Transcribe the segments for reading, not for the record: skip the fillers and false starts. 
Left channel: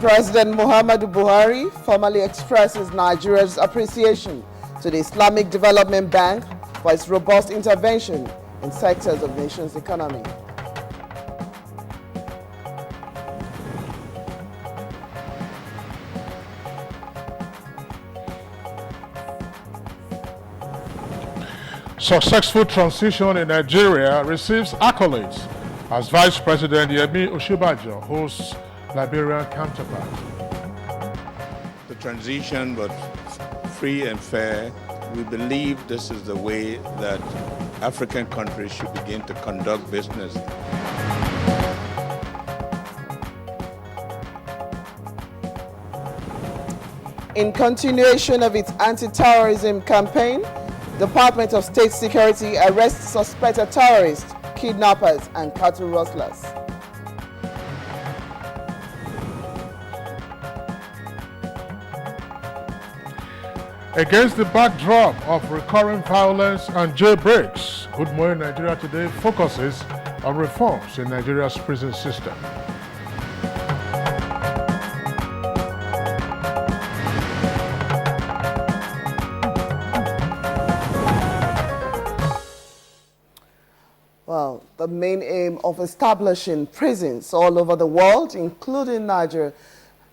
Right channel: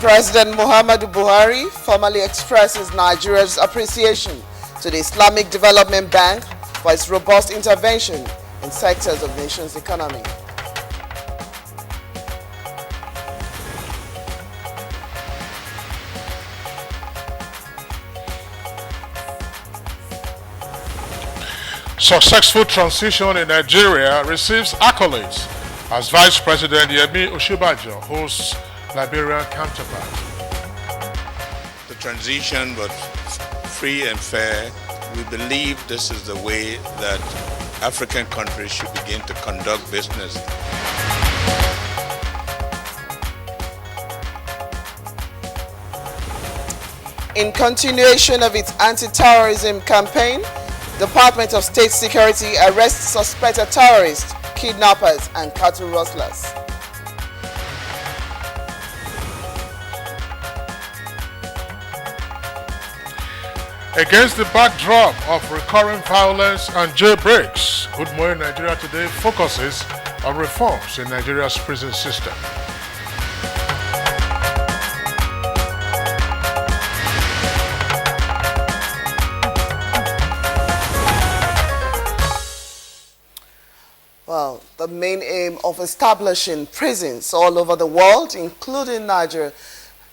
President Muhammadu Buhari formally expresses Nigeria's appreciation to the Islamic Development Bank for its robust intervention in sectors of the nation's economy. Successful transition in Nigeria receives accolades as Vice President Yemi Osinbajo hosts Liberian counterpart. The transition was free and fair. We believe this is the way that African countries should begin to conduct business. In continuation of its anti-terrorism campaign, Department of State Security arrests suspected terrorists, kidnappers, and cattle rustlers. Against the backdrop of recurring violence and jailbreaks, Good Morning Nigeria Today focuses on reforms in Nigeria's prison system. Well, the main aim of establishing prisons all over the world, including Nigeria,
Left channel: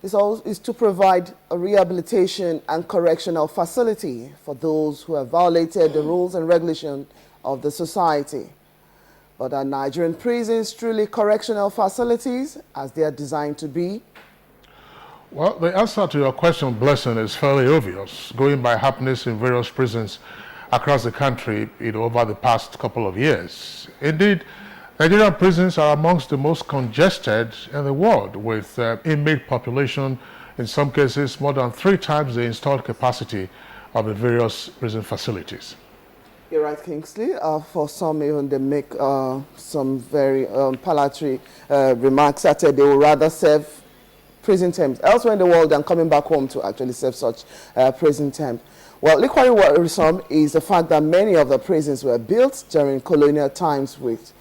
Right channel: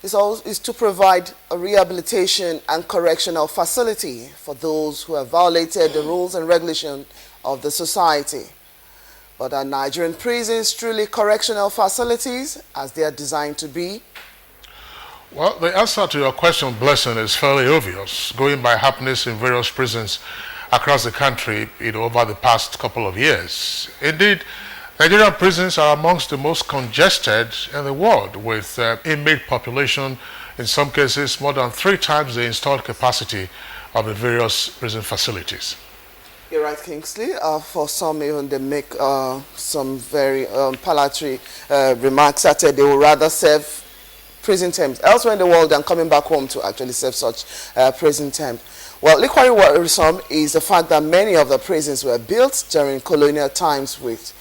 is to provide a rehabilitation and correctional facility for those who have violated the rules and regulations of the society. But are Nigerian prisons truly correctional facilities as they are designed to be? Well, the answer to your question, Blessing, is fairly obvious, going by happenings in various prisons across the country over the past couple of years. Indeed, Nigerian prisons are amongst the most congested in the world, with inmate population, in some cases, more than 3 times the installed capacity of the various prison facilities. You're right, Kingsley. For some, even they make some very palatory remarks that they would rather serve prison terms elsewhere in the world than coming back home to actually serve such prison term. Well, equally worrisome is the fact that many of the prisons were built during colonial times with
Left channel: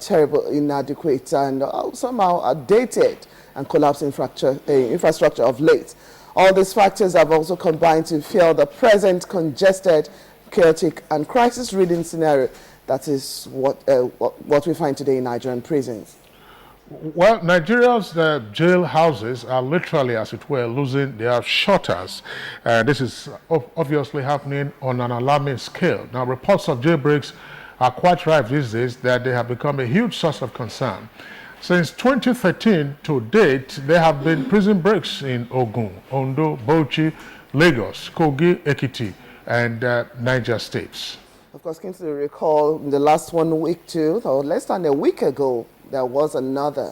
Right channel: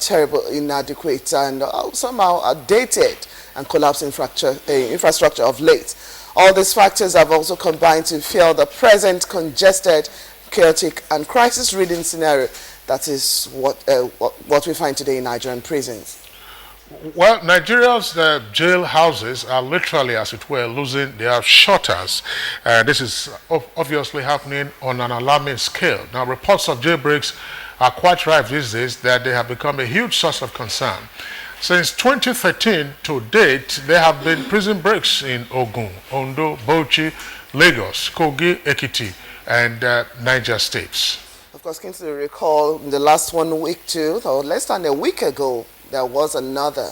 terrible, inadequate, and somehow outdated and collapsed infrastructure of late. All these factors have also combined to fuel the present congested, chaotic, and crisis-ridden scenario that is what we find today in Nigerian prisons. Well, Nigeria's jail houses are literally, as it were, losing their shutters. This is obviously happening on an alarming scale. Now, reports of jailbreaks are quite rife these days that they have become a huge source of concern. Since 2013 to date, there have been prison breaks in Ogun, Ondo, Bauchi, Lagos, Kogi, Ekiti, and Niger states. Of course, Kingsley, recall in the last 1 week too, or less than a week ago, there was another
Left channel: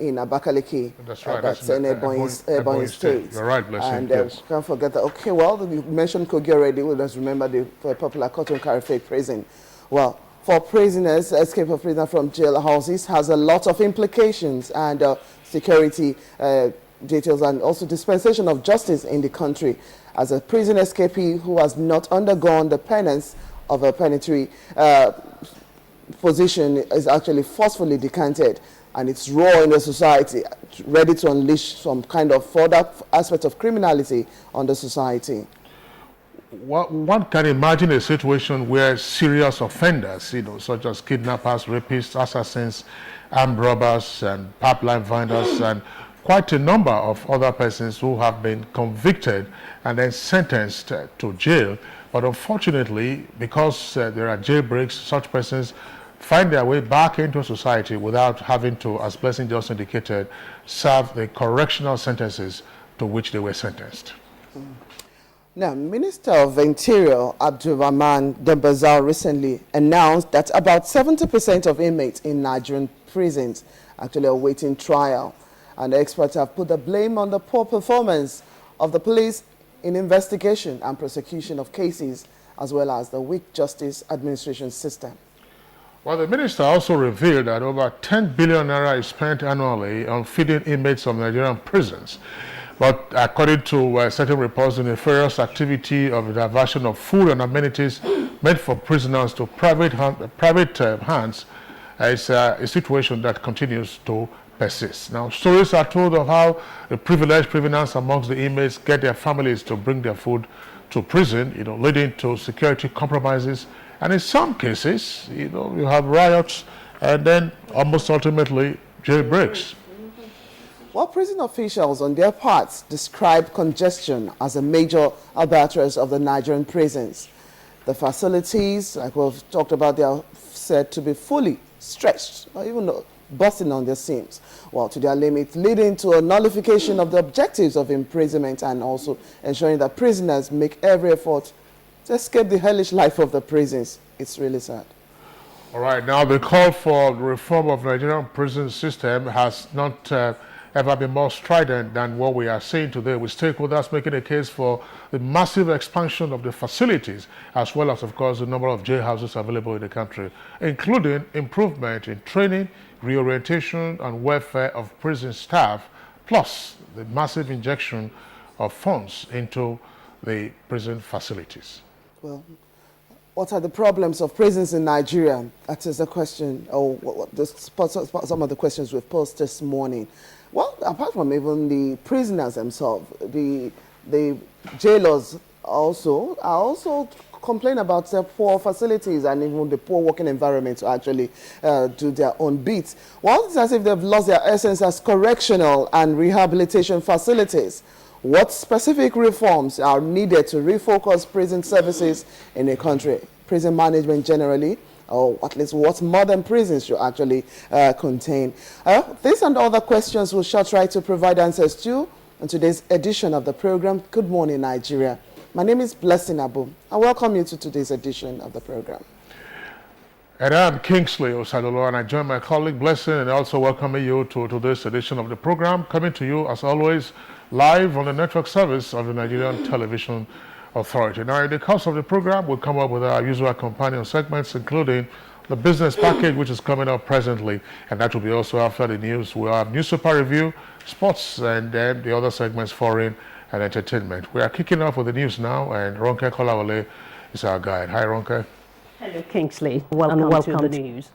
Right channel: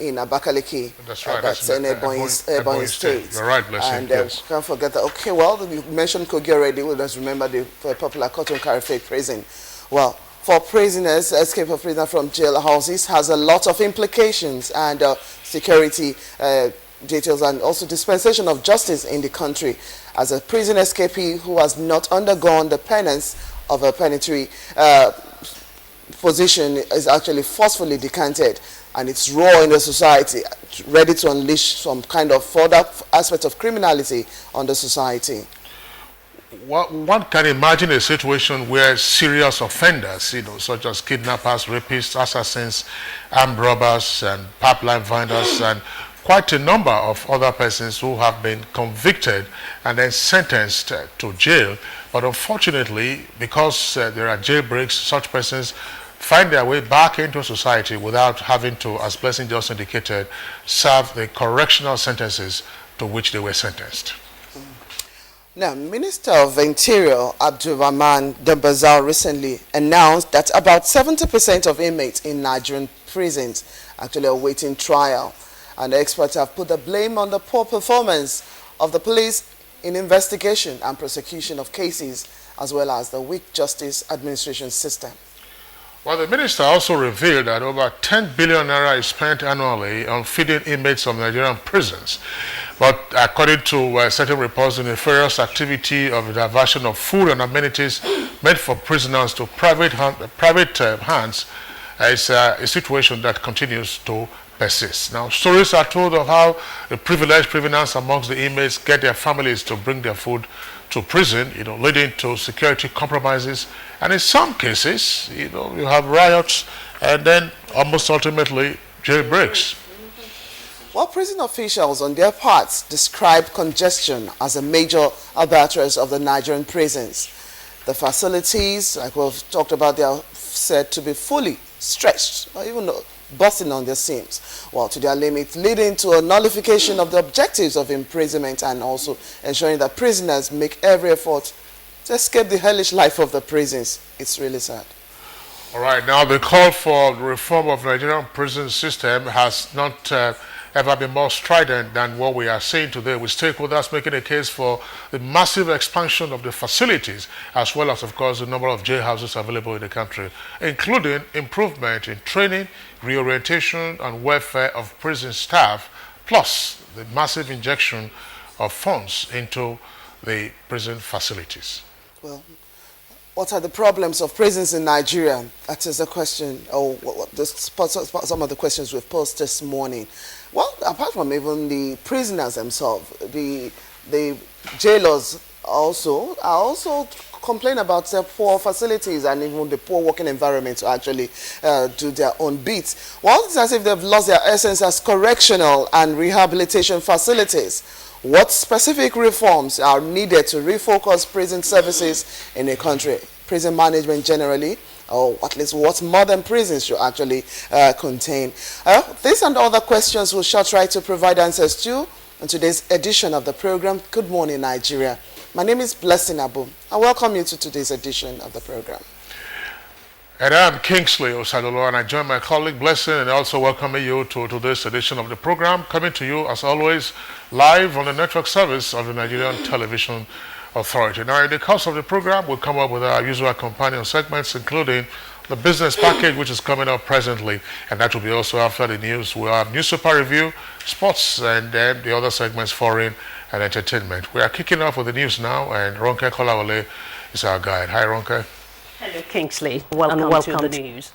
in Abakaliki. That's right. That's in Ebonyi State. You're right, Blessing. And yes. can't forget that. Okay, well, you mentioned Kogi already. We'll just remember the popular Cotton Carifate prison. Well, for prisoners, escape of prisoners from jail houses has a lot of implications and security details and also dispensation of justice in the country. As a prison escapee who has not undergone the penance of a penitentiary position is actually forcefully decanted and it's raw in the society, ready to unleash some kind of further aspect of criminality on the society. One can imagine a situation where serious offenders, such as kidnappers, rapists, assassins, armed robbers, and pipeline vendors, and quite a number of other persons who have been convicted and then sentenced to jail. But unfortunately, because there are jailbreaks, such persons find their way back into society without having to, as Blessing just indicated, serve the correctional sentences to which they were sentenced. Now, Minister of Interior Abdulrahman Dembazal recently announced that about 70% of inmates in Nigerian prisons actually are awaiting trial. And the experts have put the blame on the poor performance of the police in investigation and prosecution of cases, as well as the weak justice administration system. Well, the minister also revealed that over 10 billion naira is spent annually on feeding inmates of Nigerian prisons. But according to certain reports, the nefarious activity of the diversion of food and amenities meant for prisoners to private hands is a situation that continues to persists. Now, stories are told of how the privileged prisoners amongst the inmates get their families to bring their food to prison, leading to security compromises. And in some cases, you have riots and then almost ultimately jailbreaks. Well, prison officials on their parts describe congestion as a major albatross of the Nigerian prisons. The facilities, like we've talked about, they are said to be fully stretched or even busting on their seams, to their limit, leading to a nullification of the objectives of imprisonment and also ensuring that prisoners make every effort to escape the hellish life of the prisons. It's really sad. All right, now the call for the reform of the Nigerian prison system has not ever been more strident than what we are seeing today, with stakeholders making a case for the massive expansion of the facilities, as well as, of course, the number of jailhouses available in the country, including improvement in training, reorientation, and welfare of prison staff, plus the massive injection of funds into the prison facilities. Well, what are the problems of prisons in Nigeria? That is a question, some of the questions we've posed this morning. Well, apart from even the prisoners themselves, the jailers also complain about their poor facilities and even the poor working environment to actually do their own bits. Well, it's as if they've lost their essence as correctional and rehabilitation facilities. What specific reforms are needed to refocus prison services in a country? Prison management generally, or at least what modern prisons should actually contain. These and other questions we'll shall try to provide answers to in today's edition of the program, Good Morning Nigeria. My name is Blessing Abu. I welcome you to today's edition of the program. And I'm Kingsley Osadolo, and I join my colleague Blessing and also welcoming you to today's edition of the program, coming to you as always live on the network service of the Nigerian Television Authority. Now, in the course of the program, we'll come up with our usual companion segments, including the business package, which is coming up presently, and that will be also after the news. We'll have newspaper review, sports, and then the other segments, foreign and entertainment. We are kicking off with the news now, and Ronke Kolawole is our guide. Hi, Ronke. Hello, Kingsley. Welcome to the news.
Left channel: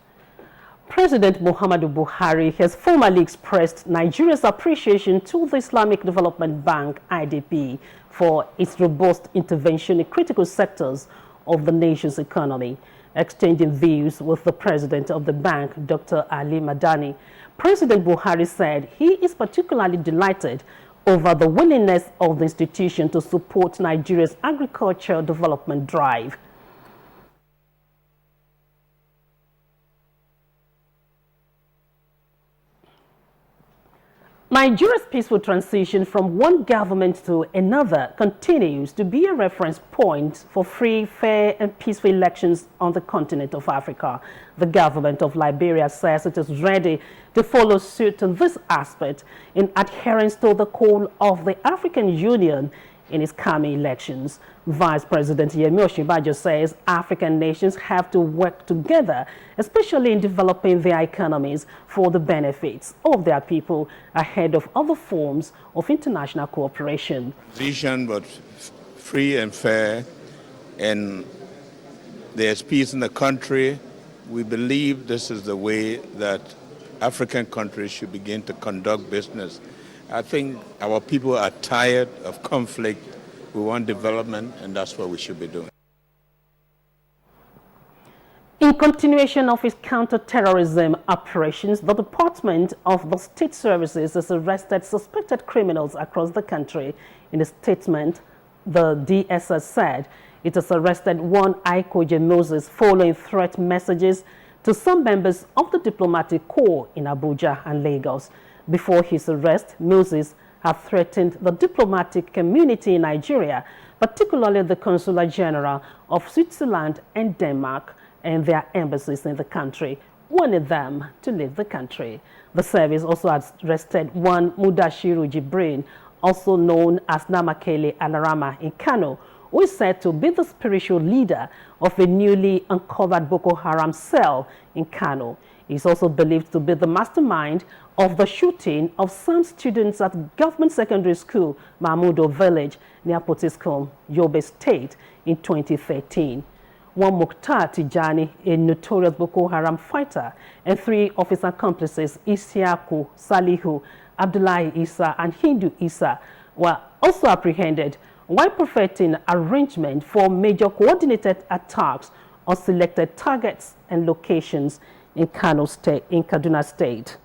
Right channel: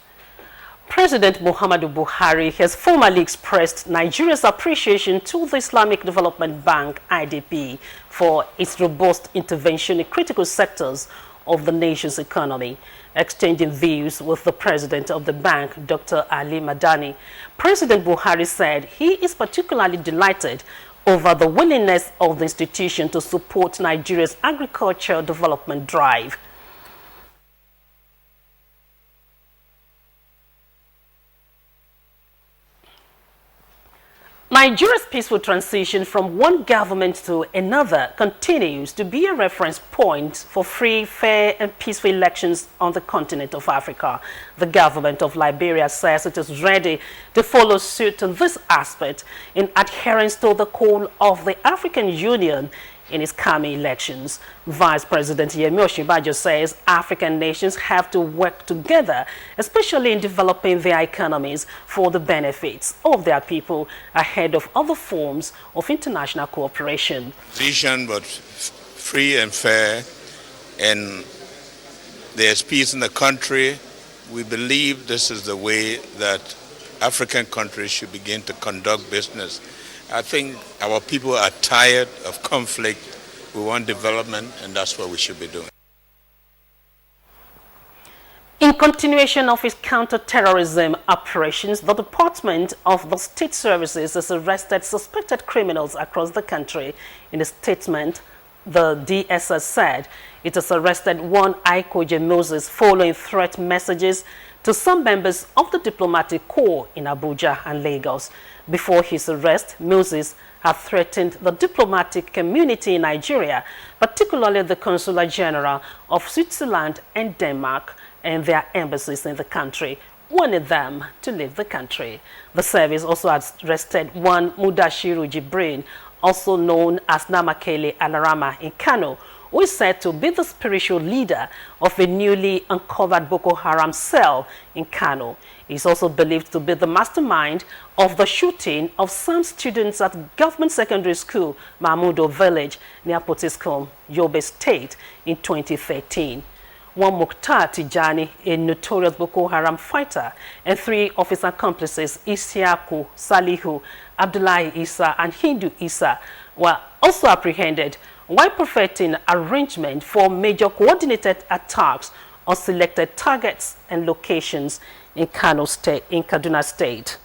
President Muhammadu Buhari has formally expressed Nigeria's appreciation to the Islamic Development Bank, IDB, for its robust intervention in critical sectors of the nation's economy. Exchanging views with the president of the bank, Dr. Ali Madani, President Buhari said he is particularly delighted over the willingness of the institution to support Nigeria's agricultural development drive. Nigeria's peaceful transition from one government to another continues to be a reference point for free, fair, and peaceful elections on the continent of Africa. The government of Liberia says it is ready to follow suit in this aspect in adherence to the call of the African Union in its coming elections. Vice President Yemi Osinbajo says African nations have to work together, especially in developing their economies for the benefits of their people ahead of other forms of international cooperation. Transition, but free and fair, and there's peace in the country. We believe this is the way that African countries should begin to conduct business. I think our people are tired of conflict. We want development, and that's what we should be doing. In continuation of its counter-terrorism operations, the Department of the State Services has arrested suspected criminals across the country. In a statement, the DSS said it has arrested one Aikoje Moses following threat messages to some members of the diplomatic corps in Abuja and Lagos. Before his arrest, Moses had threatened the diplomatic community in Nigeria, particularly the Consular General of Switzerland and Denmark and their embassies in the country, warning them to leave the country. The service also had arrested one Mudashiru Jibrin, also known as Namakele Alarama in Kano, who is said to be the spiritual leader of a newly uncovered Boko Haram cell in Kano. He is also believed to be the mastermind of the shooting of some students at Government Secondary School, Mahmudo Village, near Potiskum, Yobe State, in 2013. one Mukhtar Tijani, a notorious Boko Haram fighter, and 3 of his accomplices, Isiaku, Salihu, Abdullahi Isa, and Hindu Isa, were also apprehended while perfecting arrangement for major coordinated attacks on selected targets and locations in Kaduna State.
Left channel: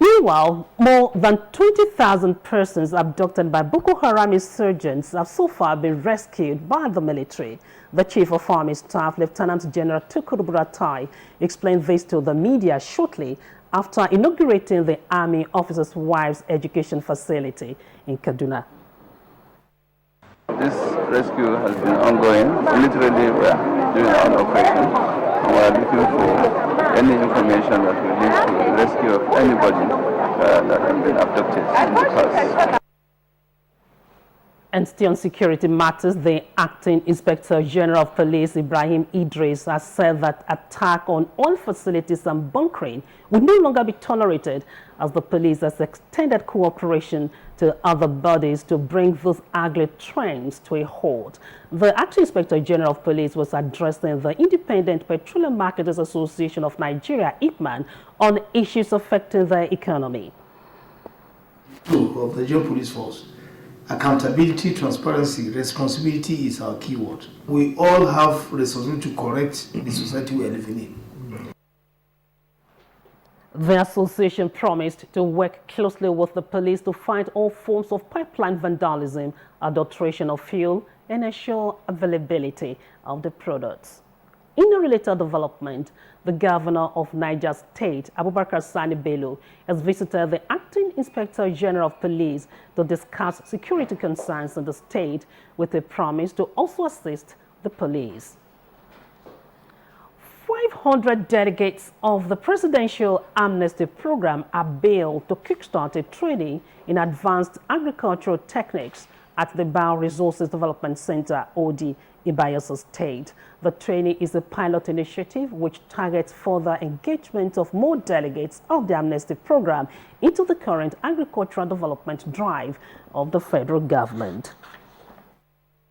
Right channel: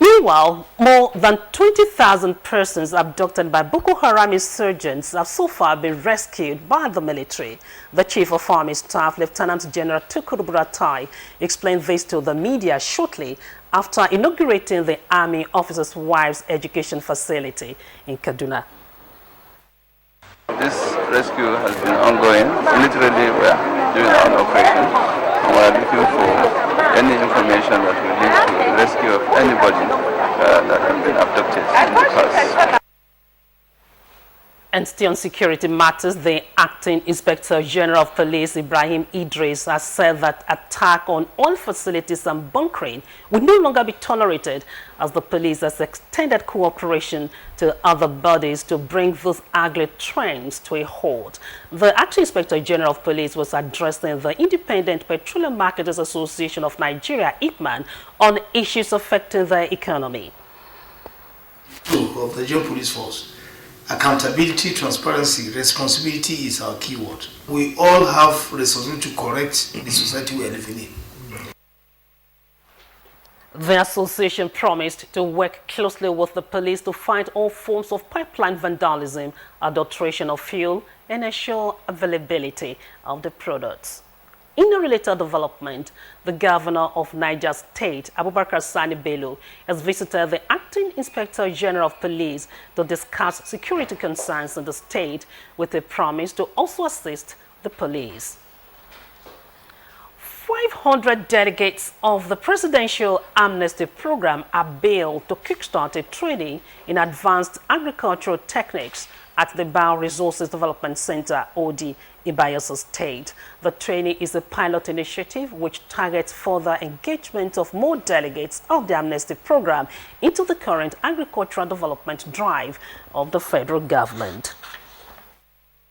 Meanwhile, more than 20,000 persons abducted by Boko Haram insurgents have so far been rescued by the military. The Chief of Army Staff, Lieutenant General Tukur Buratai, explained this to the media shortly after inaugurating the Army Officers' Wives Education Facility in Kaduna. This rescue has been ongoing. Literally, we are doing our own operation, and we are looking for any information that will lead to the rescue of anybody that has been abducted in the past. And still on security matters, the Acting Inspector General of Police, Ibrahim Idris, has said that attack on oil facilities and bunkering will no longer be tolerated, as the police has extended cooperation to other bodies to bring those ugly trends to a halt. The Acting Inspector General of Police was addressing the Independent Petroleum Marketers Association of Nigeria, IPMAN, on issues affecting their economy. Of the Nigerian Police Force. Accountability, transparency, responsibility is our keyword. We all have responsibility to correct the society we are living in. The association promised to work closely with the police to fight all forms of pipeline vandalism, adulteration of fuel, and ensure availability of the products. In a related development, the governor of Niger State, Abubakar Sani Bello, has visited the Acting Inspector General of Police to discuss security concerns in the state with a promise to also assist the police. 500 delegates of the Presidential Amnesty Program are bailed to kickstart a training in advanced agricultural techniques at the Bioresources Development Center, OD, in Bayelsa State. The training is a pilot initiative which targets further engagement of more delegates of the Amnesty Program into the current agricultural development drive of the federal government.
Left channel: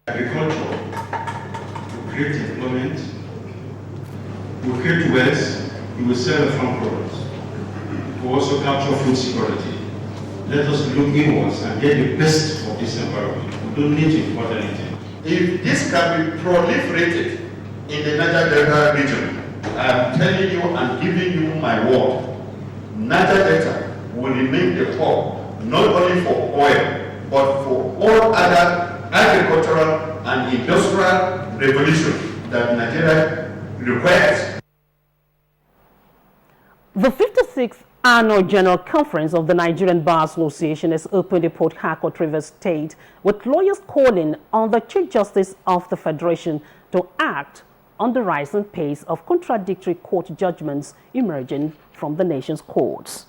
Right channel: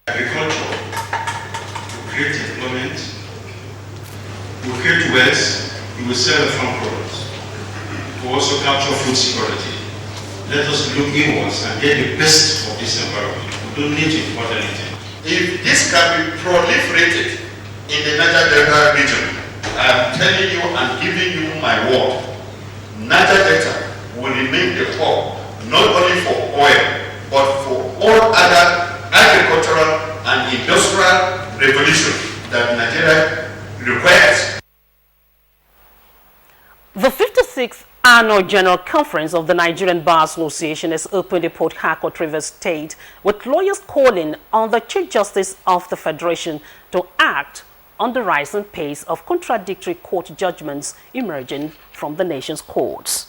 Agriculture will create employment, will create wealth, we will sell the farm products, we will also capture food security. Let us look inwards and get the best of this environment. We don't need to import anything. If this can be proliferated in the Niger Delta region, I am telling you and giving you my word, Niger Delta will remain the hub, not only for oil, but for all other agricultural and industrial revolution that Nigeria requires. The 56th Annual General Conference of the Nigerian Bar Association has opened in Port Harcourt, Rivers State, with lawyers calling on the Chief Justice of the Federation to act on the rising pace of contradictory court judgments emerging from the nation's courts.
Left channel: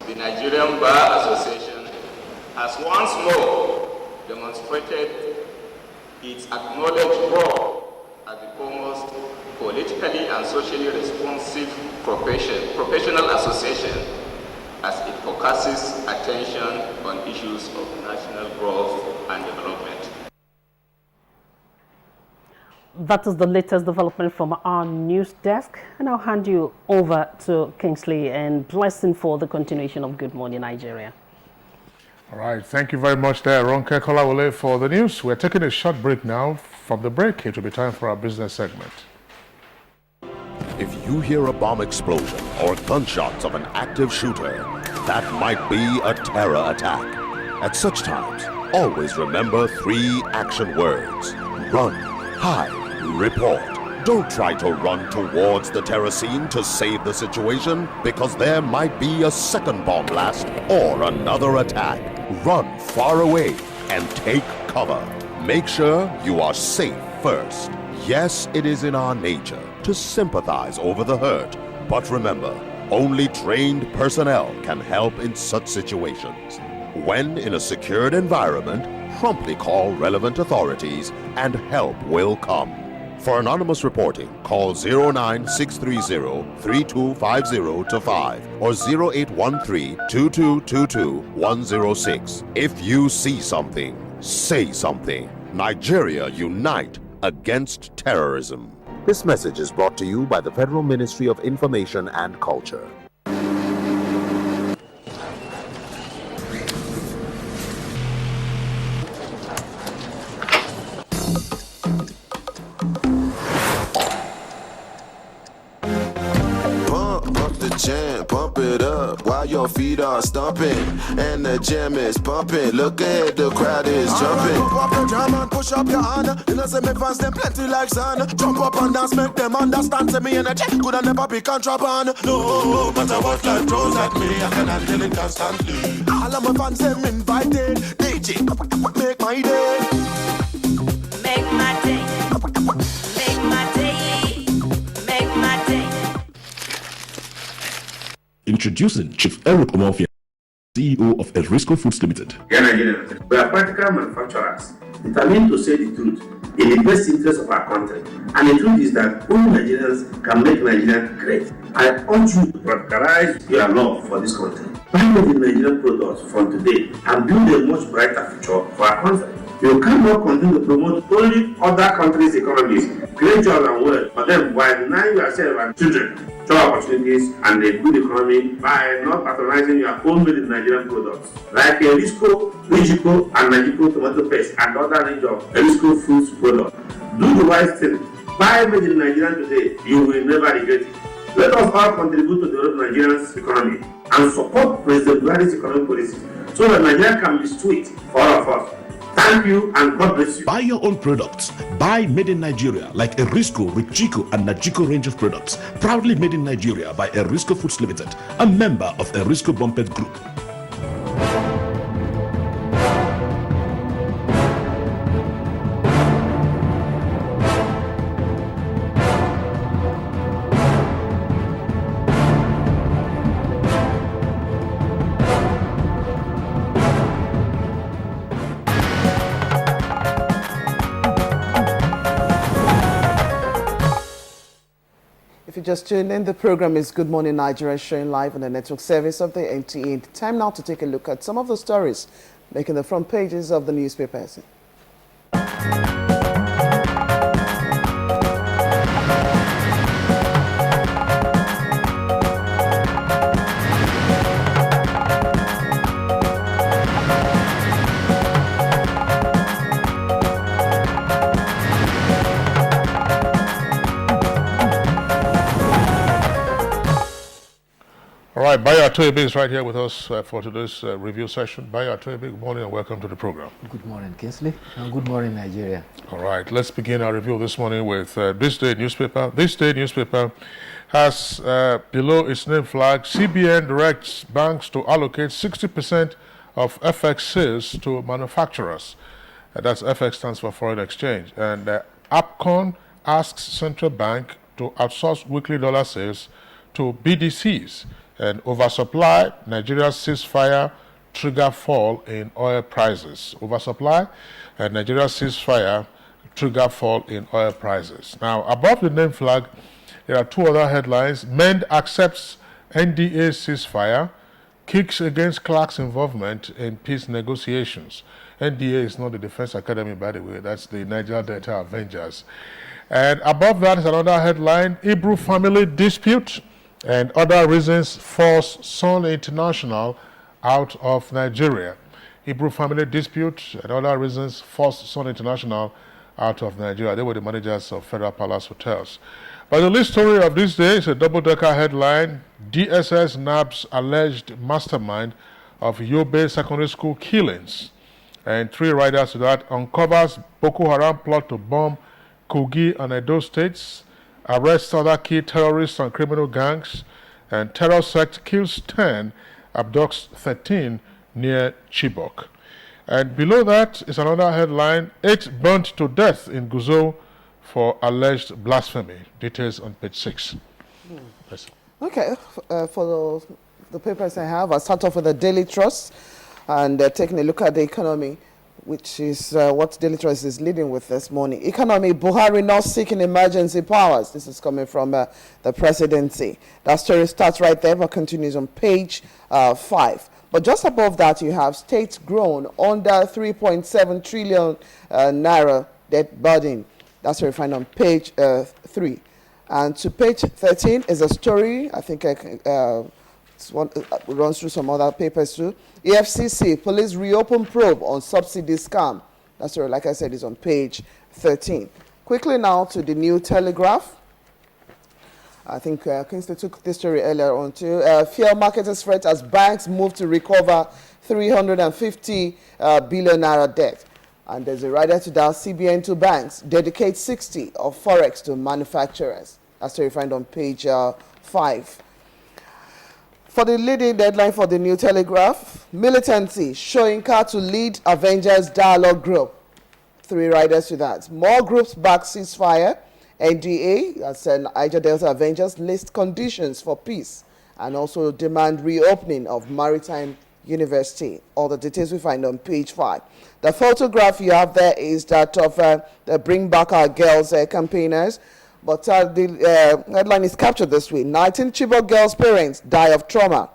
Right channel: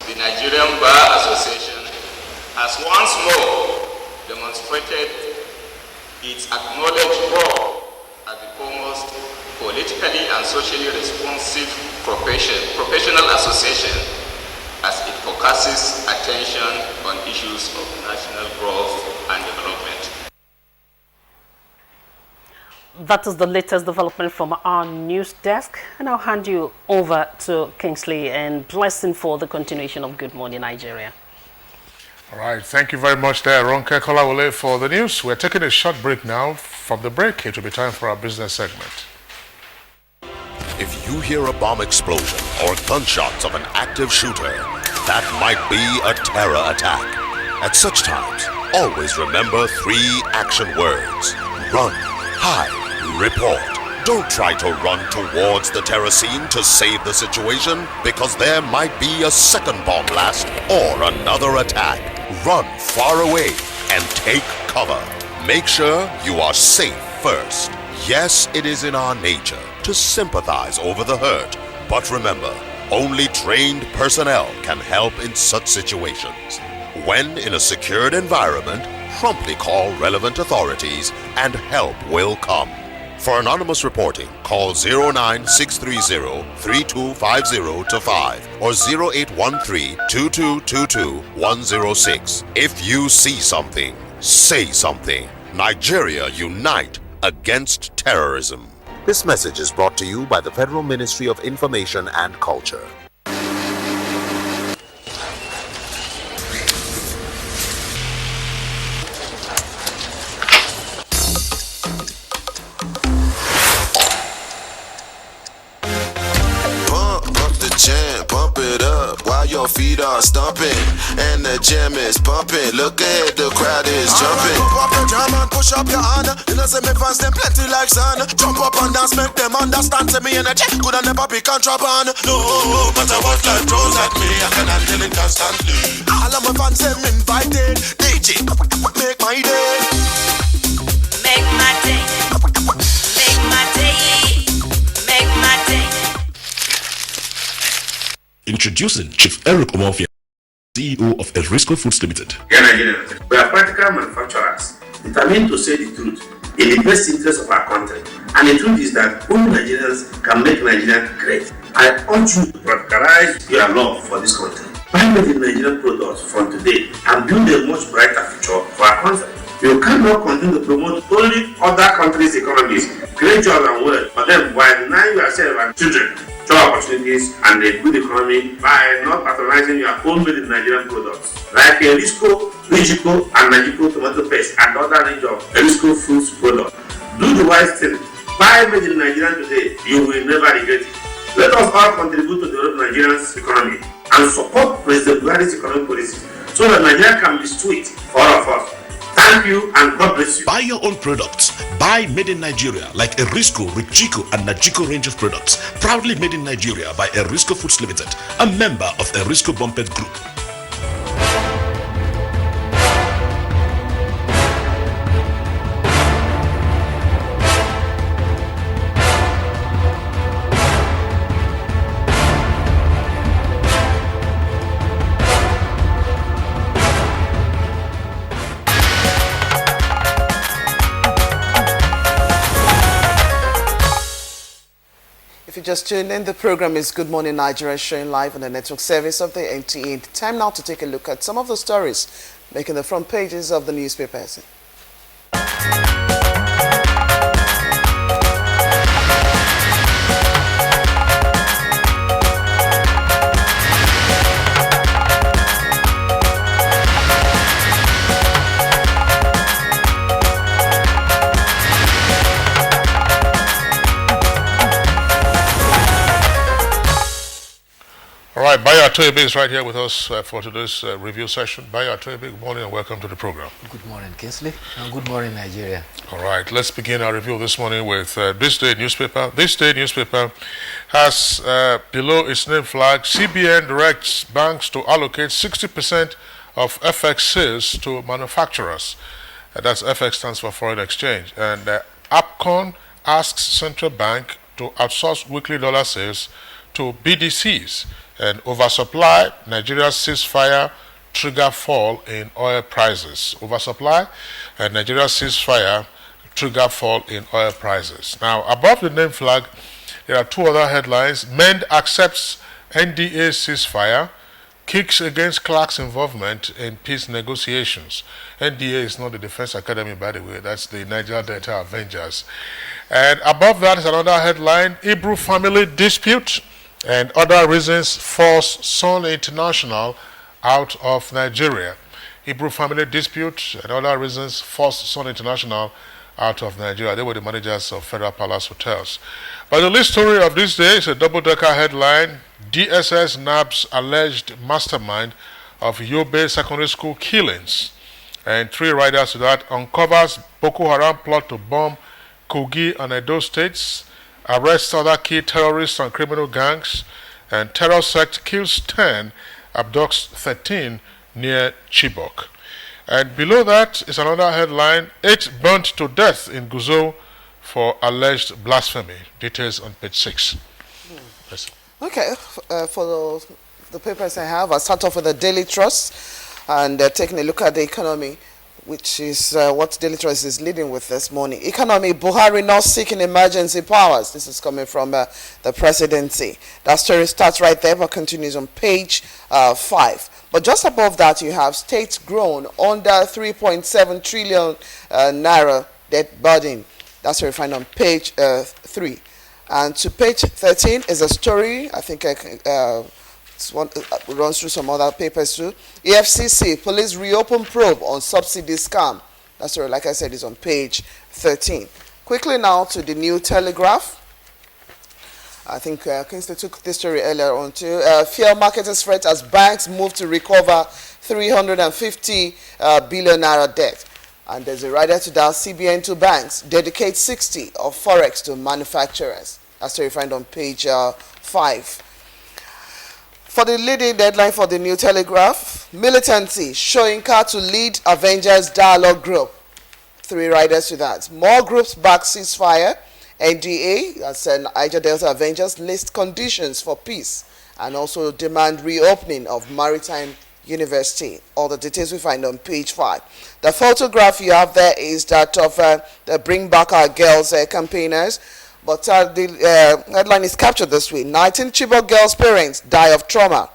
The Nigerian Bar Association has once more demonstrated its acknowledged role as the foremost politically and socially responsive professional association as it focuses attention on issues of national growth and development. That is the latest development from our news desk, and I'll hand you over to Kingsley and Blessing for the continuation of Good Morning Nigeria. All right, thank you very much there, Ronke Kolawole, for the news. We're taking a short break now. From the break, it will be time for our business segment. If you hear a bomb explosion or gunshots of an active shooter, that might be a terror attack. At such times, always remember 3 action words: run, hide, report. Don't try to run towards the terror scene to save the situation, because there might be a second bomb blast or another attack. Run far away and take cover. Make sure you are safe first. Yes, it is in our nature to sympathize over the hurt, but remember, only trained personnel can help in such situations. When in a secured environment, promptly call relevant authorities and help will come. For anonymous reporting, call 09630-3250-5 or 0813-2222-106. If you see something, Say something. Nigeria unite against terrorism. This message is brought to you by the Federal Ministry of Information and Culture. Pump it up while your feet are stomping and the jam is pumping. Look ahead, the crowd is jumping. Pump up the drum and push up your hand. You know, say me fans them plenty like sun. Jump up and dance, make them understand. Say me energy could and never be contraband. No matter what life throws at me, I can handle it constantly. All of my fans them invited. DJ, make my day. Make my day. Make my day. Make my day. Introducing Chief Eric Omofia, CEO of Erisco Foods Limited. We are practical manufacturers, determined to say the truth in the best interest of our country. And the truth is that only Nigerians can make Nigeria great. I urge you to practicalize your love for this country. Buy made in Nigerian products from today and build a much brighter future for our country. You cannot continue to promote only other countries' economies, create jobs and wealth for them while denying yourself and children job opportunities and a good economy by not patronizing your own made in Nigerian products like Erisco, Mexico, and Mexico tomato paste and other range of Erisco foods products. Do the wise thing. Buy made in Nigeria today. You will never regret it. Let us all contribute to develop Nigeria's economy and support President Buhari's economic policies so that Nigeria can be sweet for all of us. Thank you and God bless you. Buy your own products. Buy made in Nigeria like Erisco, Richico, and Najiko range of products. Proudly made in Nigeria by Erisco Foods Limited, a member of Erisco Bumpet Group. Just tuned in, the program is Good Morning Nigeria, showing live on the network service of the NTA. Time now to take a look at some of the stories making the front pages of the newspapers. Bayo Atoyebe is right here with us for today's review session. Bayo Atoyebe, good morning and welcome to the program. Good morning, Kingsley, and good morning, Nigeria. All right, let's begin our review this morning with This Day newspaper. This Day newspaper has below its name flag, CBN directs banks to allocate 60% of FX sales to manufacturers. That's FX stands for foreign exchange. And APCON asks central bank to outsource weekly dollar sales to BDCs. And oversupply, Nigeria's ceasefire trigger fall in oil prices. Oversupply and Nigeria's ceasefire trigger fall in oil prices. Now, above the name flag, there are two other headlines. MEND accepts NDA ceasefire, kicks against Clark's involvement in peace negotiations. NDA is not the Defense Academy, by the way. That's the Niger Delta Avengers. And above that is another headline, Hebrew family dispute and other reasons force Sun International out of Nigeria. Hebrew family dispute and other reasons force Sun International out of Nigeria. They were the managers of Federal Palace Hotels. But the lead story of this day is a double-decker headline, DSS nabs alleged mastermind of Yobe Secondary School killings. And three riders to that uncovers Boko Haram plot to bomb Kogi and Edo states, arrests other key terrorists and criminal gangs, and terror sect kills 10, abducts 13 near Chibok. And below that is another headline, 8 burnt to death in Guzo for alleged blasphemy. Details on page 6. Yes. Okay, for the papers I have, I'll start off with the Daily Trust and taking a look at the economy. which is what Daily Trust is leading with this morning. Economy, Buhari not seeking emergency powers. This is coming from the presidency. That story starts right there, but continues on page 5. But just above that, you have states grown under 3.7 trillion naira debt burden. That's what you find on page 3. And to page 13 is a story, I think runs through some other papers too. EFCC, police reopen probe on subsidy scam. That's right, like I said, is on page 13. Quickly now to the New Telegraph. I think Kingsley took this story earlier on too. Fuel marketers fret as banks move to recover 350 billion naira debt. And there's a rider to that. CBN to banks dedicate 60 of forex to manufacturers. That's what you find on page 5. For the leading deadline for the New Telegraph, militancy, showing car to lead Avengers dialogue group. 3 riders to that. More groups back ceasefire. NDA, that's Niger Delta Avengers, list conditions for peace and also demand reopening of Maritime University. All the details we find on page 5. The photograph you have there is that of the Bring Back Our Girls campaigners. But the headline is captured this way. 19 Chibok girls' parents die of trauma.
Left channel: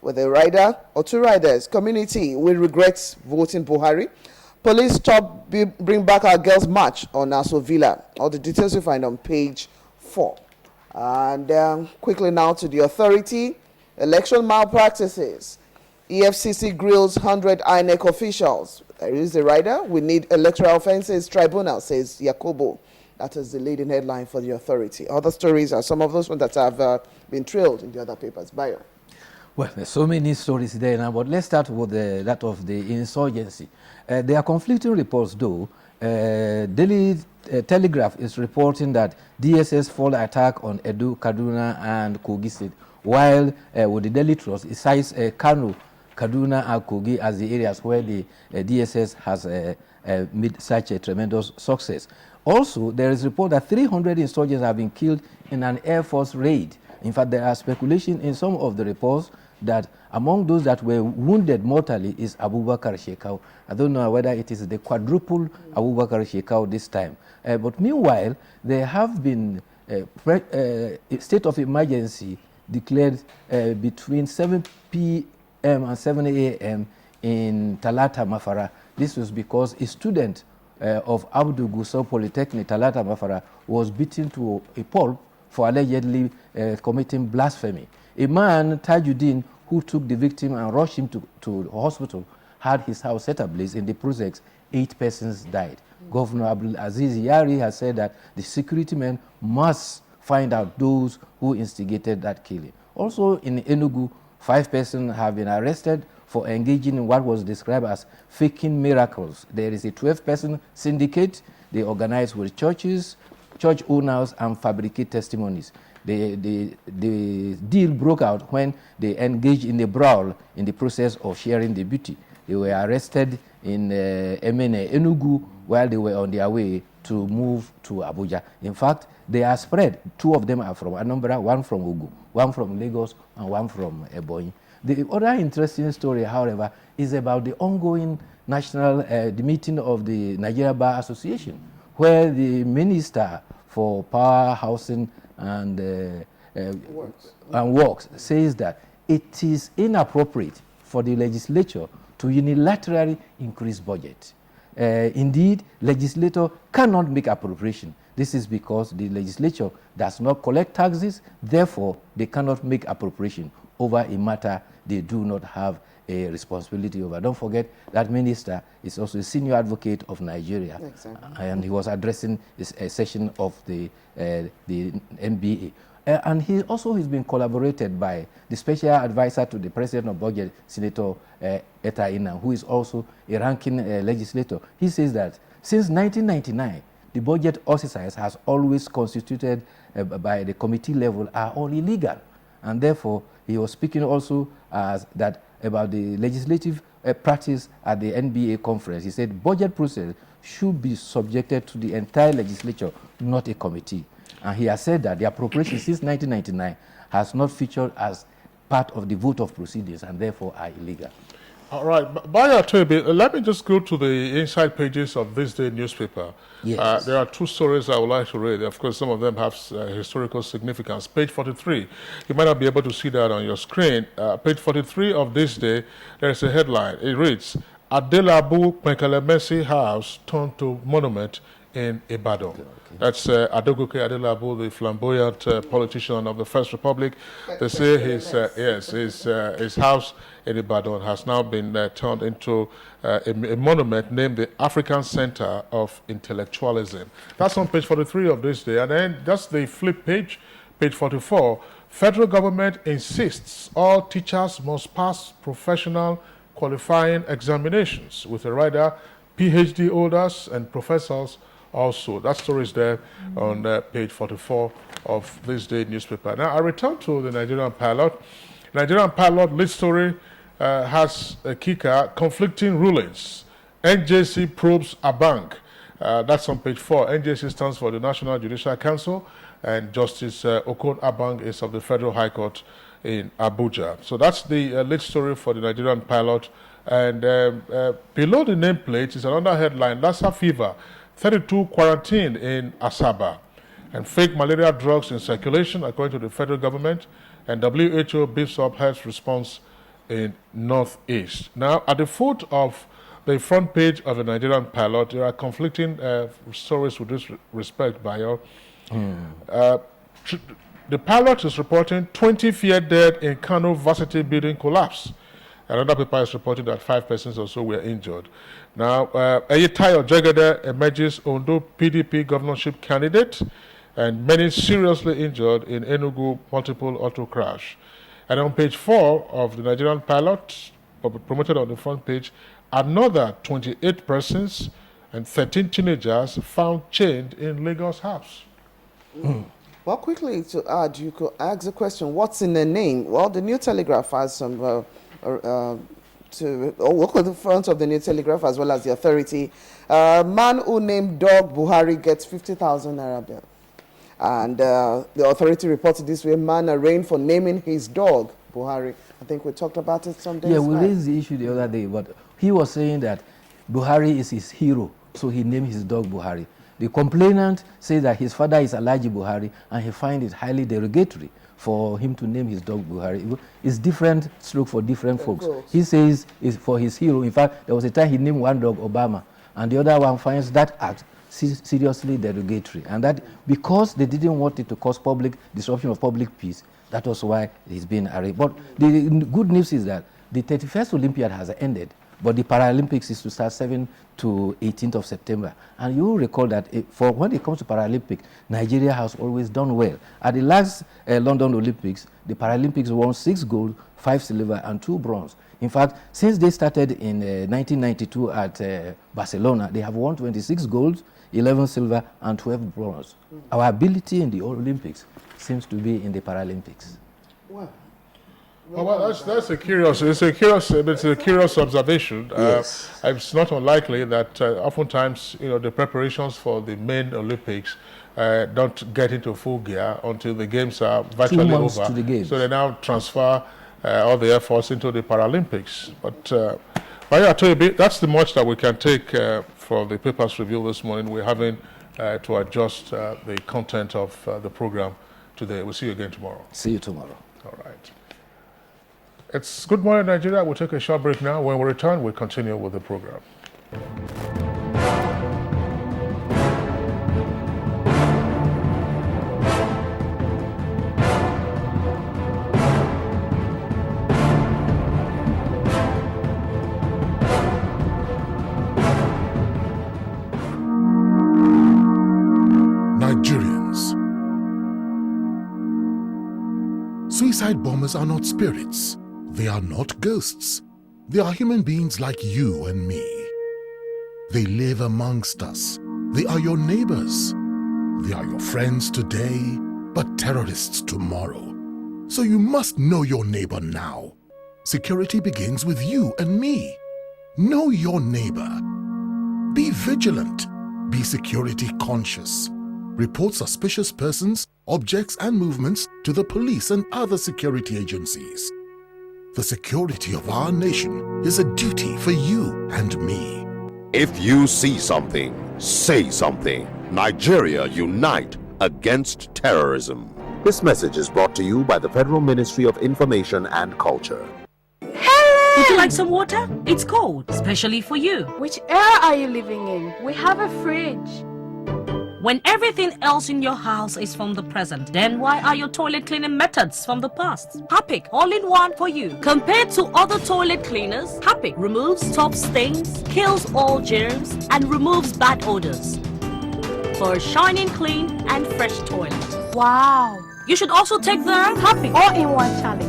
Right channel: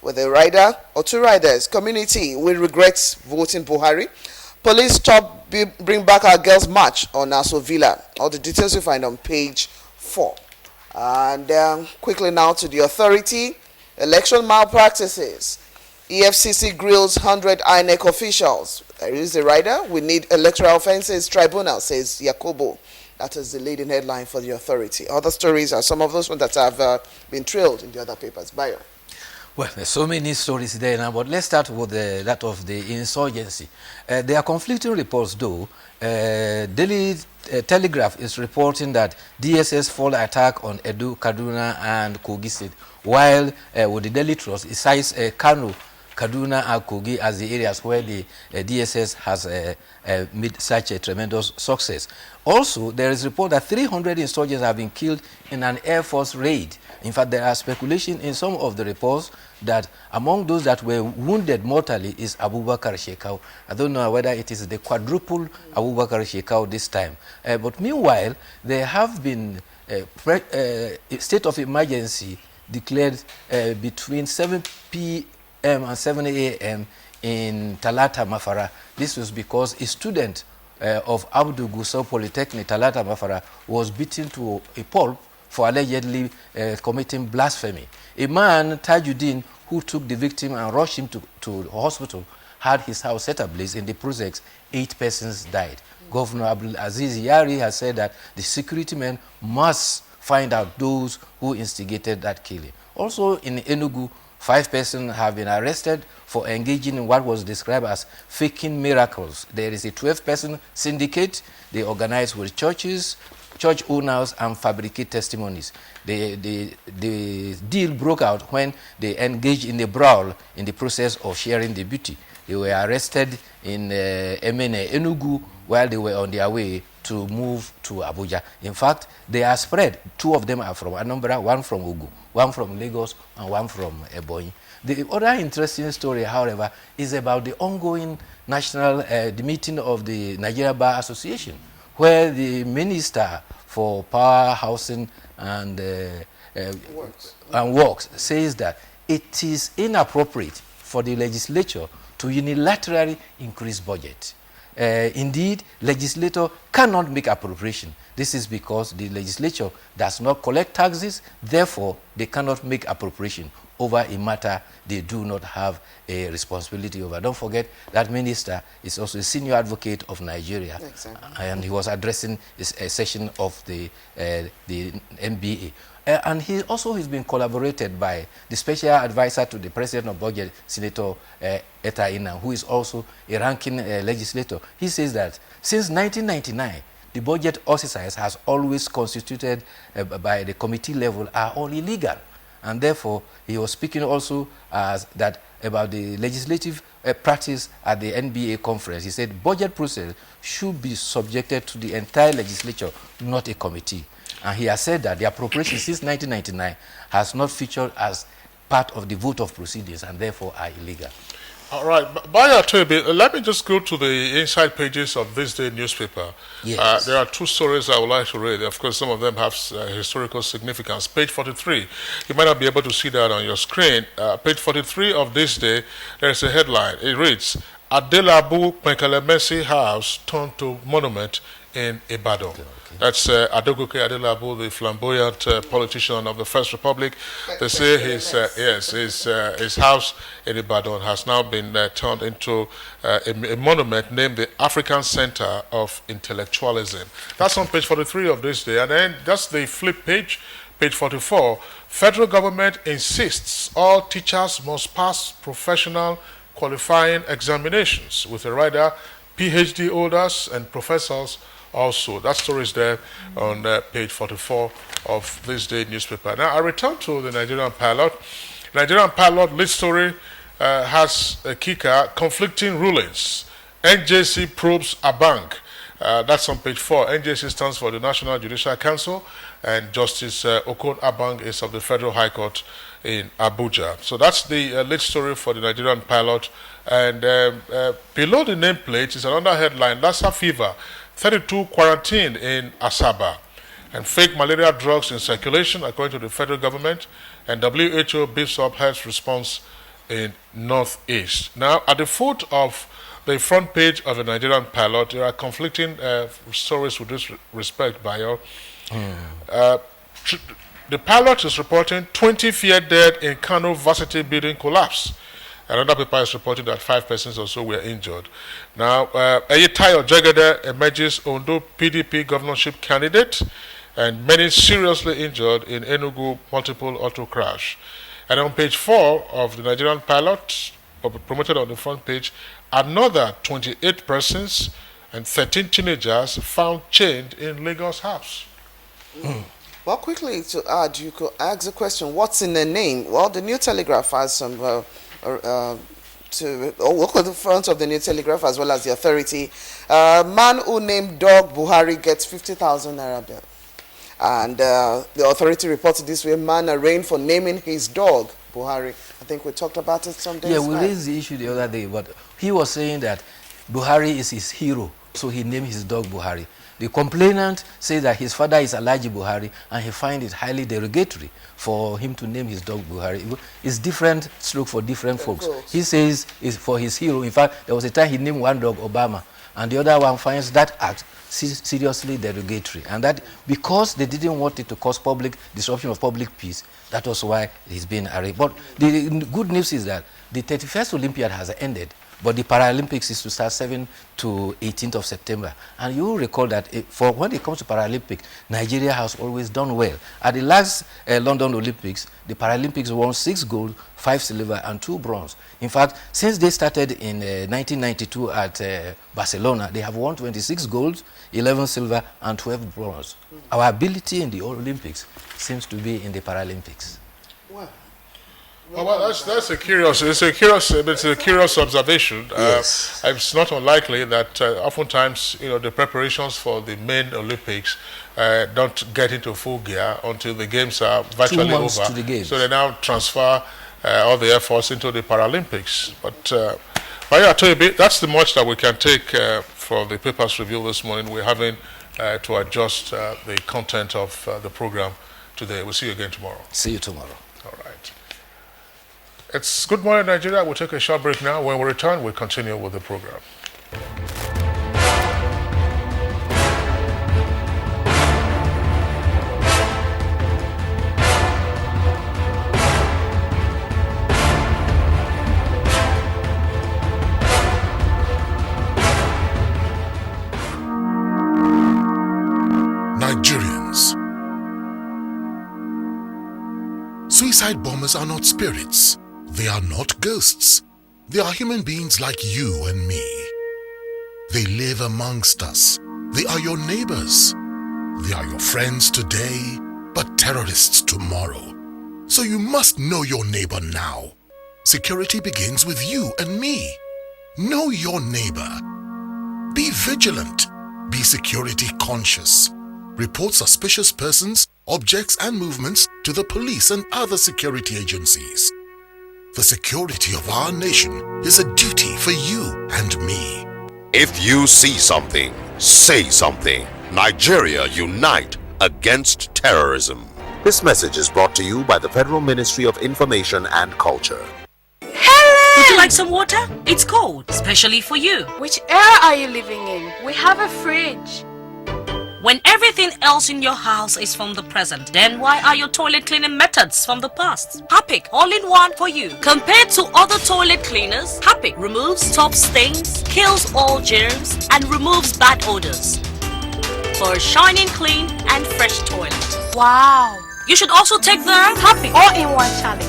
With a rider or 2 riders, community will regret voting Buhari. Police stop Bring Back Our Girls march on Nassau Villa. All the details you find on page 4. And quickly now to the authority. Election malpractices. EFCC grills 100 INEC officials. There is the rider. We need electoral offences tribunal, says Yakobo. That is the leading headline for the authority. Other stories are some of those ones that have been trailed in the other papers. Bayo. Well, there's so many stories there now, but let's start with that of the insurgency. There are conflicting reports, though. Daily Telegraph is reporting that DSS fall attack on Edo, Kaduna, and Kogi State, while with the Daily Trust, it cites Kano, Kaduna, and Kogi as the areas where the DSS has made such a tremendous success. Also, there is a report that 300 insurgents have been killed in an Air Force raid. In fact, there are speculation in some of the reports that among those that were wounded mortally is Abubakar Shekau. I don't know whether it is the quadruple Abubakar Shekau this time. But meanwhile, there have been a state of emergency declared between 7 p.m. and 7 a.m. in Talata Mafara. This was because a student of Abdul Gusau Polytechnic, Talata Mafara, was beaten to a pulp for allegedly committing blasphemy. A man, Tajuddin, who took the victim and rushed him to the hospital, had his house set ablaze. In the process, 8 persons died. Governor Abdul Aziz Yari has said that the security men must find out those who instigated that killing. Also in Enugu, 5 persons have been arrested for engaging in what was described as faking miracles. There is a 12-person syndicate. They organize with churches, church owners, and fabricate testimonies. The deal broke out when they engaged in a brawl in the process of sharing the booty. They were arrested in Emene, Enugu, while they were on their way to move to Abuja. In fact, they are spread. 2 of them are from Anambra, 1 from Ogun, 1 from Lagos, and 1 from Ebonyi. The other interesting story, however, is about the ongoing the meeting of the Nigeria Bar Association, where the Minister for Power, Housing, and Works says that it is inappropriate for the legislature to unilaterally increase budget. Indeed, legislator cannot make appropriation. This is because the legislature does not collect taxes, therefore they cannot make appropriation over a matter they do not have a responsibility over. Don't forget that minister is also a senior advocate of Nigeria. Exactly. And he was addressing a session of the NBA. And he also has been collaborated by the special advisor to the president of budget, Senator Eta Ina, who is also a ranking legislator. He says that since 1999, the budget exercise has always constituted by the committee level are all illegal. And therefore, he was speaking also about the legislative practice at the NBA conference. He said budget process should be subjected to the entire legislature, not a committee. And he has said that the appropriation since 1999 has not featured as part of the vote of proceedings and therefore are illegal. All right, Baya Toby, let me just go to the inside pages of this day newspaper. Yes. There are two stories I would like to read. Of course, some of them have historical significance. Page 43, you might not be able to see that on your screen. Page 43 of this day, there's a headline. It reads, Adelabu Penkalemesi House turned to monument in Ibadan. Okay. That's Adogoke Adelabu, the flamboyant politician of the First Republic. They say his house in Ibadan has now been turned into a monument named the African Center of Intellectualism. That's on page 43 of this day. And then that's the flip page, page 44. Federal government insists all teachers must pass professional qualifying examinations with a rider, PhD holders and professors also. That story is there on page 44 of this day newspaper. Now I return to the Nigerian pilot. Nigerian pilot lead story has a kicker, conflicting rulings. NJC probes a bank. That's on page 4. NJC stands for the National Judicial Council, and Justice Okon Abang is of the Federal High Court in Abuja. So that's the lead story for the Nigerian pilot. And below the nameplate is another headline, Lassa fever. 32 quarantined in Asaba, and fake malaria drugs in circulation, according to the federal government, and WHO beefs up health response in Northeast. Now, at the foot of the front page of the Nigerian pilot, there are conflicting stories with this respect, Bayo. The pilot is reporting 20 feared dead in Kano Varsity building collapse. Another paper is reporting that 5 persons or so were injured. Now, Eyitayo Jegede emerges Ondo PDP governorship candidate, and many seriously injured in Enugu multiple auto crash. And on page 4 of the Nigerian pilot, promoted on the front page, another 28 persons and 13 teenagers found chained in Lagos house. Well, quickly to add, you could ask the question, what's in the name? Well, the New Telegraph has some... look at the front of the New Telegraph as well as the authority. Man who named dog Buhari gets 50,000 naira bill. And the authority reported this way, man arraigned for naming his dog Buhari. I think we talked about it some days back. Yeah, we back. raised the issue the other day, but he was saying that Buhari is his hero, so he named his dog Buhari. The complainant says that his father is Alhaji Buhari, and he finds it highly derogatory for him to name his dog Buhari. It's different stroke for different folks. He says it's for his hero. In fact, there was a time he named one dog Obama, and the other one finds that act seriously derogatory. And that because they didn't want it to cause public disruption of public peace, that was why he's been arraigned. But the good news is that the 31st Olympiad has ended, but the Paralympics is to start 7th to 18th of September. And you will recall that for when it comes to Paralympics, Nigeria has always done well. At the last London Olympics, the Paralympics won 6 gold, 5 silver, and 2 bronze. In fact, since they started in 1992 at Barcelona, they have won 26 gold, 11 silver, and 12 bronze. Our ability in the Olympics seems to be in the Paralympics. Wow. Well, that's a curious observation. Yes. It's not unlikely that oftentimes, the preparations for the main Olympics don't get into full gear until the games are virtually 2 months over. to the games. So they now transfer all the efforts into the Paralympics. But I tell you, that's the much that we can take for the paper's review this morning. We're having to adjust the content of the program today. We'll see you again tomorrow. See you tomorrow. It's Good Morning Nigeria. We'll take a short break now. When we return, we'll continue with the program. Nigerians. Suicide bombers are not spirits. They are not ghosts. They are human beings like you and me. They live amongst us. They are your neighbors. They are your friends today, but terrorists tomorrow. So you must know your neighbor now. Security begins with you and me. Know your neighbor. Be vigilant. Be security conscious. Report suspicious persons, objects, and movements to the police and other security agencies. The security of our nation is a duty for you and me. If you see something, say something. Nigeria unite against terrorism. This message is brought to you by the Federal Ministry of Information and Culture. Would you like some water? It's cold, especially for you. Which era are you living in? We have a fridge. When everything else in your house is from the present, then why are your toilet cleaning methods from the past? Harpic, all-in-one for you. Compared to other toilet cleaners, Harpic removes top stains, kills all germs, and removes bad odors. For a shining, clean, and fresh toilet. Wow. You should also take the Harpic all-in-one challenge.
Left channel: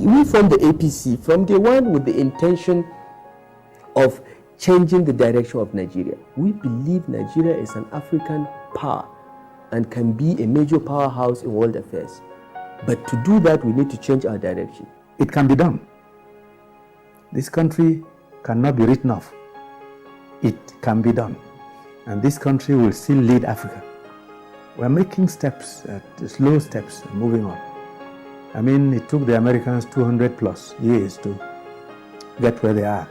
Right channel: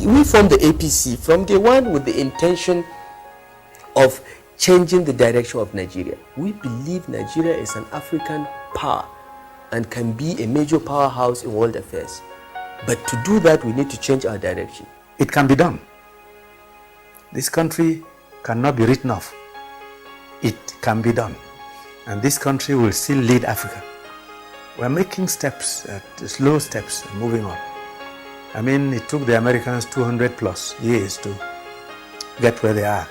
We from the APC, from day one, with the intention of changing the direction of Nigeria. We believe Nigeria is an African power and can be a major powerhouse in world affairs. But to do that, we need to change our direction. It can be done. This country cannot be written off. It can be done. And this country will still lead Africa. We're making steps, slow steps, moving on. I mean, it took the Americans 200 plus years to get where they are.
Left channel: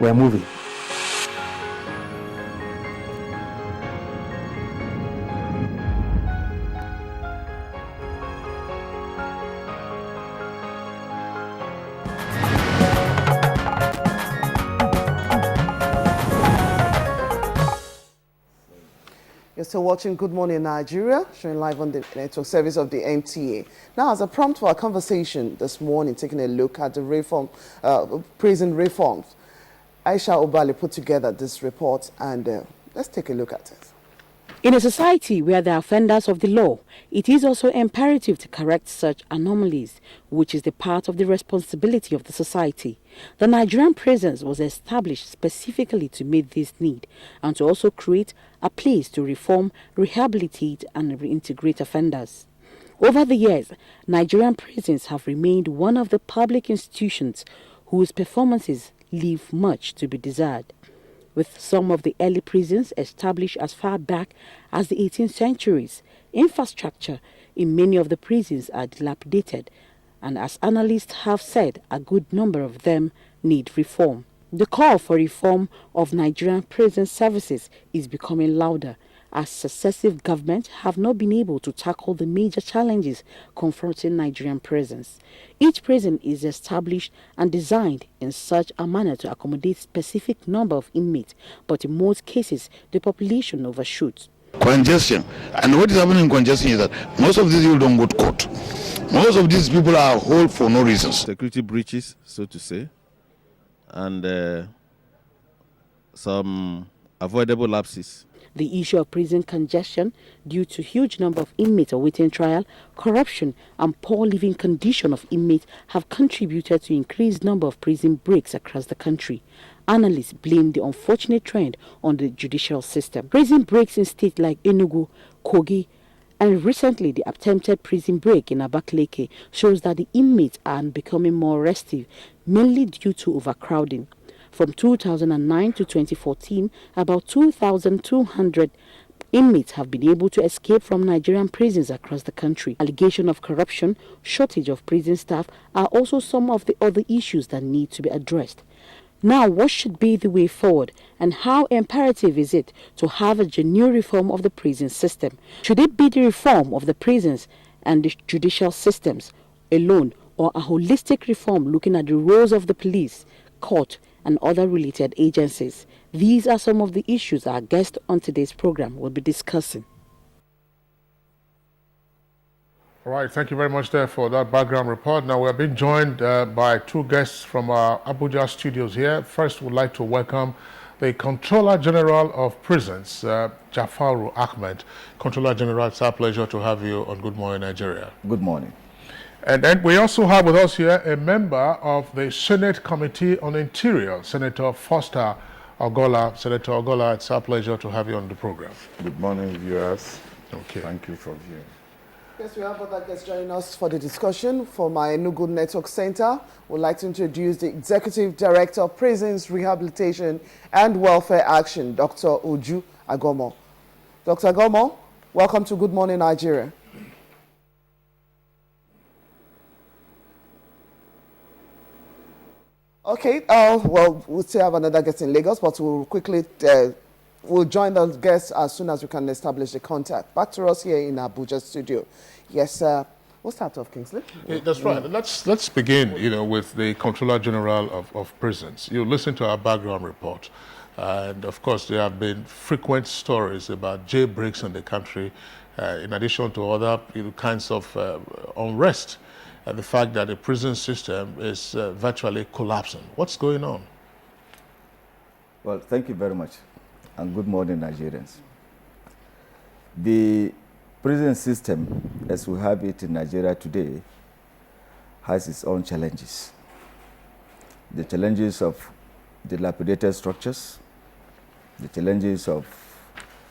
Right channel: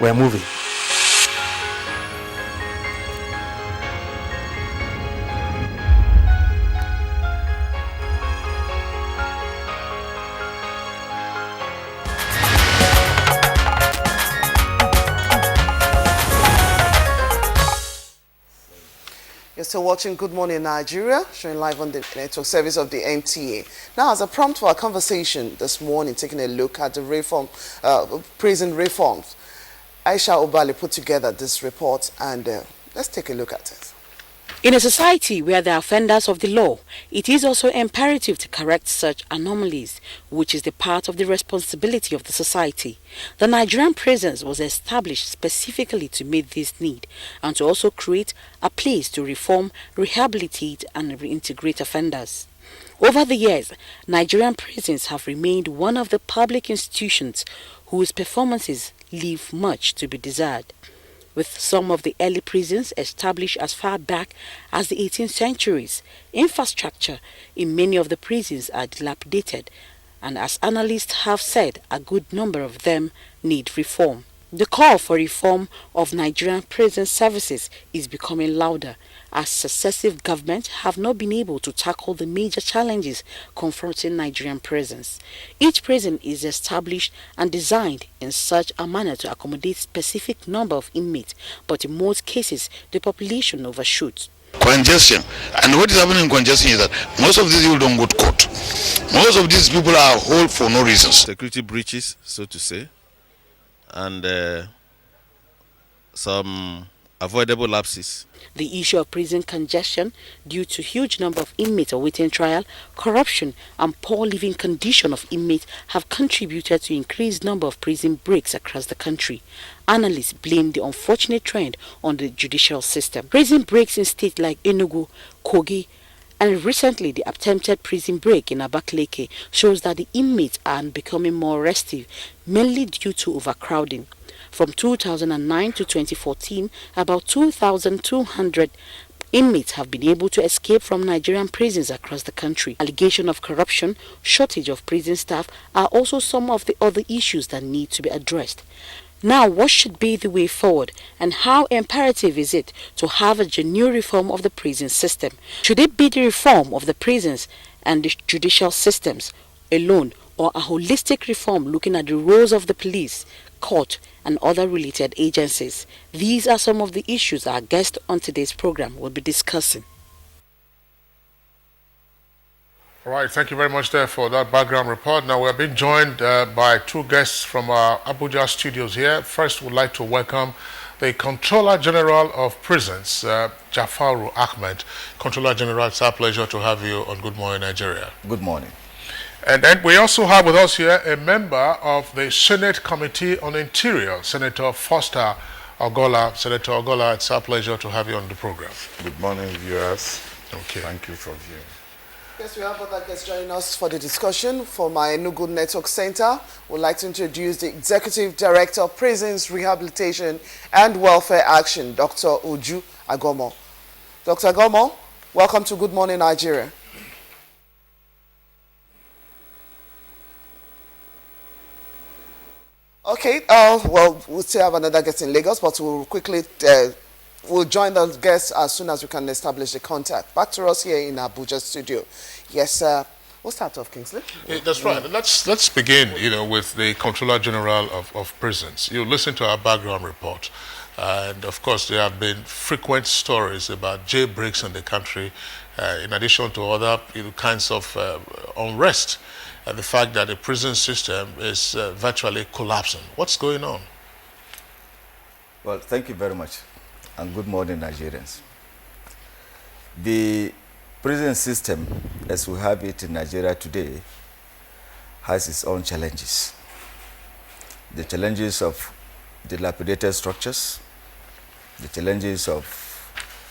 We're moving. You're still watching Good Morning Nigeria, showing live on the network service of the NTA. Now, as a prompt for our conversation this morning, taking a look at the prison reforms, Aisha Obali put together this report, and let's take a look at it. In a society where there are offenders of the law, it is also imperative to correct such anomalies, which is the part of the responsibility of the society. The Nigerian prisons was established specifically to meet this need and to also create a place to reform, rehabilitate and reintegrate offenders. Over the years, Nigerian prisons have remained one of the public institutions whose performances leave much to be desired. With some of the early prisons established as far back as the 18th centuries, infrastructure in many of the prisons are dilapidated, and as analysts have said, a good number of them need reform. The call for reform of Nigerian prison services is becoming louder, as successive governments have not been able to tackle the major challenges confronting Nigerian prisons. Each prison is established and designed in such a manner to accommodate specific number of inmates, but in most cases, the population overshoots. Congestion. And what is happening in congestion is that most of these people don't go to court. Most of these people are held for no reasons. Security breaches, so to say, and some avoidable lapses. The issue of prison congestion due to huge number of inmates awaiting trial, corruption and poor living condition of inmates have contributed to increased number of prison breaks across the country. Analysts blame the unfortunate trend on the judicial system. Prison breaks in states like Enugu, Kogi, and recently the attempted prison break in Abakaliki shows that the inmates are becoming more restive, mainly due to overcrowding. From 2009 to 2014, about 2,200 inmates have been able to escape from Nigerian prisons across the country. Allegation of corruption, shortage of prison staff are also some of the other issues that need to be addressed. Now, what should be the way forward, and how imperative is it to have a genuine reform of the prison system? Should it be the reform of the prisons and the judicial systems alone, or a holistic reform looking at the roles of the police, court, and other related agencies? These are some of the issues our guest on today's program will be discussing. All right, thank you very much there for that background report. Now, we're being joined by two guests from our Abuja studios here. First, we'd like to welcome the Controller General of Prisons, Jafaru Ahmed. Controller General, it's our pleasure to have you on Good Morning Nigeria. Good morning. And then we also have with us here a member of the Senate Committee on Interior, Senator Foster Ogola. Senator Ogola, it's our pleasure to have you on the program. Good morning, viewers. Okay. Thank you for viewing. Yes, we have other guests joining us for the discussion. For my Enugu Network Center, we'd like to introduce the Executive Director of Prisons, Rehabilitation and Welfare Action, Dr. Uju Agomo. Dr. Agomo, welcome to Good Morning Nigeria. Okay, well, we'll still have another guest in Lagos, but we'll quickly we'll join the guests as soon as we can establish the contact. Back to us here in Abuja studio. Yes, we'll start off, Kingsley. Yeah, that's right. Let's begin, with the Controller General of Prisons. You listen to our background report, and of course there have been frequent stories about jailbreaks in the country, in addition to other kinds of unrest, and the fact that the prison system is virtually collapsing. What's going on? Well, thank you very much, and good morning, Nigerians. The prison system, as we have it in Nigeria today, has its own challenges. The challenges of dilapidated structures, the challenges of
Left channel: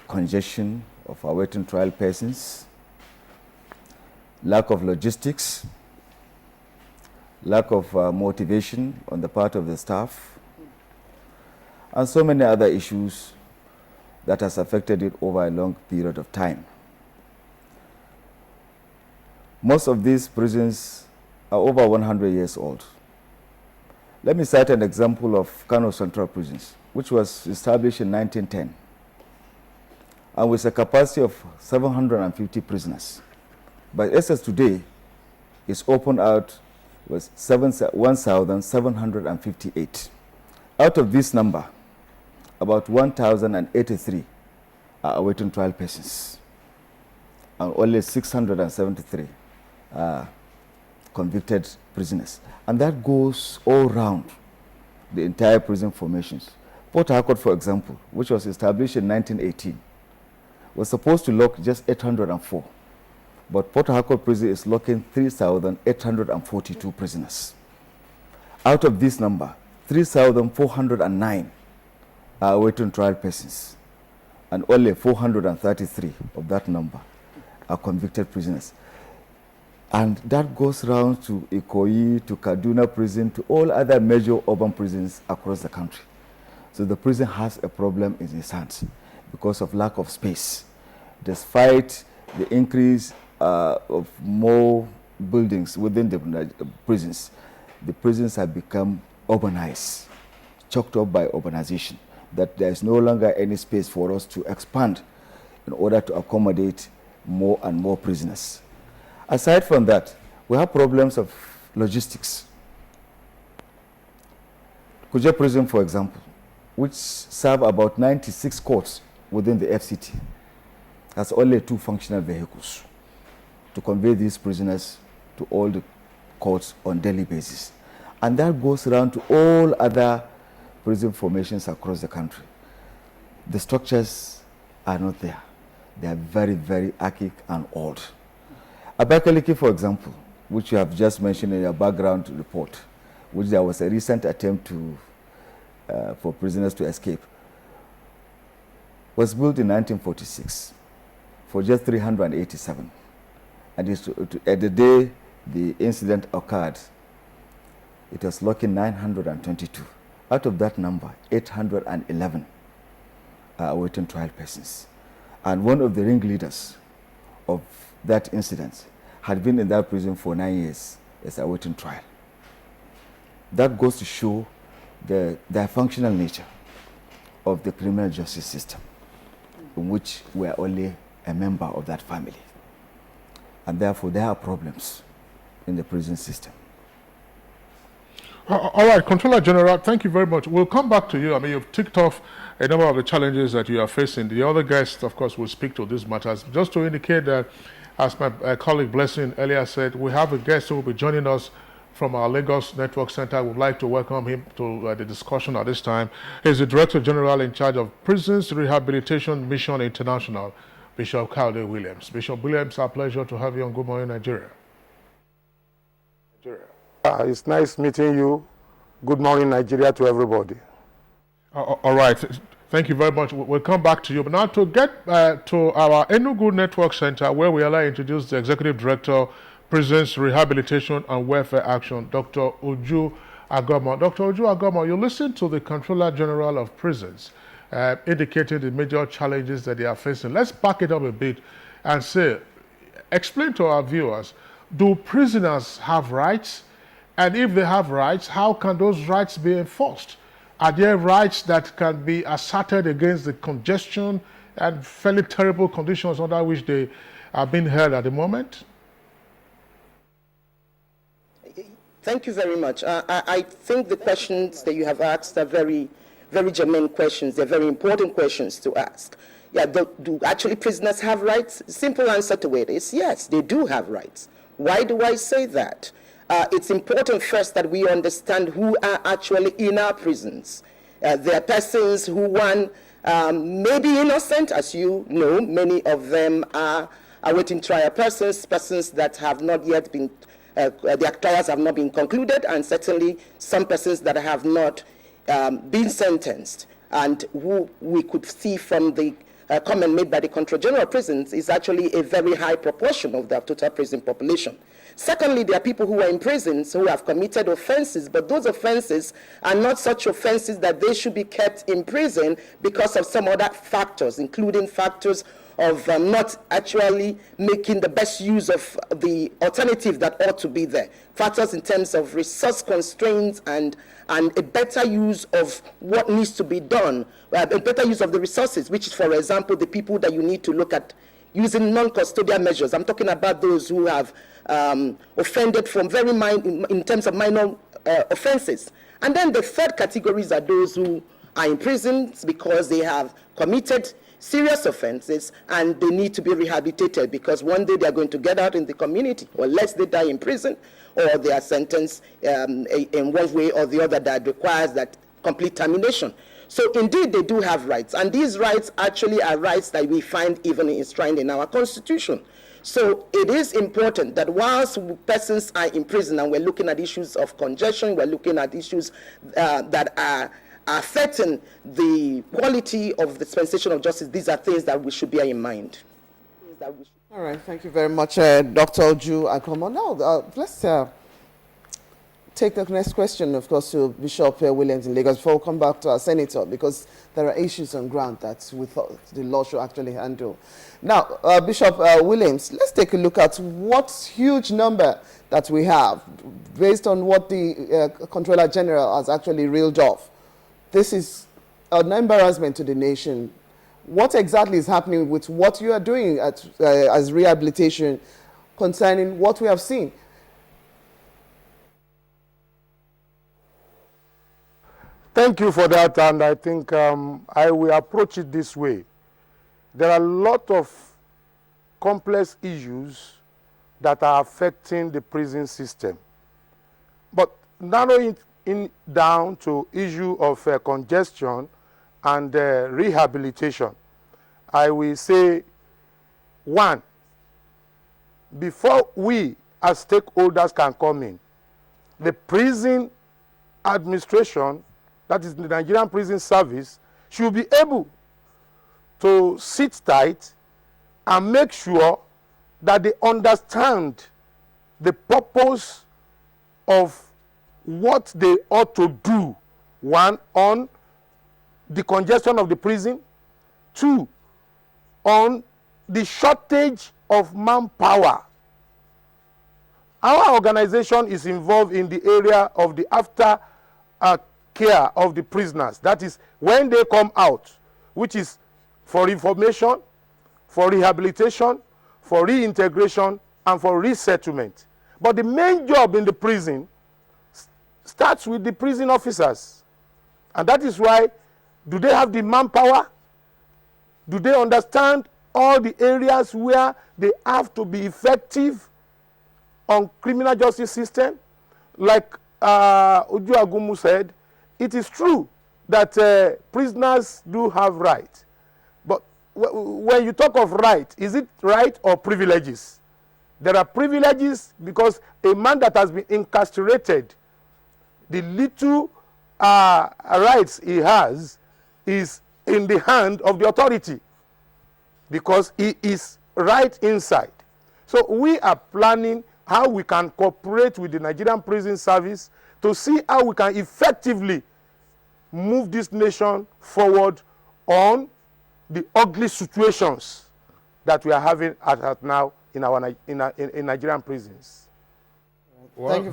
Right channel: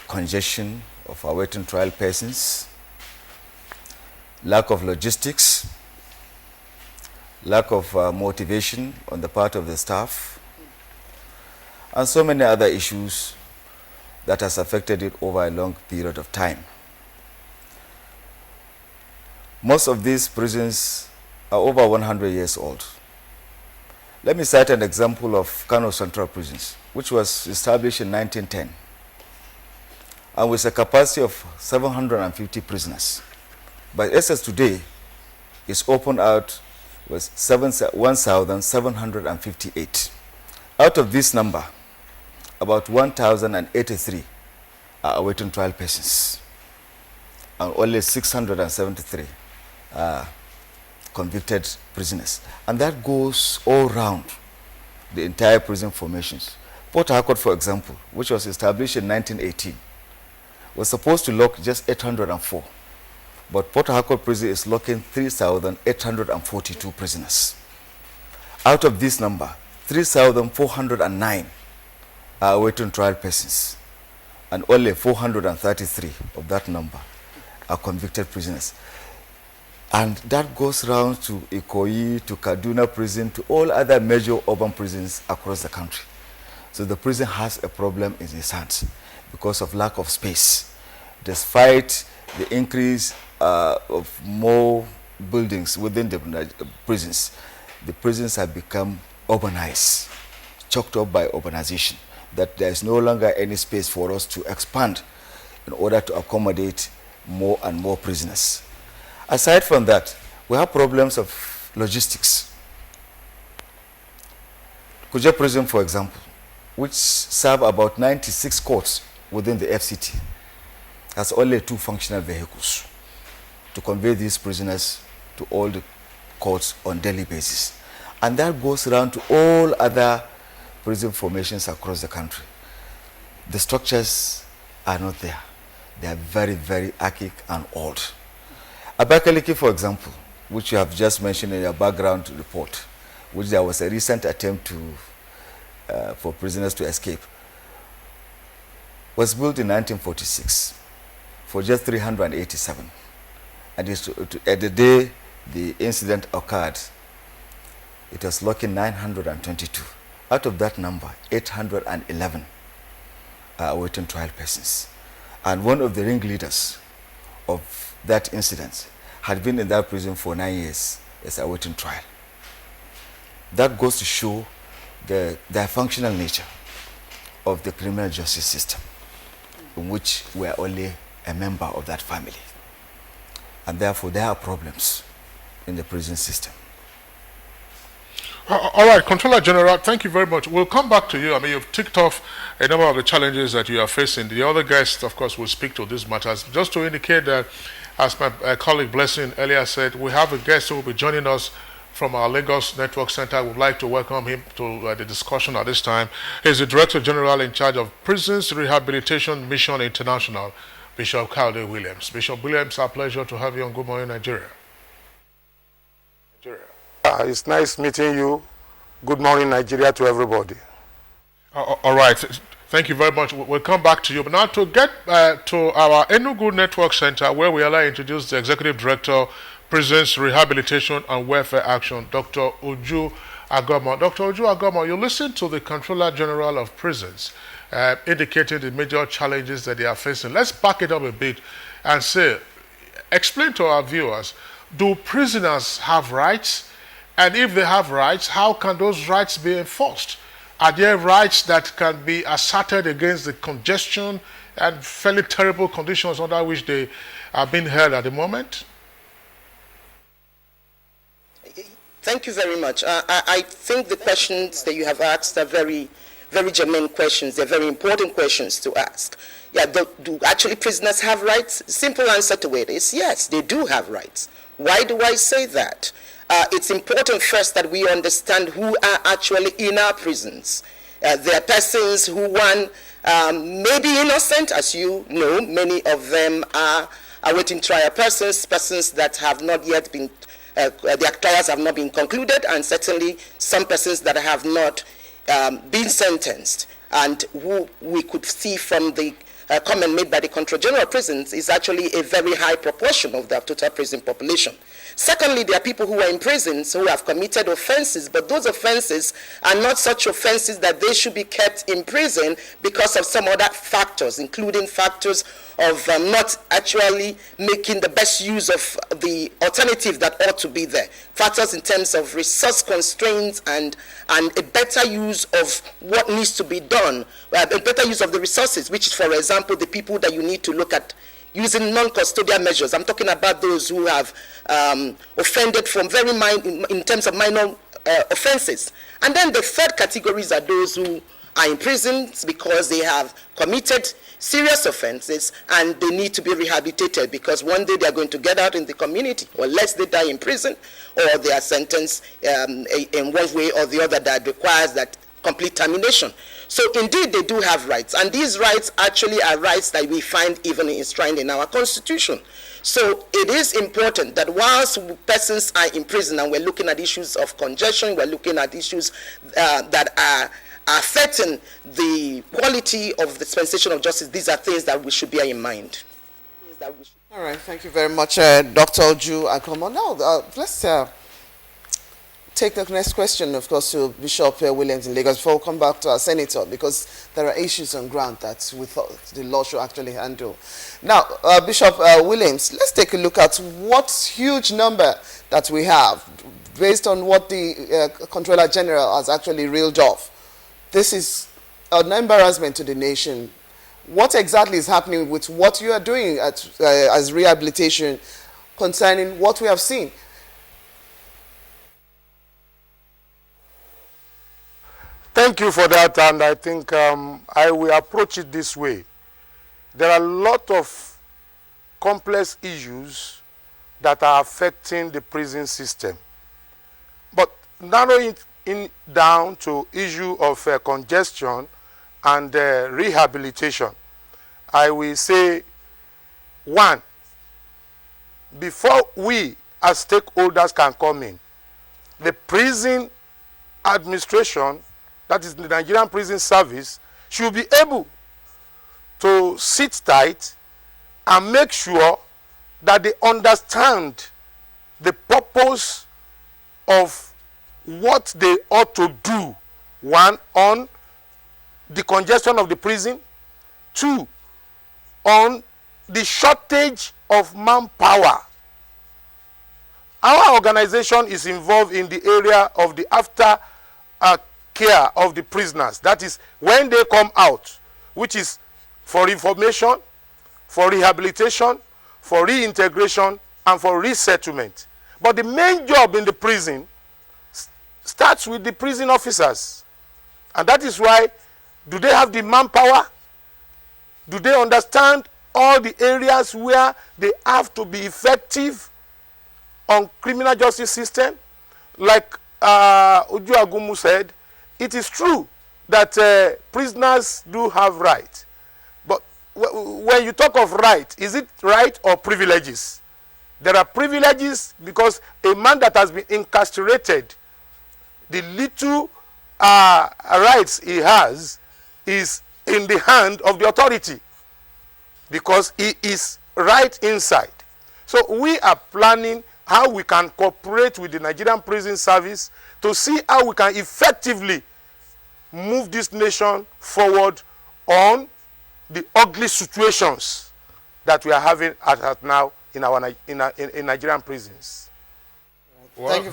congestion of awaiting trial persons, lack of logistics, lack of motivation on the part of the staff, and so many other issues that has affected it over a long period of time. Most of these prisons are over 100 years old. Let me cite an example of Kano Central Prisons, which was established in 1910, and with a capacity of 750 prisoners. But as today, it's opened out with 1,758. Out of this number, about 1,083 are awaiting trial persons, and only 673 are convicted prisoners. And that goes all around the entire prison formations. Port Harcourt, for example, which was established in 1918, was supposed to lock just 804. But Port Harcourt prison is locking 3,842 prisoners. Out of this number, 3,409 are awaiting trial persons, and only 433 of that number are convicted prisoners. And that goes round to Ikoyi, to Kaduna prison, to all other major urban prisons across the country. So the prison has a problem in its hands because of lack of space. Despite the increase of more buildings within the prisons have become urbanized, choked up by urbanization, that there is no longer any space for us to expand in order to accommodate more and more prisoners. Aside from that, we have problems of logistics. Kuje prison, for example, which serve about 96 courts within the FCT, has only 2 functional vehicles to convey these prisoners to all the courts on daily basis. And that goes around to all other prison formations across the country. The structures are not there. They are very, very archaic and old. Abakaliki, for example, which you have just mentioned in your background report, which there was a recent attempt for prisoners to escape, was built in 1946 for just 387. And at the day the incident occurred, it was locking 922. Out of that number, 811 are awaiting trial persons. And one of the ringleaders of that incident had been in that prison for 9 years as awaiting trial. That goes to show the dysfunctional nature of the criminal justice system, in which we are only a member of that family. And therefore, there are problems in the prison system. All right, Controller General, thank you very much. We'll come back to you. I mean, you've ticked off a number of the challenges that you are facing. The other guests, of course, will speak to these matters. Just to indicate that, as my colleague Blessing earlier said, we have a guest who will be joining us from our Lagos Network Center. We'd like to welcome him to the discussion at this time. He's the Director General in charge of Prisons Rehabilitation Mission International, Bishop Kayode Williams. Bishop Williams, our pleasure to have you on Good Morning Nigeria. It's nice meeting you. Good morning, Nigeria, to everybody. All right. Thank you very much. We'll come back to you. But now to get to our Enugu Network Center, where we allow introduce the Executive Director, Prisons Rehabilitation and Welfare Action, Dr. Uju Agoma. Dr. Uju Agoma, you listen to the Controller General of Prisons indicating the major challenges that they are facing. Let's back it up a bit and say, explain to our viewers, do prisoners have rights? And if they have rights, how can those rights be enforced? Are there rights that can be asserted against the congestion and fairly terrible conditions under which they are being held at the moment? Thank you very much. I think the questions that you have asked are very, very germane questions. They're very important questions to ask. Yeah, do actually prisoners have rights? Simple answer to it is yes, they do have rights. Why do I say that? It's important first that we understand who are actually in our prisons. There are persons who, may be innocent, as you know. Many of them are awaiting trial persons that have not yet been, their trials have not been concluded, and certainly some persons that have not been sentenced, and who we could see from the comment made by the Controller General of Prisons is actually a very high proportion of the total prison population. Secondly, there are people who are in prisons who have committed offenses, but those offenses are not such offenses that they should be kept in prison because of some other factors, including factors of not actually making the best use of the alternative that ought to be there. Factors in terms of resource constraints and a better use of what needs to be done, a better use of the resources, which is, for example, the people that you need to look at using non-custodial measures. I'm talking about those who have offended from very in terms of minor offenses. And then the third categories are those who are in prisons because they have committed serious offenses and they need to be rehabilitated because one day they are going to get out in the community, or unless they die in prison or they are sentenced in one way or the other that requires that complete termination. So indeed they do have rights, and these rights actually are rights that we find even enshrined in our Constitution. So it is important that whilst persons are in prison and we're looking at issues of congestion, we're looking at issues that are affecting the quality of the dispensation of justice, these are things that we should bear in mind. All right, thank you very much, Dr. Uju Agoma. Now, let's take the next question, of course, to Bishop Williams in Lagos before we come back to our senator, because there are issues on ground that we thought the law should actually handle. Now, Bishop Williams, let's take a look at what huge number that we have based on what the Controller General has actually reeled off. This is an embarrassment to the nation. What exactly is happening with what you are doing as rehabilitation concerning what we have seen? Thank you for that, and I think I will approach it this way. There are a lot of complex issues that are affecting the prison system. But narrowing it down to issue of congestion and rehabilitation, I will say, one, before we as stakeholders can come in, the prison administration, that is the Nigerian Prison Service, should be able to sit tight and make sure that they understand the purpose of what they ought to do. One, on the congestion of the prison. Two, on the shortage of manpower. Our organization is involved in the area of the after care of the prisoners. That is when they come out, which is for information, for rehabilitation, for reintegration, and for resettlement. But the main job in the prison starts with the prison officers. And that is why, do they have the manpower? Do they understand all the areas where they have to be effective on criminal justice system? Like Uju Agumu said, it is true that prisoners do have rights. But when you talk of right, is it right or privileges? There are privileges because a man that has been incarcerated, the little rights he has is in the hand of the authority because he is right inside. So we are planning how we can cooperate with the Nigerian Prison Service to see how we can effectively move this nation forward on the ugly situations that we are having at now in our in Nigerian prisons. Well,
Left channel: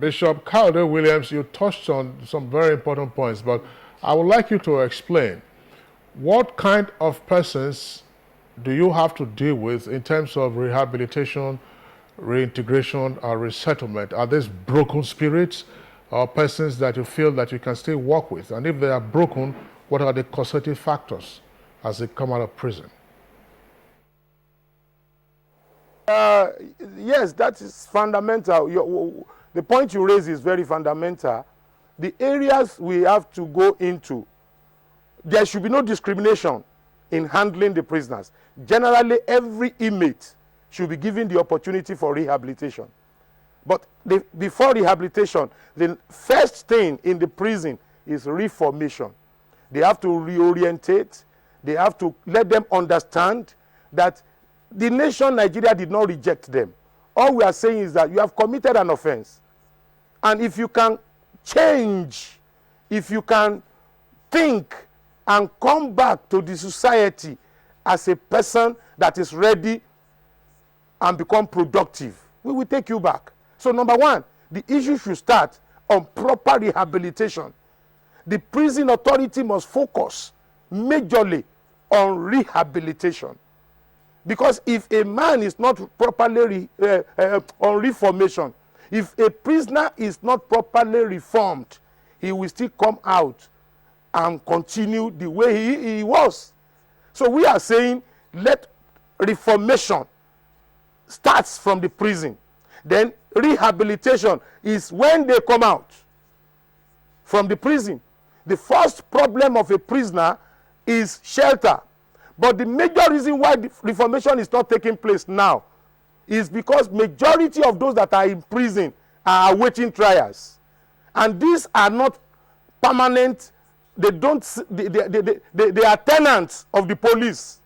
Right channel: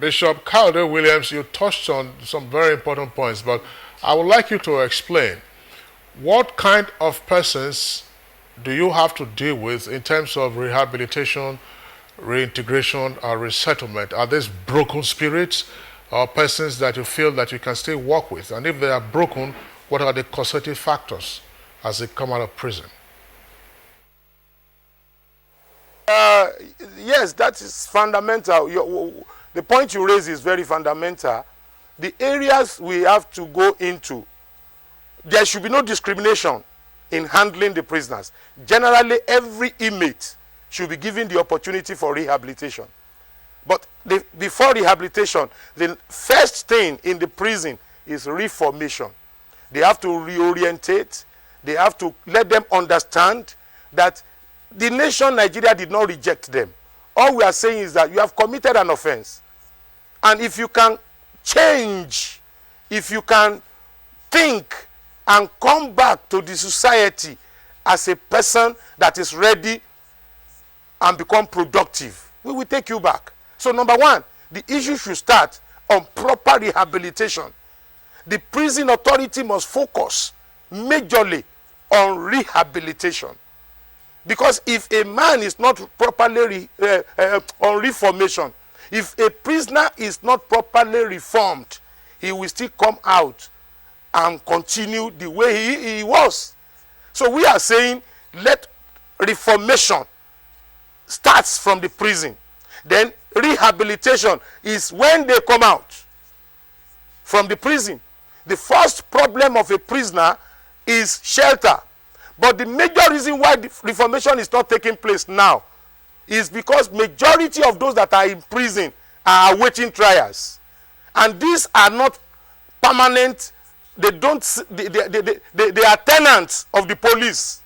Bishop Calder Williams, you touched on some very important points, but I would like you to explain what kind of persons do you have to deal with in terms of rehabilitation, reintegration, or resettlement? Are these broken spirits or persons that you feel that you can still work with? And if they are broken, what are the causative factors as they come out of prison? Yes, that is fundamental. The point you raise is very fundamental. The areas we have to go into, there should be no discrimination in handling the prisoners. Generally, every inmate should be given the opportunity for rehabilitation. But before rehabilitation, the first thing in the prison is reformation. They have to reorientate. They have to let them understand that the nation Nigeria did not reject them. All we are saying is that you have committed an offense. And if you can change, if you can think and come back to the society as a person that is ready and become productive, we will take you back. So number one, the issue should start on proper rehabilitation. The prison authority must focus majorly on rehabilitation. Because if a man is not properly on reformation, if a prisoner is not properly reformed, he will still come out and continue the way he was. So we are saying let reformation starts from the prison. Then rehabilitation is when they come out from the prison. The first problem of a prisoner is shelter. But the major reason why the reformation is not taking place now is because majority of those that are in prison are awaiting trials. And these are not permanent. They are tenants of the police.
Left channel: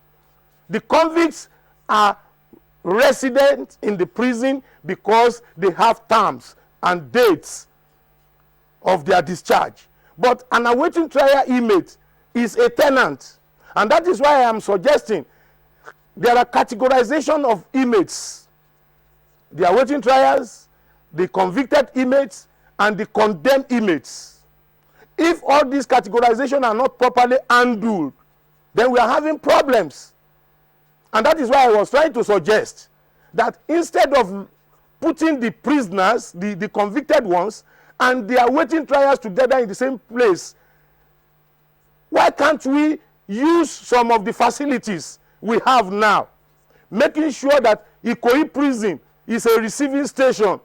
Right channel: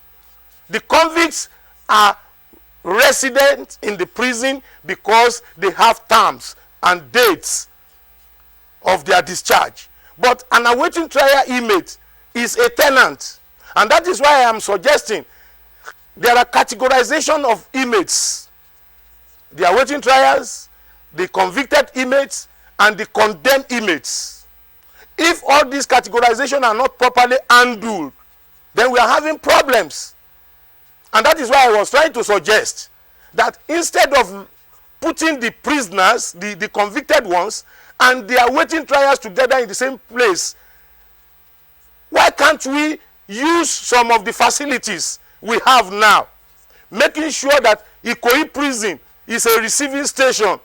The convicts are residents in the prison because they have terms and dates of their discharge. But an awaiting trial inmate is a tenant. And that is why I am suggesting there are categorization of inmates. The awaiting trials, the convicted inmates, and the condemned inmates. If all these categorizations are not properly handled, then we are having problems. And that is why I was trying to suggest that instead of putting the prisoners, the convicted ones, and the awaiting trials together in the same place, why can't we use some of the facilities we have now, making sure that Ikoyi prison is a receiving station.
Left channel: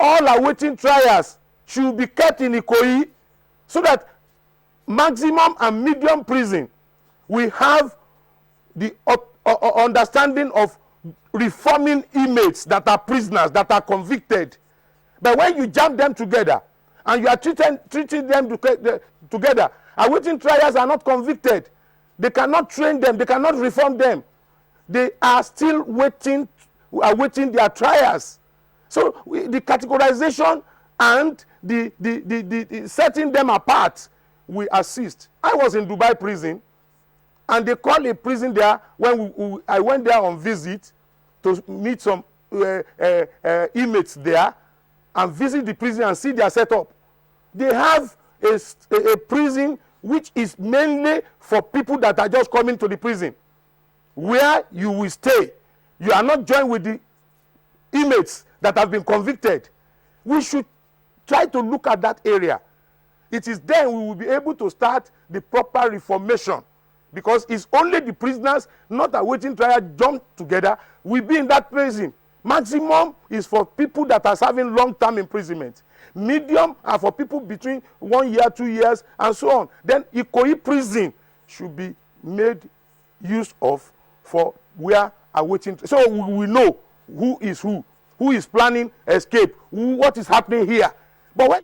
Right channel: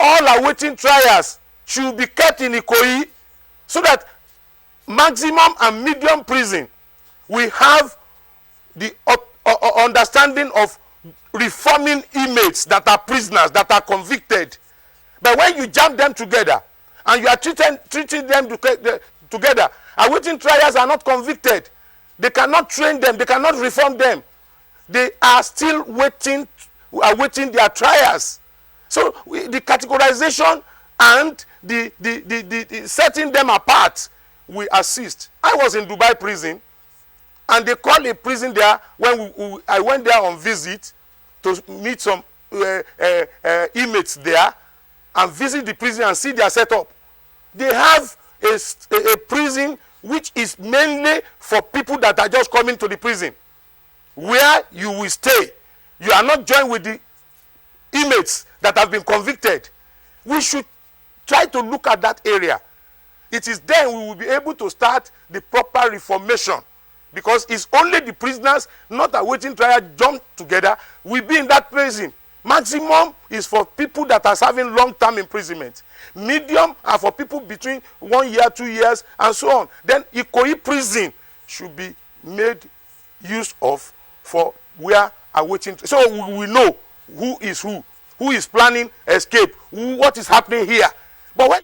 All awaiting trials should be kept in Ikoyi so that maximum and medium prison we have the understanding of reforming inmates that are prisoners, that are convicted. But when you jam them together and you are treating them together, awaiting trials are not convicted. They cannot train them. They cannot reform them. They are still awaiting their trials. So the categorization and the setting them apart, we assist. I was in Dubai prison, and they call a prison there when I went there on visit to meet some inmates there and visit the prison and see their setup. They have a prison which is mainly for people that are just coming to the prison, where you will stay. You are not joined with the inmates that have been convicted. We should try to look at that area. It is then we will be able to start the proper reformation, because it's only the prisoners not awaiting trial jump together will be in that prison. Maximum is for people that are serving long-term imprisonment. Medium are for people between 1 year, 2 years, and so on. Then Ikoyi prison should be made use of for where awaiting. So we know who is planning escape, what is happening here. But when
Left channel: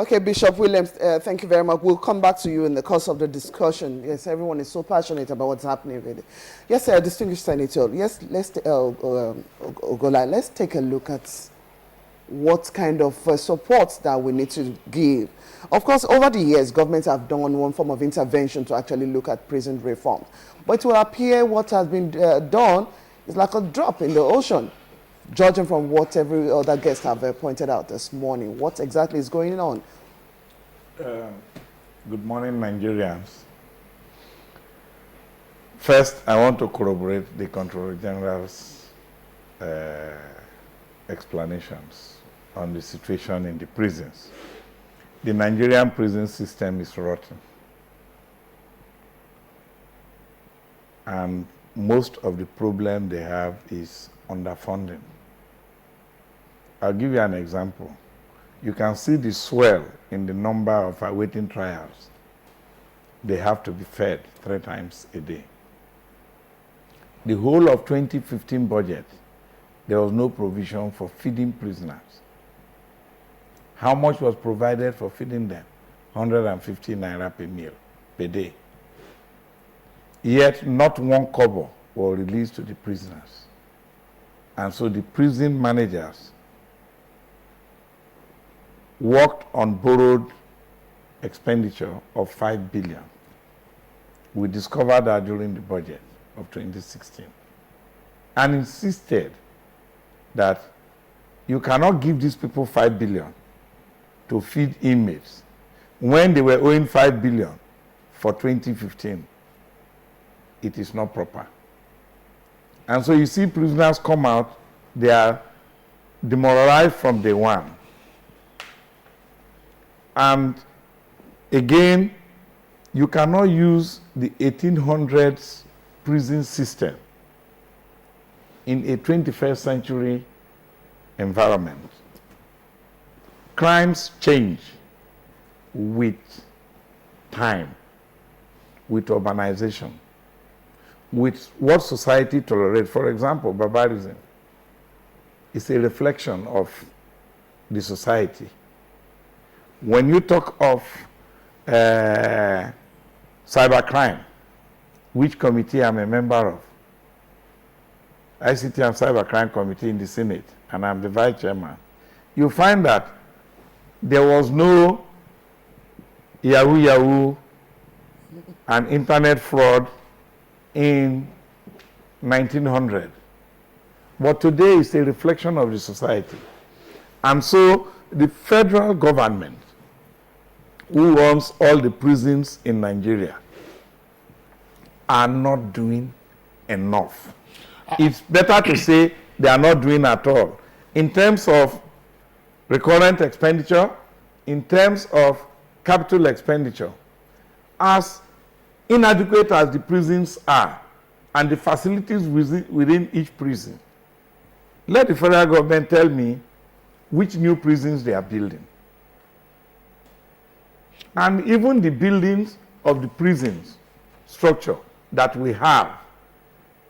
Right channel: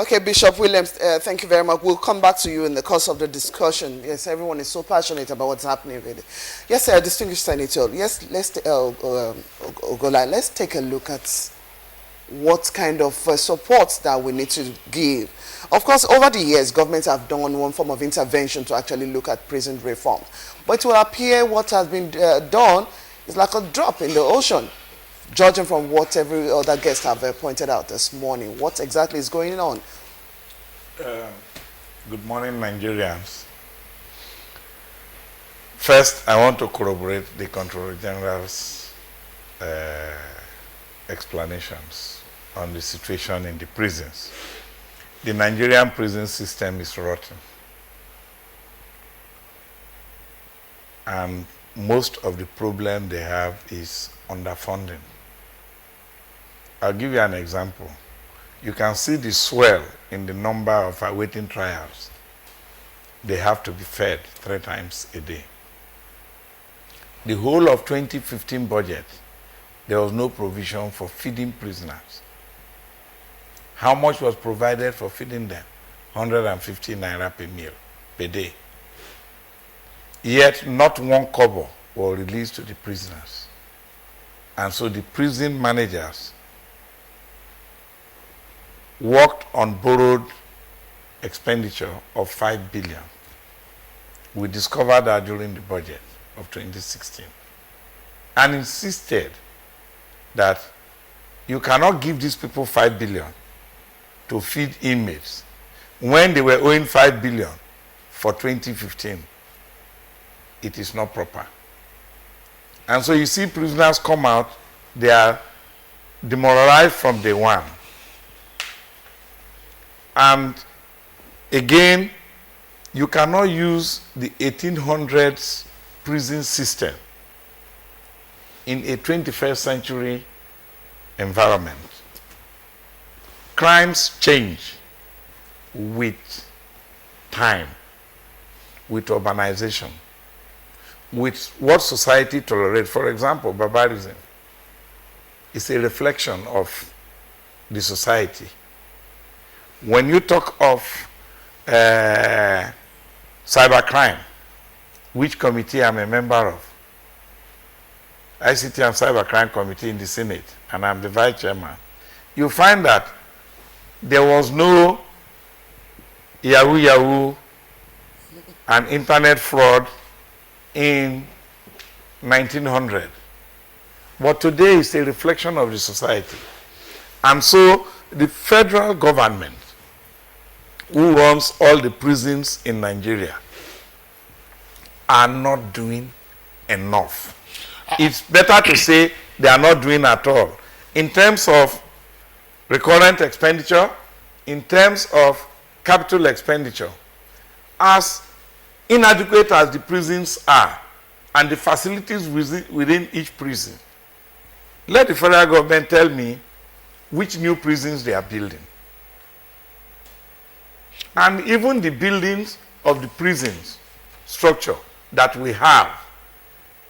Okay, Bishop Williams, thank you very much. We'll come back to you in the course of the discussion. Yes, everyone is so passionate about what's happening with it. Yes, distinguished senator. Yes, Ogola, let's take a look at what kind of support that we need to give. Of course, over the years, governments have done one form of intervention to actually look at prison reform. But it will appear what has been done is like a drop in the ocean, judging from what every other guest have pointed out this morning. What exactly is going on? Good morning, Nigerians. First, I want to corroborate the Controller General's explanations on the situation in the prisons. The Nigerian prison system is rotten. And most of the problem they have is underfunding. I'll give you an example. You can see the swell in the number of awaiting trials. They have to be fed 3 times a day. The whole of 2015 budget, there was no provision for feeding prisoners. How much was provided for feeding them? 150 naira per meal per day. Yet not 1 kobo was released to the prisoners. And so the prison managers worked on borrowed expenditure of 5 billion. We discovered that during the budget of 2016 and insisted that you cannot give these people 5 billion to feed inmates when they were owing 5 billion for 2015. It is not proper. And so you see prisoners come out, they are demoralized from day one. And again, you cannot use the 1800s prison system in a 21st century environment. Crimes change with time, with urbanization, with what society tolerates. For example, barbarism is a reflection of the society. When you talk of cybercrime, which committee I'm a member of, ICT and Cybercrime Committee in the Senate, and I'm the vice chairman, you find that there was no Yahoo and internet fraud in 1900. But today is a reflection of the society. And so the federal government, who runs all the prisons in Nigeria, are not doing enough. It's better to say they are not doing at all. In terms of recurrent expenditure, in terms of capital expenditure, as inadequate as the prisons are and the facilities within each prison, let the federal government tell me which new prisons they are building. And even the buildings of the prisons structure that we have,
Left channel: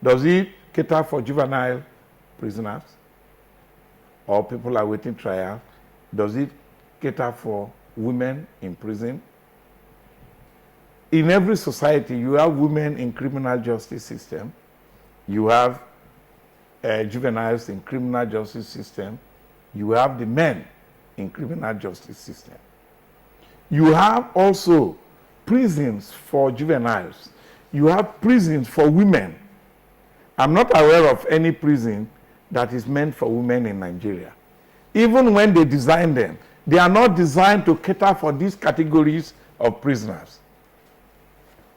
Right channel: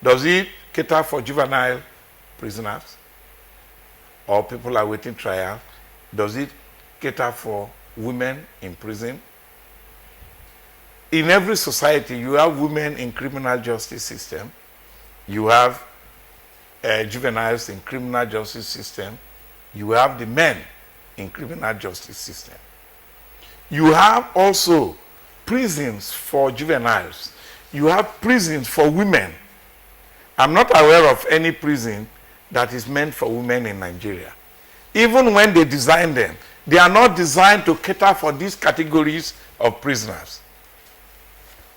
does it cater for juvenile prisoners or people awaiting trial? Does it cater for women in prison? In every society, you have women in criminal justice system. You have juveniles in criminal justice system. You have the men in criminal justice system. You have also prisons for juveniles. You have prisons for women. I'm not aware of any prison that is meant for women in Nigeria. Even when they design them, they are not designed to cater for these categories of prisoners.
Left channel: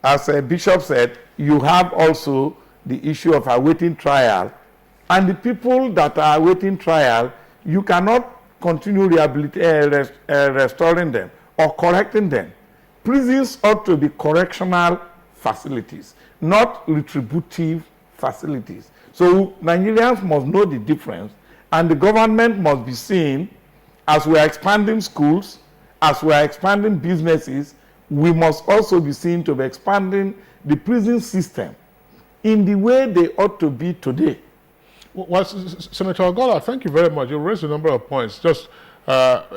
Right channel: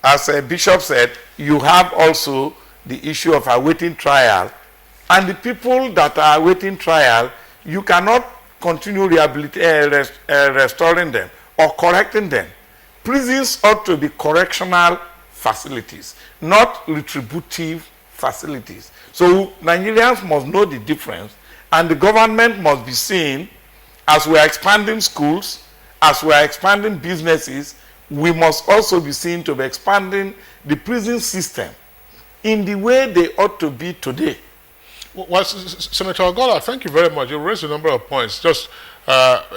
As a bishop said, you have also the issue of awaiting trial, and the people that are awaiting trial, you cannot continue restoring them or correcting them. Prisons ought to be correctional facilities, not retributive facilities. So Nigerians must know the difference, and the government must be seen, as we are expanding schools, as we are expanding businesses, we must also be seen to be expanding the prison system in the way they ought to be today. Well, Senator Ogola, thank you very much. You raised a number of points. Just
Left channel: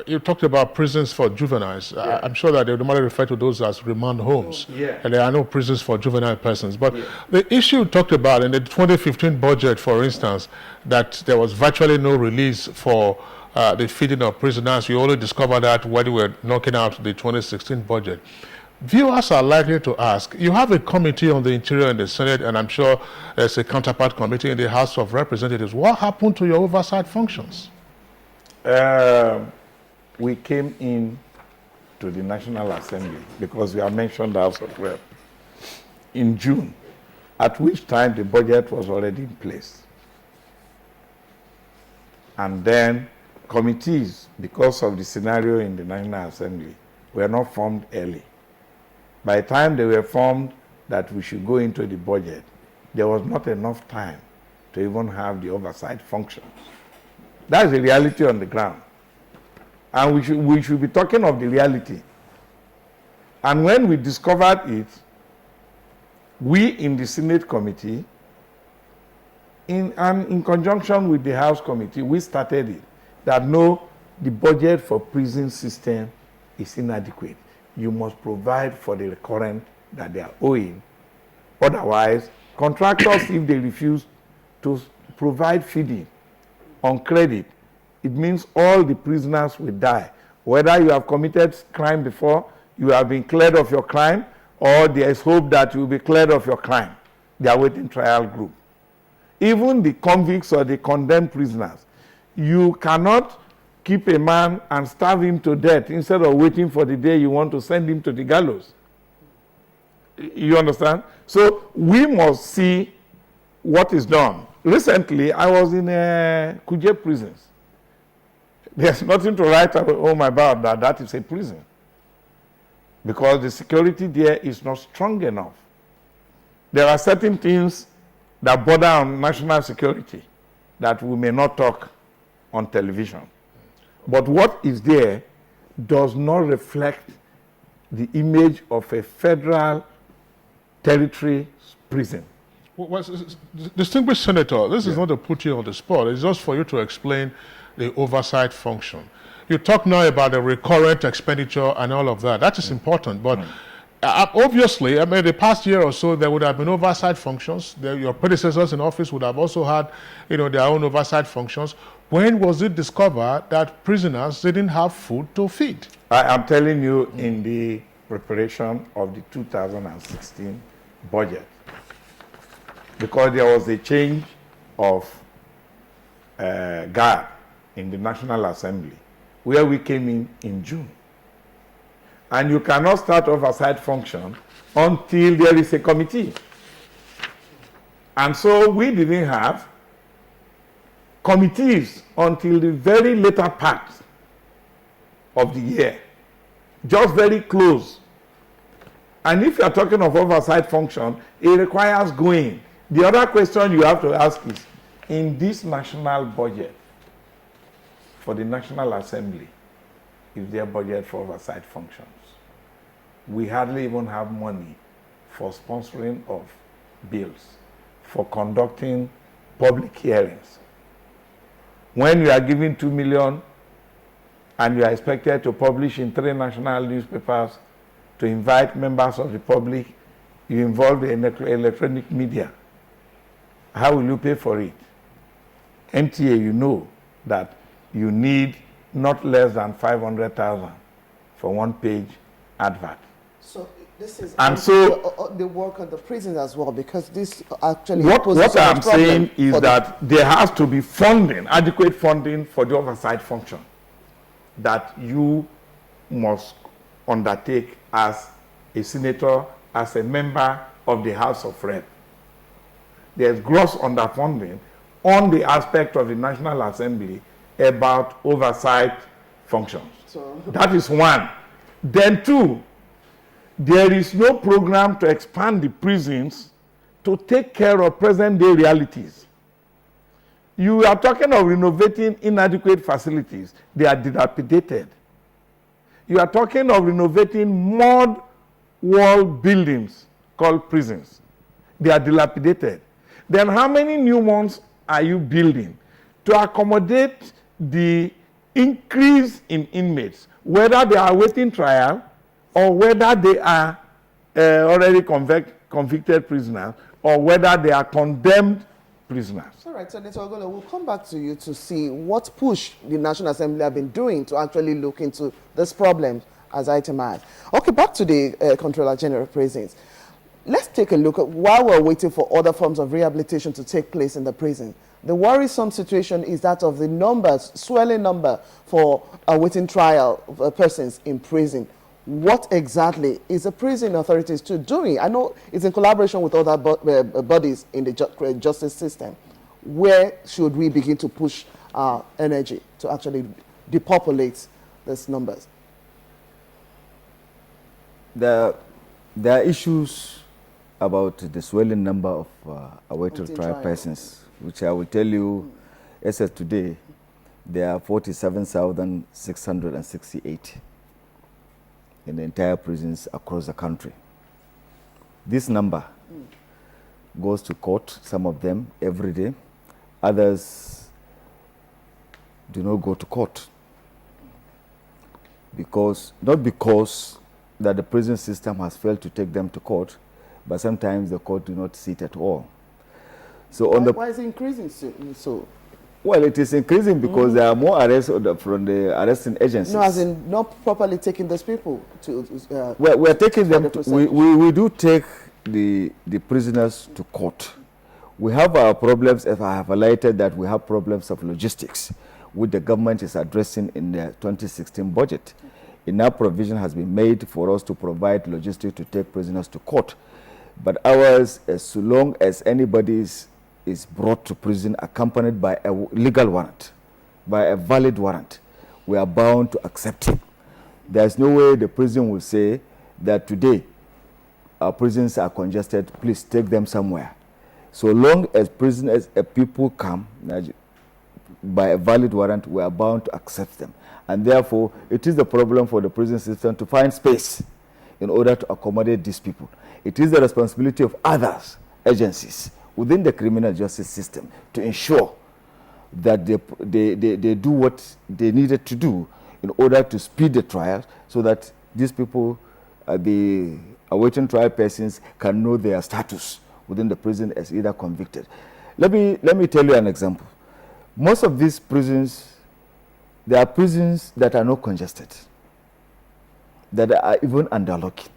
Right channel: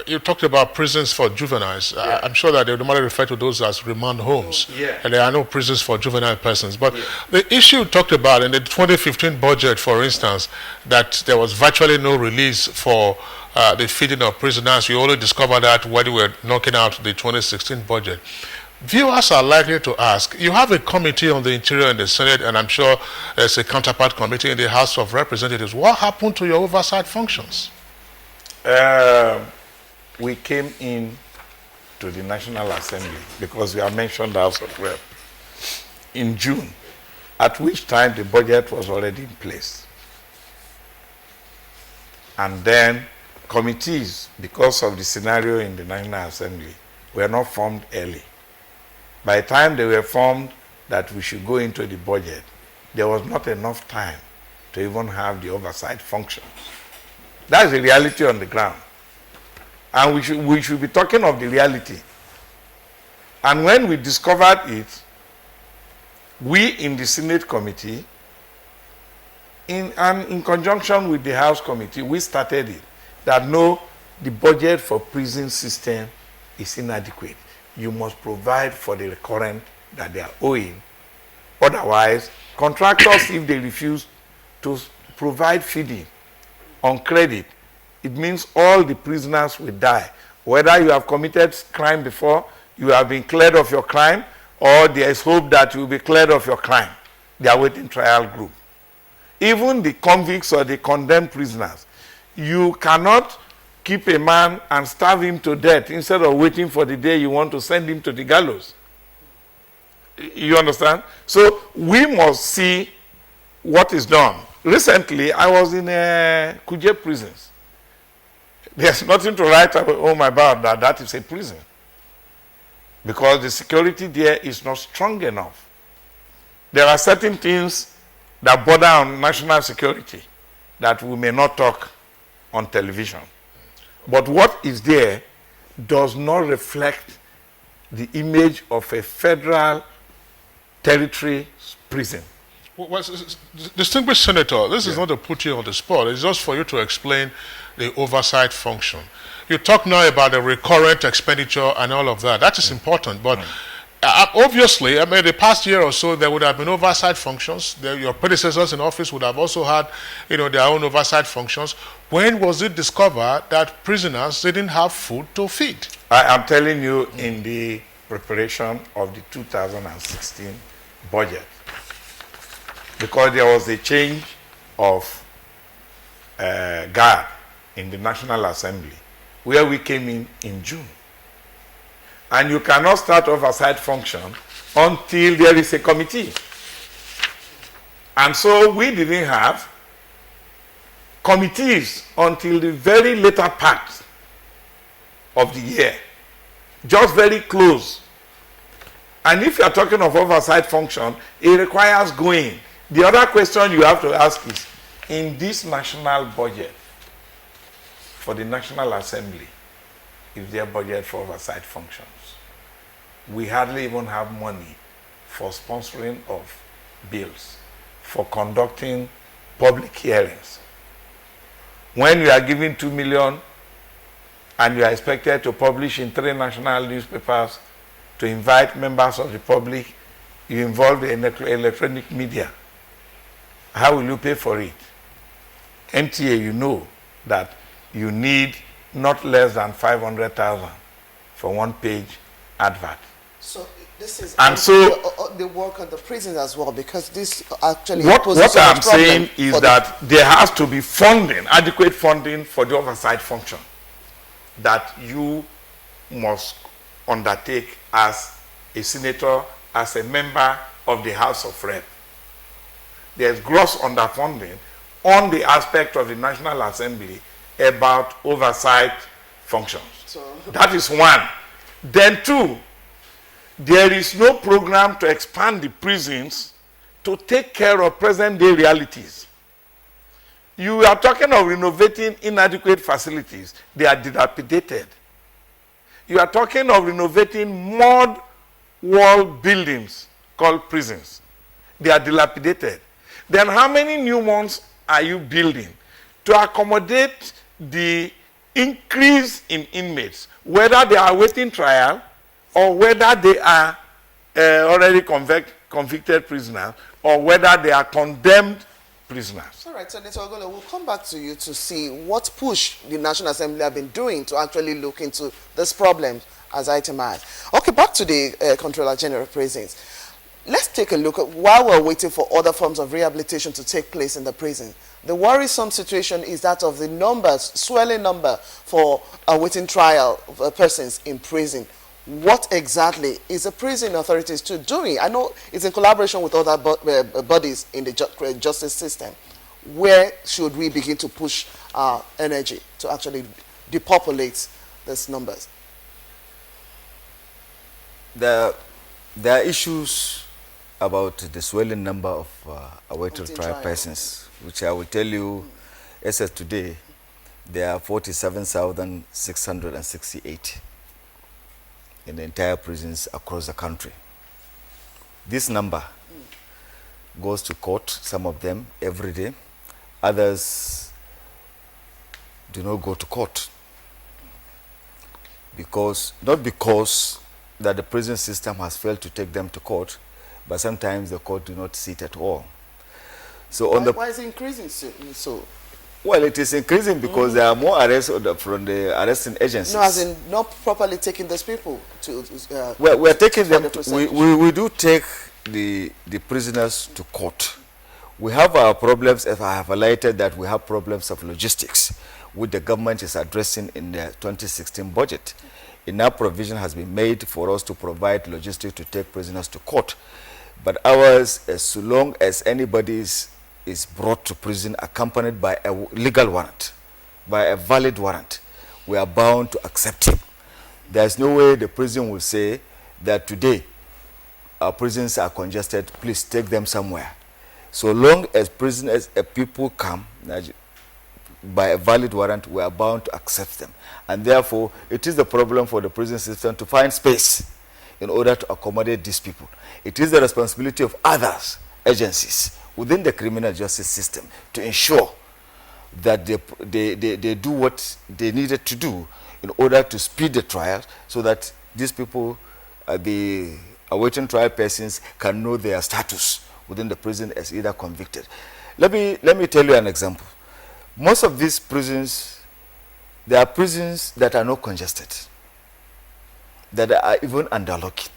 You talked about prisons for juveniles. I'm sure that they would normally refer to those as remand homes. And there are no prisons for juvenile persons. But the issue talked about in the 2015 budget, for instance, that there was virtually no release for the feeding of prisoners. You only discovered that when we were knocking out the 2016 budget. Viewers are likely to ask, you have a committee on the Interior in the Senate, and I'm sure there's a counterpart committee in the House of Representatives. What happened to your oversight functions? We came in to the National Assembly because we have mentioned the House of Rep in June, at which time the budget was already in place. And then committees, because of the scenario in the National Assembly, were not formed early. By the time they were formed that we should go into the budget, there was not enough time to even have the oversight functions. That's the reality on the ground. And we should be talking of the reality. And when we discovered it, we in the Senate committee, in conjunction with the House committee, we started it, that no, the budget for prison system is inadequate. You must provide for the recurrent that they are owing. Otherwise, contractors, if they refuse to provide feeding on credit, it means all the prisoners will die. Whether you have committed crime before, you have been cleared of your crime, or there is hope that you will be cleared of your crime. They are waiting trial group. Even the convicts or the condemned prisoners, you cannot keep a man and starve him to death instead of waiting for the day you want to send him to the gallows. You understand? So we must see what is done. Recently, I was in Kuje prisons. There's nothing to write home about that. That is a prison. Because the security there is not strong enough. There are certain things that border on national security that we may not talk on television. But what is there does not reflect the image of a federal territory prison. Well, distinguished Senator, this is not to put you on the spot. It's just for you to explain the oversight function. You talk now about the recurrent expenditure and all of that. That is important, but obviously, I mean, the past year or so, there would have been oversight functions. Your predecessors in office would have also had, their own oversight functions. When was it discovered that prisoners didn't have food to feed? I am telling you, in the preparation of the 2016 budget, because there was a change of guard in the National Assembly, where we came in June. And you cannot start oversight function until there is a committee. And so we didn't have committees until the very later part of the year, just very close. And if you are talking of oversight function, it requires going. The other question you have to ask is, in this national budget for the National Assembly, is there budget for oversight functions? We hardly even have money for sponsoring of bills, for conducting public hearings. When you are given 2 million and you are expected to publish in 3 national newspapers to invite members of the public, you involve the electronic media. How will you pay for it? NTA, you know that you need not less than 500,000 for 1-page advert. So this is and so the work on the prisons as well, because this actually what I'm saying is that there has to be funding, adequate funding for the oversight function that you must undertake as a senator, as a member of the House of Rep. There's gross underfunding on the aspect of the National Assembly about oversight functions. So that is one. Then two, there is no program to expand the prisons to take care of present-day realities. You are talking of renovating inadequate facilities. They are dilapidated. You are talking of renovating mud wall buildings called prisons. They are dilapidated. Then how many new ones are you building to accommodate the increase in inmates, whether they are awaiting trial or whether they are already convicted prisoners or whether they are condemned prisoners. All right, Senator Ogola, we'll come back to you to see what push the National Assembly have been doing to actually look into this problem as itemized. Okay, back to the Comptroller General of Prisons. Let's take a look at while we're waiting for other forms of rehabilitation to take place in the prison. The worrisome situation is that of the numbers, swelling number for awaiting trial persons in prison. What exactly is the prison authorities doing? I know it's in collaboration with other bodies in the justice system. Where should we begin to push our energy to actually depopulate these numbers? There are issues about the swelling number of awaited trial persons, which I will tell you, as of today, there are 47,668 in the entire prisons across the country. This number goes to court, some of them every day. Others do not go to court not because that the prison system has failed to take them to court, but sometimes the court do not sit at all. So why is it increasing so? Well, it is increasing because there are more arrests from the arresting agencies. No, as in not properly taking those people to... well, we are taking them, we do take the prisoners to court. We have our problems, as I have highlighted, that we have problems of logistics, which the government is addressing in the 2016 budget. Enough provision has been made for us to provide logistics to take prisoners to court. But ours, as long as anybody is brought to prison accompanied by a legal warrant, by a valid warrant, we are bound to accept it. There's no way the prison will say that today our prisons are congested, please take them somewhere. So long as prisoners, people come by a valid warrant, we are bound to accept them. And therefore, it is the problem for the prison system to find space in order to accommodate these people. It is the responsibility of others, agencies, within the criminal justice system to ensure that they do what they needed to do in order to speed the trial so that these people, the awaiting trial persons, can know their status within the prison as either convicted. Let me tell you an example. Most of these prisons, there are prisons that are not congested, that are even underlocking.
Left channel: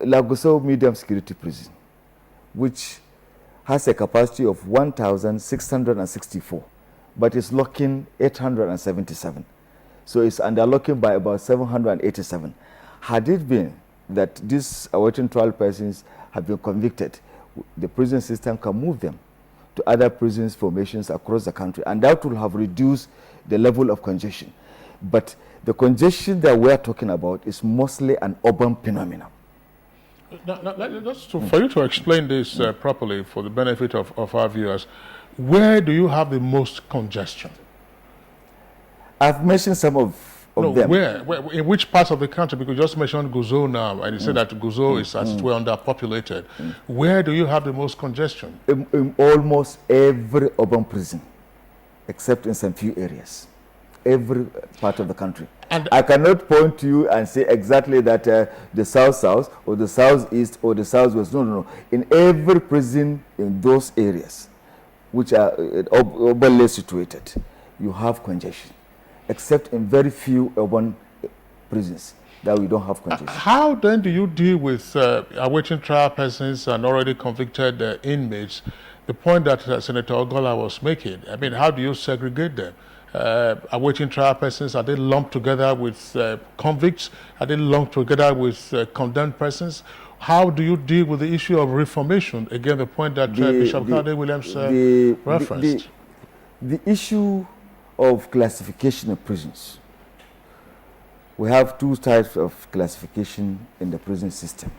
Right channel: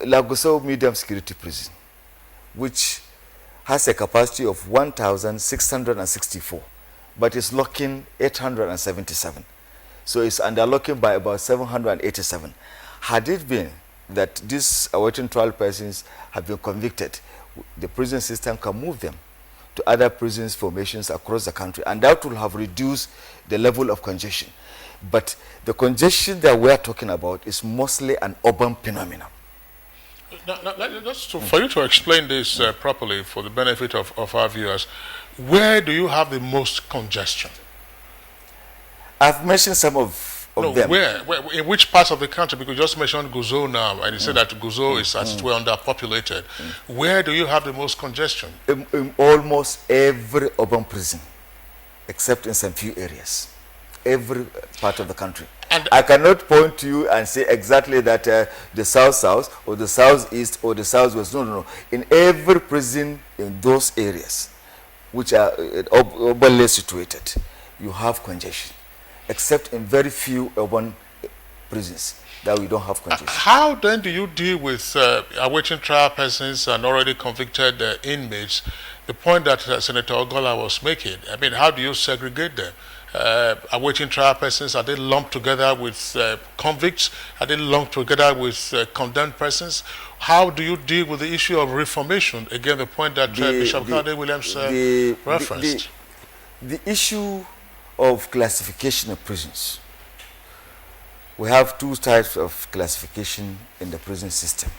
Lagosau Medium Security Prison, which has a capacity of 1,664, but is locking 877. So it's underlocking by about 787. Had it been that these awaiting trial persons have been convicted, the prison system can move them to other prisons formations across the country, and that will have reduced the level of congestion. But the congestion that we're talking about is mostly an urban phenomenon. For you to explain this properly for the benefit of our viewers, where do you have the most congestion? I've mentioned some of them. Where? In which parts of the country? Because you just mentioned Guzau now, and you said that Guzau is as well underpopulated. Where do you have the most congestion? In almost every urban prison, except in some few areas. Every part of the country. And I cannot point to you and say exactly that the south-south or the southeast or the southwest. No. In every prison in those areas, which are urbanly situated, you have congestion, except in very few urban prisons that we don't have congestion. How then do you deal with awaiting trial persons and already convicted inmates? The point that Senator Ogola was making, I mean, how do you segregate them? Awaiting trial persons, are they lumped together with convicts? Are they lumped together with condemned persons? How do you deal with the issue of reformation? Again, the point that Bishop Kade Williams referenced. The issue of classification of prisons. We have two types of classification in the prison system.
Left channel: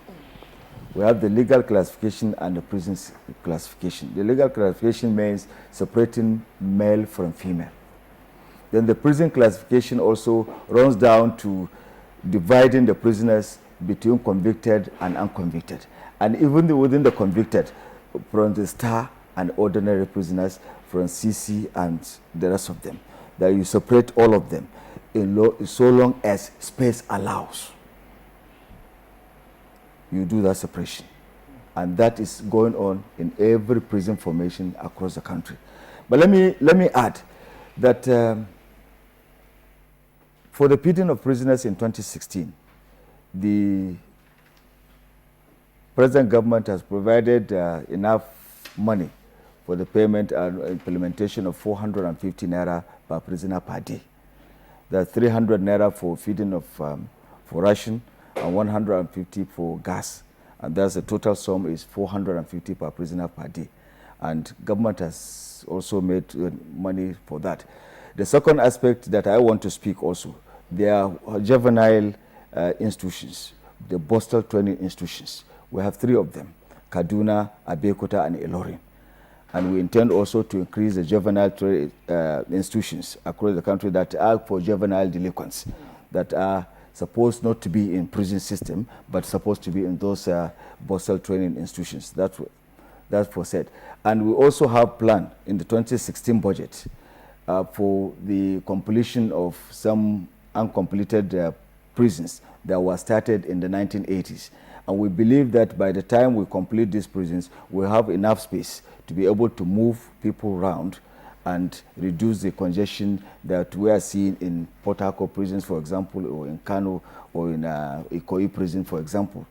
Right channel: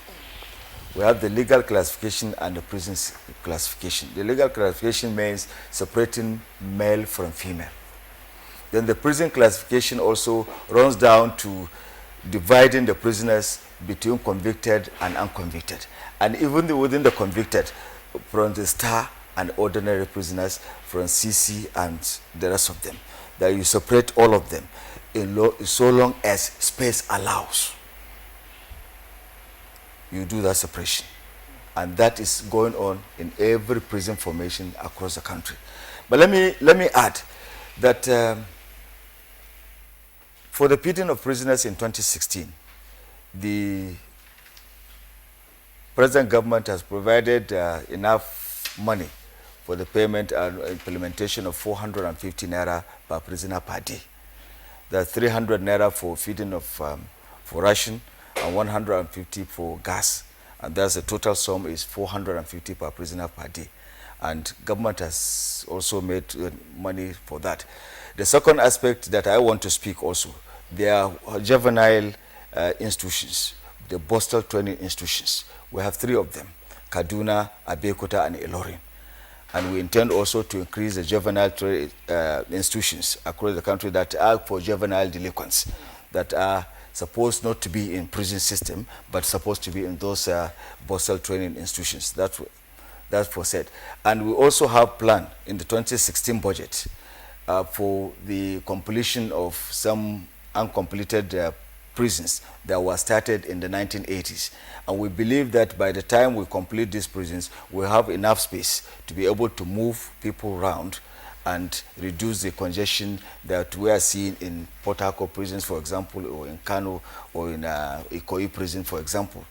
We have the legal classification and the prison classification. The legal classification means separating male from female. Then the prison classification also runs down to dividing the prisoners between convicted and unconvicted. And even within the convicted, from the star and ordinary prisoners, from CC and the rest of them. that you separate all of them so long as space allows. You do that separation. And that is going on in every prison formation across the country. But let me add that for the feeding of prisoners in 2016, the present government has provided enough money for the payment and implementation of 450 naira per prisoner per day. That's 300 naira for feeding of for ration and 150 for gas. And thus the total sum is 450 per prisoner per day. And government has also made money for that. The second aspect that I want to speak also, there are juvenile institutions, the Boston training institutions. We have 3 of them, Kaduna, Abeokuta, and Ilorin. And we intend also to increase the juvenile institutions across the country that are for juvenile delinquents, that are supposed not to be in prison system, but supposed to be in those Boston training institutions. That's for said. And we also have planned in the 2016 budget for the completion of some uncompleted prisons that were started in the 1980s. And we believe that by the time we complete these prisons, we'll have enough space to be able to move people around and reduce the congestion that we are seeing in Port Harcourt prisons, for example, or in Kano, or in Ikoyi prison, for example.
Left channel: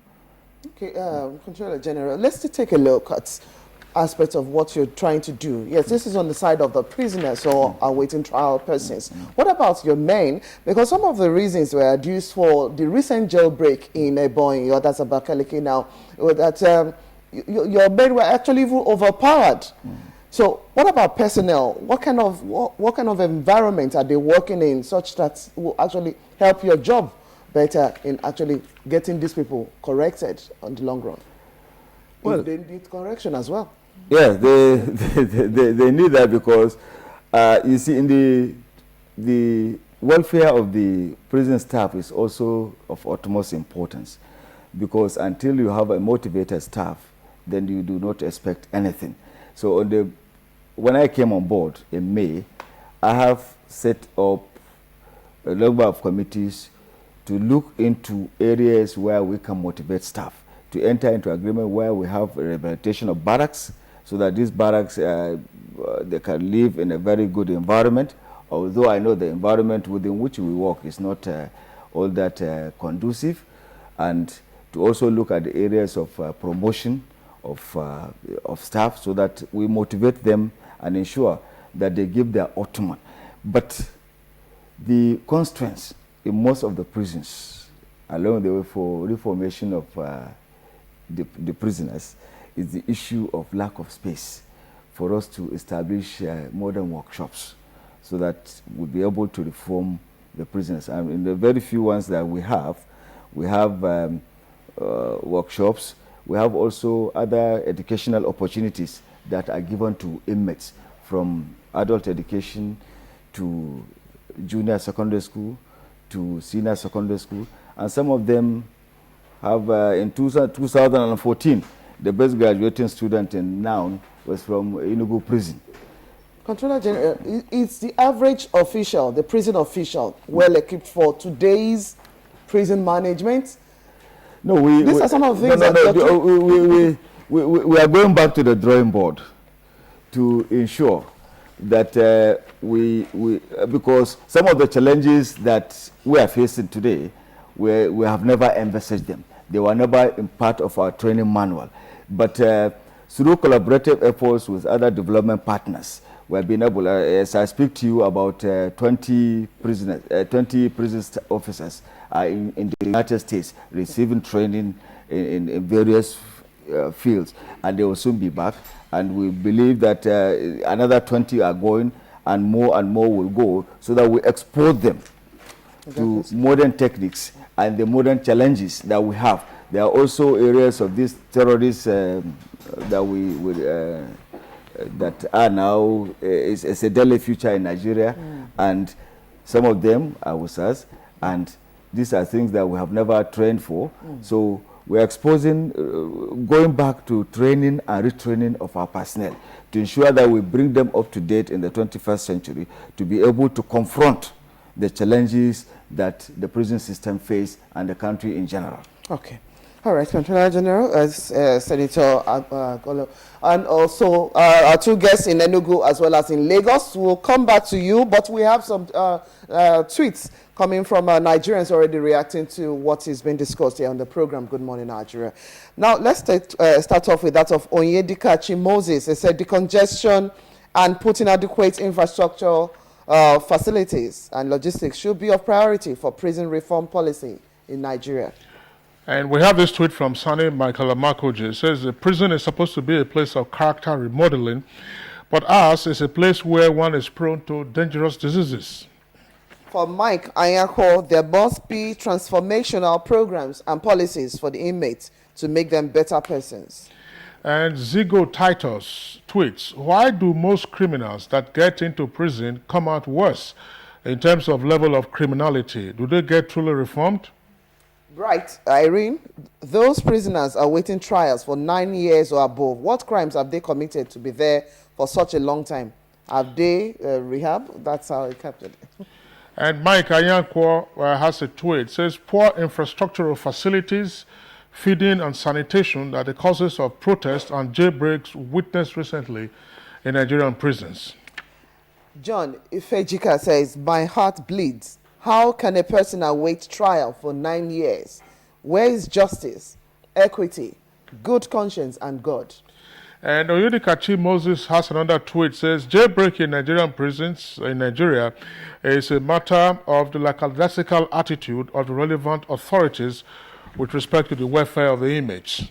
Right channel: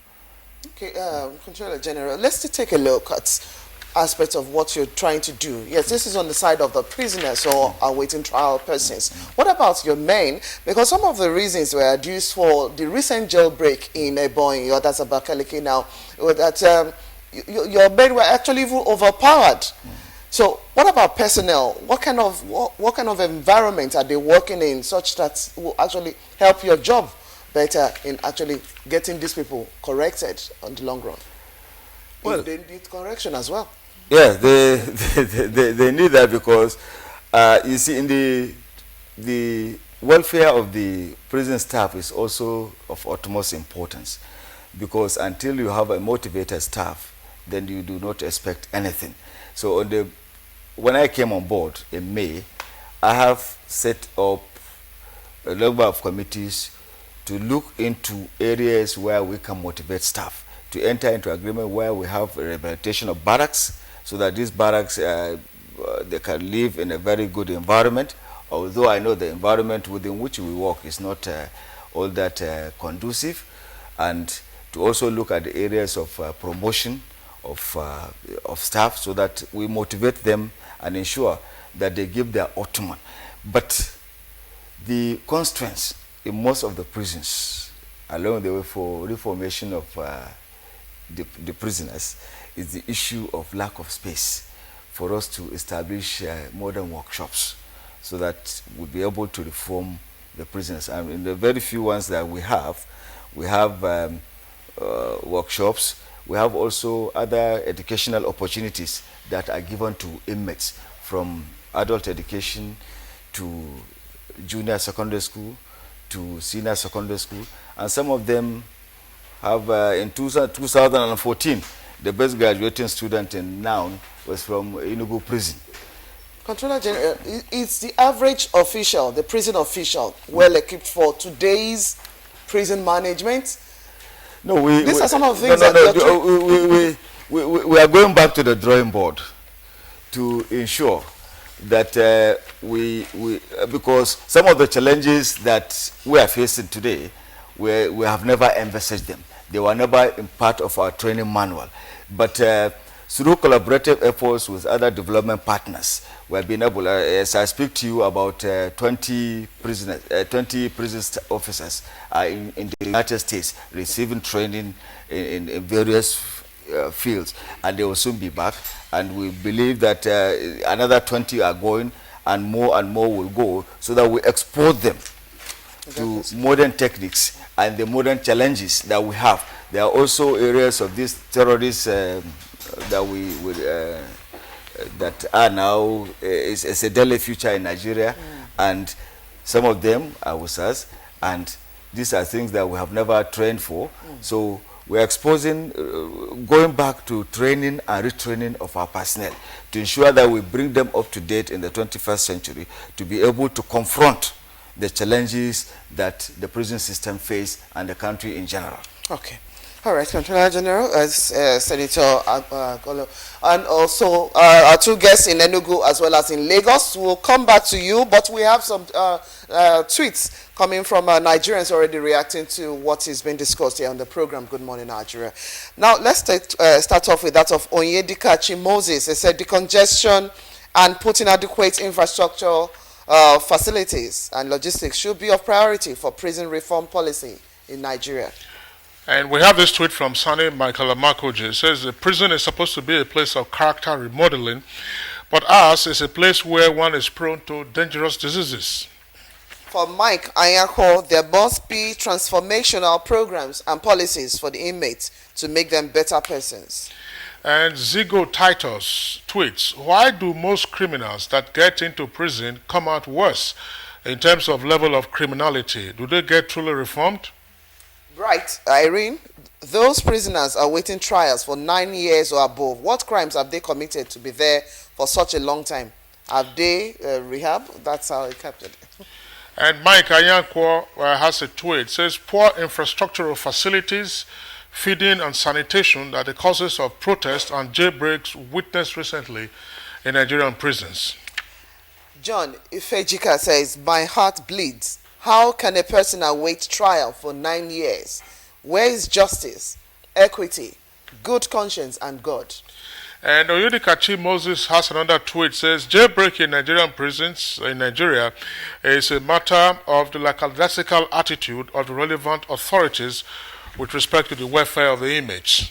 Okay, Controller General, let's take a look at aspects of what you're trying to do. Yes, this is on the side of the prisoners or awaiting trial persons. What about your men? Because some of the reasons were adduced for the recent jailbreak in Ebonyi, or that's Abakaliki now, that your men were actually even overpowered. So what about personnel? What kind of environment are they working in such that will actually help your job better in actually getting these people corrected on the long run? Well, if they need correction as well. Yes, they need that because you see, in the welfare of the prison staff is also of utmost importance, because until you have a motivated staff, then you do not expect anything. So when I came on board in May, I have set up a number of committees to look into areas where we can motivate staff, to enter into agreement where we have a rehabilitation of barracks, so that these barracks, they can live in a very good environment, although I know the environment within which we work is not all that conducive, and to also look at the areas of promotion of staff, so that we motivate them and ensure that they give their optimum. But the constraints in most of the prisons along the way for reformation of the prisoners is the issue of lack of space for us to establish modern workshops, so that we'll be able to reform the prisoners. And in the very few ones that we have workshops. We have also other educational opportunities that are given to inmates, from adult education to junior secondary school to senior secondary school. And some of them have, in 2014, the best graduating student in Noun was from Enugu prison. Controller General, is the average official, the prison official, well equipped for today's prison management? No, these are some of the things we are going back to the drawing board to ensure that because some of the challenges that we are facing today, we have never envisaged them. They were never in part of our training manual. But through collaborative efforts with other development partners, we have been able, as I speak to you, about 20 prison officers in the United States receiving training in various fields, and they will soon be back. And we believe that another 20 are going, and more will go, so that we export them to modern techniques and the modern challenges that we have. There are also areas of these terrorists that are now is a deadly future in Nigeria, and some of them are with us, and these are things that we have never trained for. So we are exposing, going back to training and retraining of our personnel to ensure that we bring them up to date in the 21st century to be able to confront the challenges that the prison system face and the country in general. Okay. All right, Controller General, Senator Golo, and also our two guests in Enugu as well as in Lagos. We'll come back to you, but we have some tweets coming from Nigerians already reacting to what is being discussed here on the program. Good morning, Nigeria. Now, let's start off with that of Onyedika Moses. They said decongestion and putting adequate infrastructure facilities and logistics should be of priority for prison reform policy in Nigeria. And we have this tweet from Sani Michael Amakoji. It says, the prison is supposed to be a place of character remodeling, but ours is a place where one is prone to dangerous diseases. For Mike Ayako, there must be transformational programs and policies for the inmates to make them better persons. And Zigo Titus tweets, why do most criminals that get into prison come out worse in terms of level of criminality? Do they get truly reformed? Right, Irene, those prisoners are waiting trials for 9 years or above. What crimes have they committed to be there for such a long time? Have they rehab? That's how it captured it. And Mike Ayanko has a tweet. It says, poor infrastructural facilities, feeding and sanitation are the causes of protests and jailbreaks witnessed recently in Nigerian prisons. John Ifejika says, my heart bleeds. How can a person await trial for 9 years? Where is justice, equity, good conscience, and God? And Oyedikachi Moses has another tweet. Says, jailbreak in Nigerian prisons in Nigeria is a matter of the lackadaisical attitude of the relevant authorities with respect to the welfare of the inmates.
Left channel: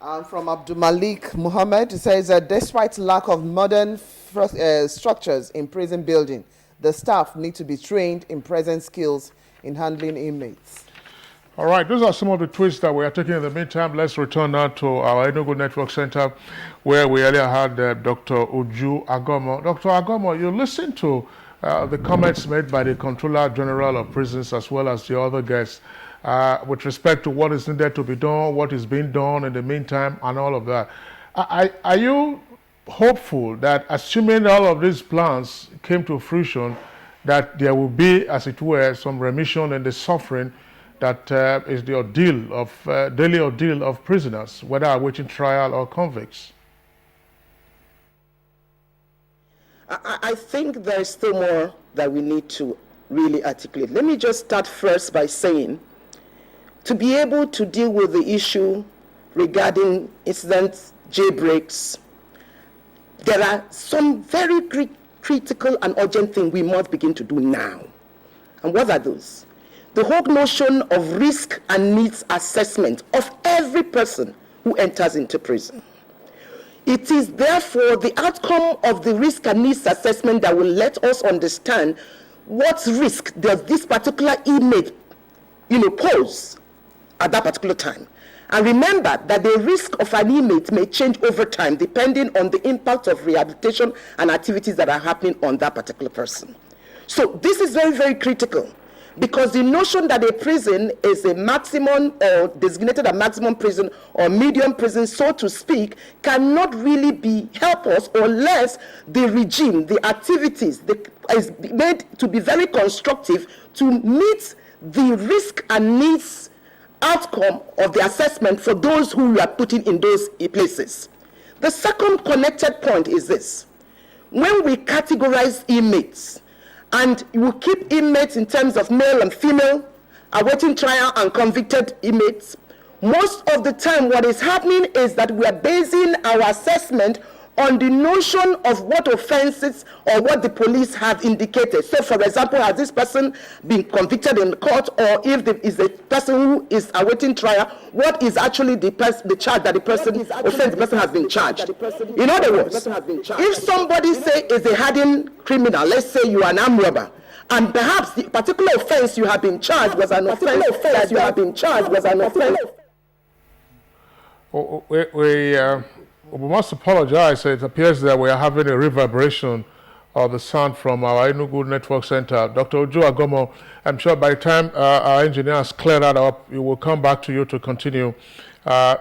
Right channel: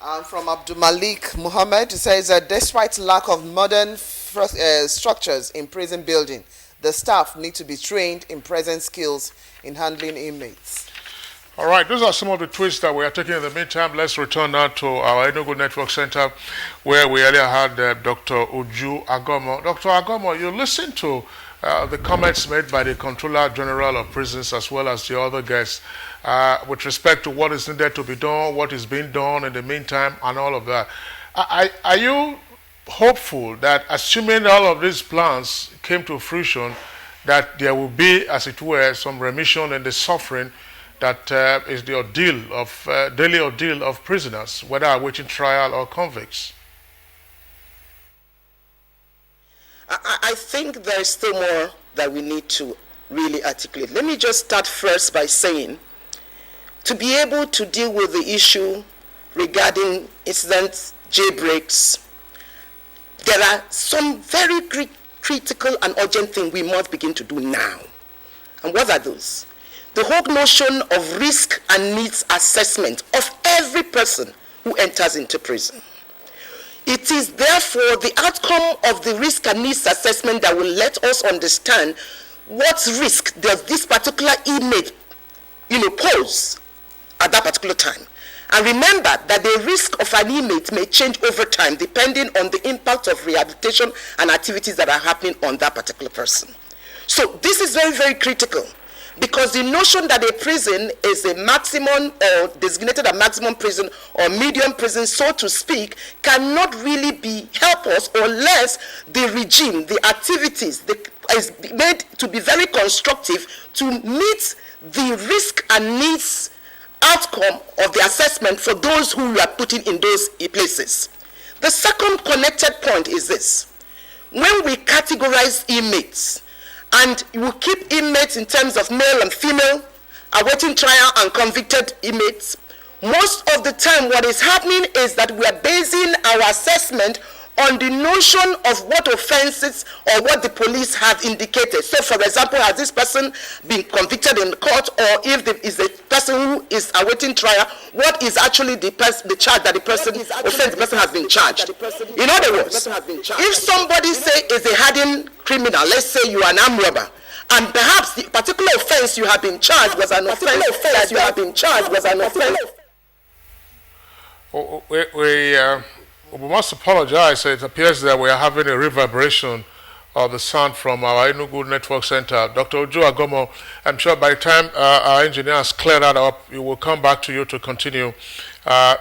And from Abdul Malik Muhammad, it says that despite lack of modern structures in prison building, the staff need to be trained in present skills in handling inmates. All right, those are some of the tweets that we are taking in the meantime. Let's return now to our Enugu Network Center, where we earlier had Dr. Uju Agomo. Dr. Agomo, you listened to the comments made by the Controller General of Prisons as well as the other guests with respect to what is needed to be done, what is being done in the meantime, and all of that. Are you hopeful that, assuming all of these plans came to fruition, that there will be, as it were, some remission in the suffering that is the ordeal of daily ordeal of prisoners, whether awaiting trial or convicts? I think there is still more that we need to really articulate. Let me just start first by saying, to be able to deal with the issue regarding incident jailbreaks, there are some very critical and urgent things we must begin to do now. And what are those? The whole notion of risk and needs assessment of every person who enters into prison. It is therefore the outcome of the risk and needs assessment that will let us understand what risk does this particular inmate, pose at that particular time. And remember that the risk of an inmate may change over time depending on the impact of rehabilitation and activities that are happening on that particular person. So this is very, very critical, because the notion that a prison is a maximum or designated a maximum prison or medium prison, so to speak, cannot really help us unless the regime, the activities is made to be very constructive to meet the risk and needs outcome of the assessment for those who we are putting in those places. The second connected point is this. When we categorize inmates, and we keep inmates in terms of male and female, awaiting trial and convicted inmates, most of the time what is happening is that we are basing our assessment on the notion of what offenses or what the police have indicated. So, for example, has this person been convicted in court, or if there is a person who is awaiting trial, what is actually the charge that the person offense the person has been charged? In other words, if somebody say is a hardened criminal, let's say you are an armed robber, and perhaps the particular offense you have been charged was an offense that you have been charged was an offense. We must apologize. It appears that we are having a reverberation the sound from our Enugu Network Center. Dr. Ojo Agomo, I'm sure by the time our engineers clear that up, we will come back to you to continue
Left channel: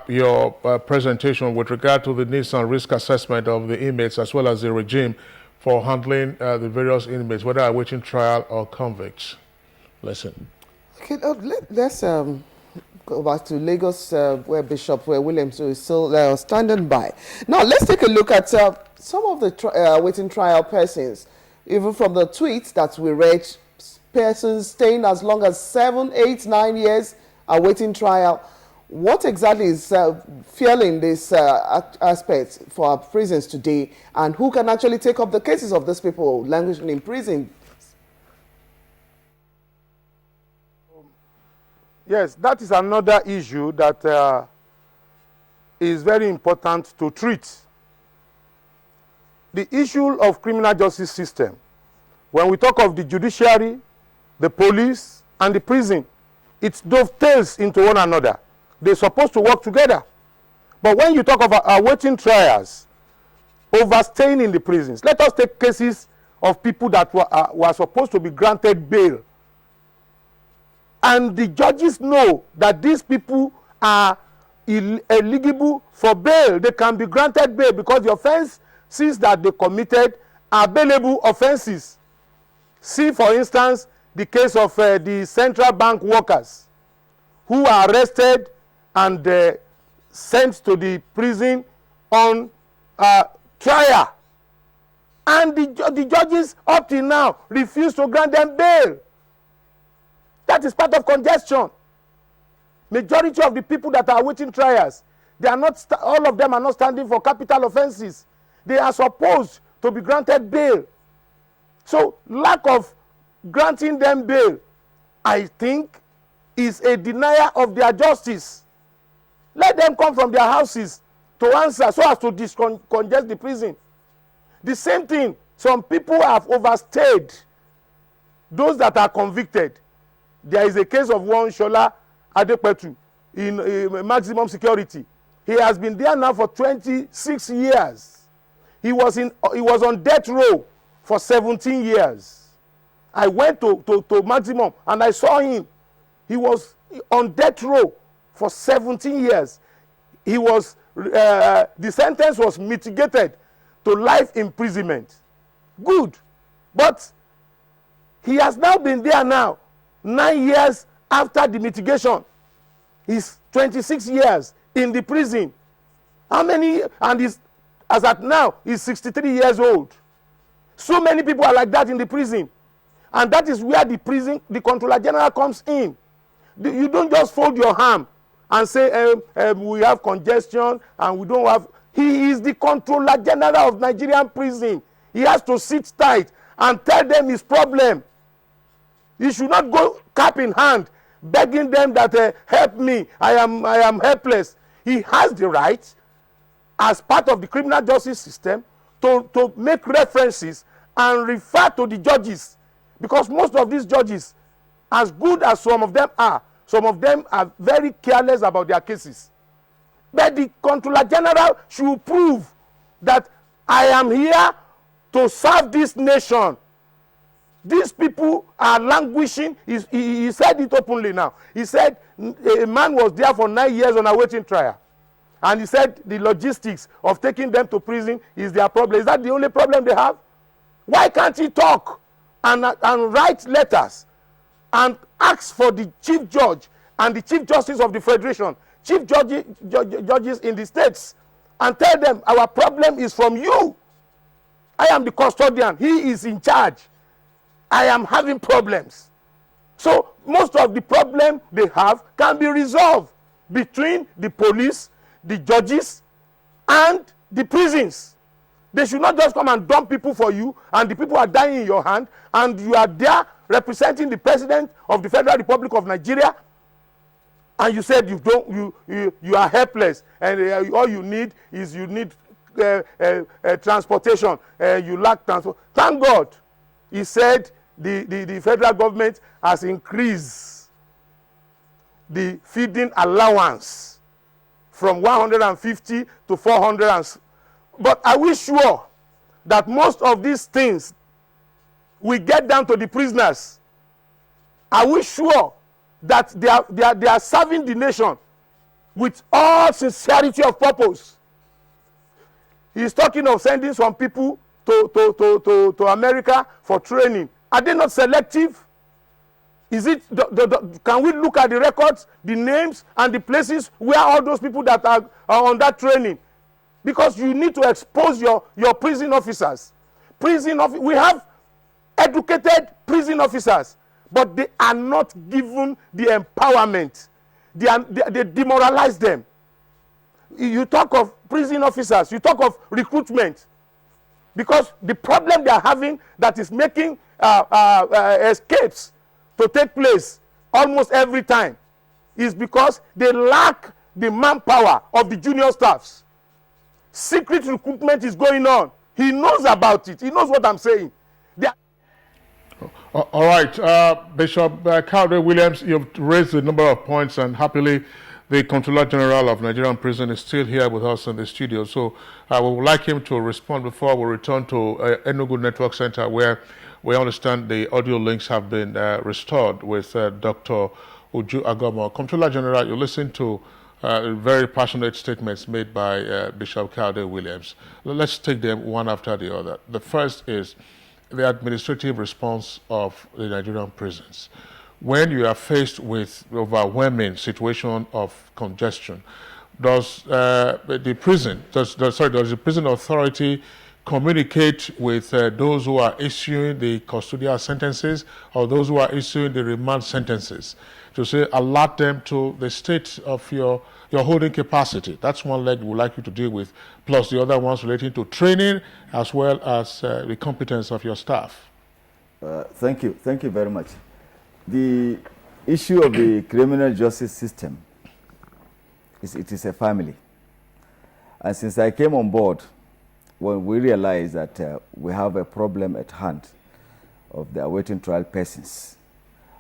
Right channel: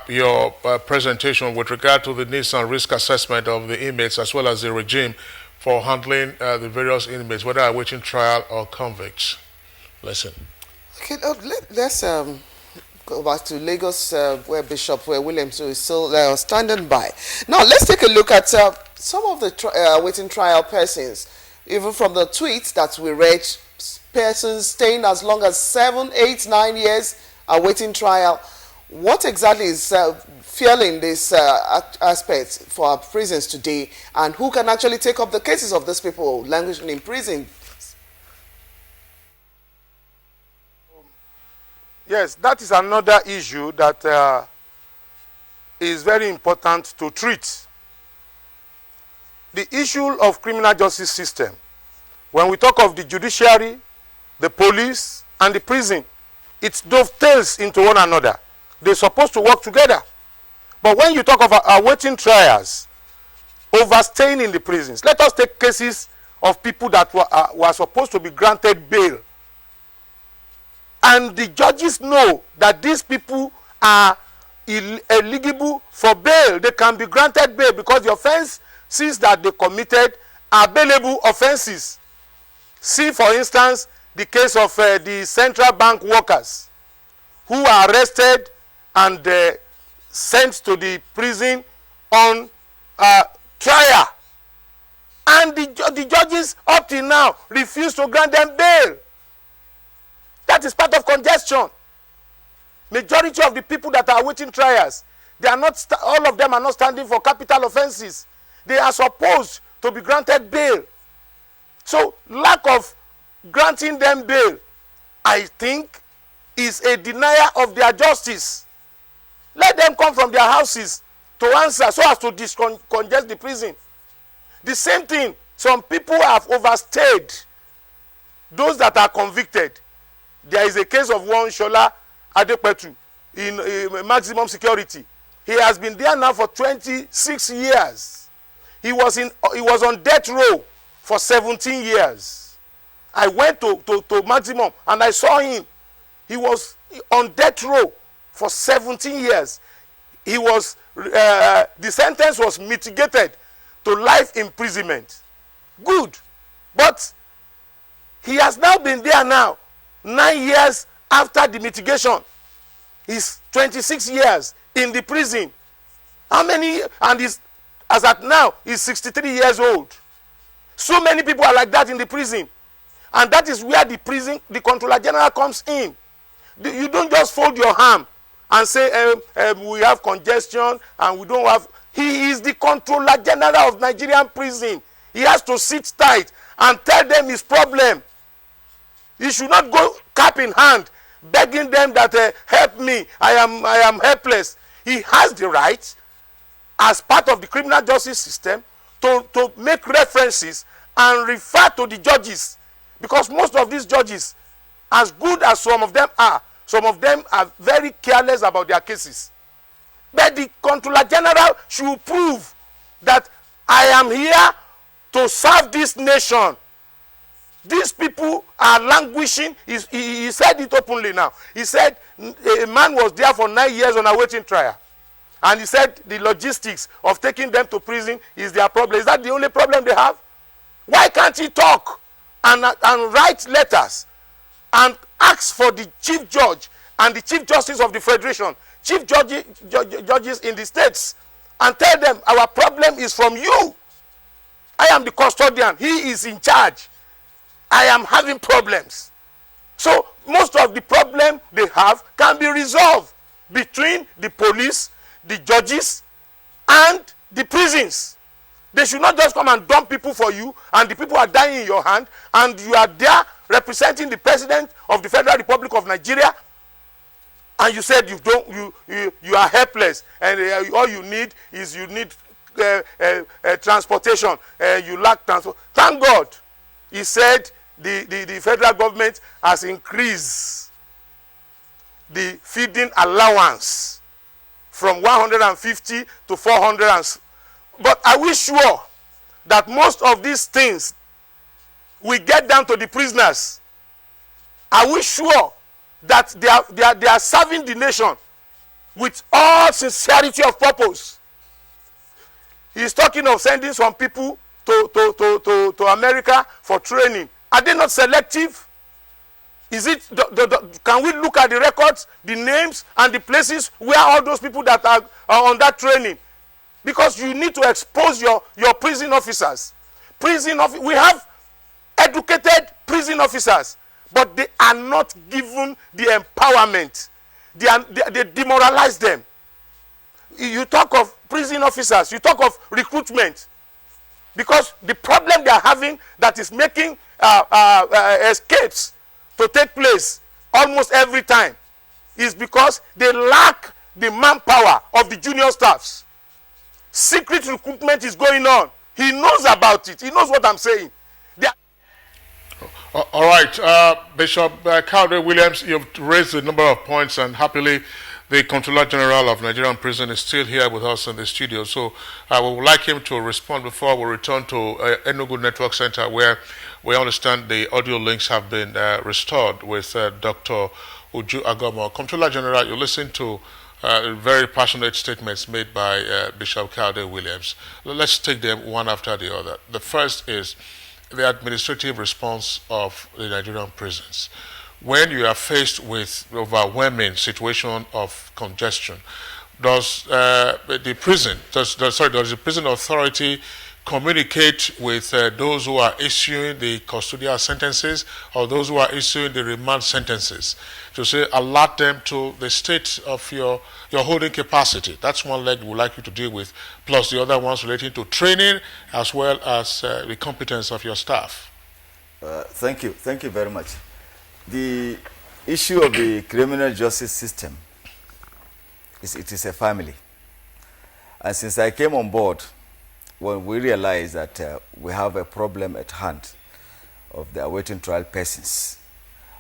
your presentation with regard to the needs and risk assessment of the inmates as well as the regime for handling the various inmates, whether awaiting trial or convicts. Listen. Okay, let's go back to Lagos, where Bishop Williams is still standing by. Now, let's take a look at some of the waiting trial persons. Even from the tweets that we read, persons staying as long as 7, 8, 9 years awaiting trial. What exactly is fueling this aspect for our prisons today, and who can actually take up the cases of these people languishing in prison? Yes, that is another issue that is very important to treat. The issue of criminal justice system, when we talk of the judiciary, the police, and the prison, it dovetails into one another. They're supposed to work together. But when you talk of awaiting trials, overstaying in the prisons, let us take cases of people that were supposed to be granted bail. And the judges know that these people are eligible for bail. They can be granted bail because the offenses that they committed are bailable offenses. See, for instance, the case of the central bank workers who are arrested and sent to the prison on trial. And the judges up till now refuse to grant them bail. That is part of congestion. Majority of the people that are awaiting trials, they are not, all of them are not standing for capital offenses. They are supposed to be granted bail. So lack of granting them bail, I think, is a denial of their justice. Let them come from their houses to answer so as to decongest the prison. The same thing, some people have overstayed. Those that are convicted. There is a case of one Shola Adepetu in maximum security. He has been there now for 26 years. He was on death row for 17 years. I went to maximum and I saw him. He was on death row for 17 years. He was the sentence was mitigated to life imprisonment. Good, but he has now been there now 9 years after the mitigation. He's 26 years in the prison. How many? And he's, as at now, he's 63 years old. So many people are like that in the prison. And that is where the Controller General comes in. You don't just fold your arm and say, we have congestion and we don't have. He is the Controller General of Nigerian prison. He has to sit tight and tell them his problem. He should not go cap in hand, begging them that help me, I am helpless. He has the right, as part of the criminal justice system, to make references and refer to the judges, because most of these judges, as good as some of them are very careless about their cases. But the Controller General should prove that I am here to serve this nation. These people are languishing. He said it openly now. He said a man was there for 9 years on awaiting trial. And he said the logistics of taking them to prison is their problem. Is that the only problem they have? Why can't he talk and write letters and ask for the chief judge and the chief justice of the federation, chief judges in the states, and tell them our problem is from you. I am the custodian. He is in charge. I am having problems. So most of the problem they have can be resolved between the police, the judges, and the prisons. They should not just come and dump people for you, and the people are dying in your hand, and you are there representing the president of the Federal Republic of Nigeria, and you said you are helpless, and all you need is transportation. You lack transport. Thank God, he said the federal government has increased the feeding allowance from 150 to 400. But are we sure that most of these things we get down to the prisoners, are we sure that they are serving the nation with all sincerity of purpose? He's talking of sending some people to America for training. Are they not selective? Is it can we look at the records, the names, and the places where all those people that are on that training? Because you need to expose your prison officers. We have educated prison officers, but they are not given the empowerment. They demoralize them. You talk of prison officers, you talk of recruitment, because the problem they are having that is making escapes to take place almost every time is because they lack the manpower of the junior staffs. Secret recruitment is going on. He knows about it. He knows what I'm saying. All right, Bishop Cowdery Williams, you've raised a number of points, and happily the Controller General of Nigerian Prison is still here with us in the studio. So we would like him to respond before we return to Enugu Network Center, where we understand the audio links have been restored with Dr. Uju Agomo. Controller General, you listen to very passionate statements made by Bishop Cowdery Williams. Let's take them one after the other. The first is the administrative response of the Nigerian prisons. When you are faced with overwhelming situation of congestion, does the prison authority communicate with those who are issuing the custodial sentences or those who are issuing the remand sentences to say alert them to the state of your holding capacity? That's one leg we'd like you to deal with, plus the other ones relating to training as well as the competence of your staff. Thank you very much. The issue of the criminal justice system is a family. And since I came on board, when we realized that we have a problem at hand of the awaiting trial persons,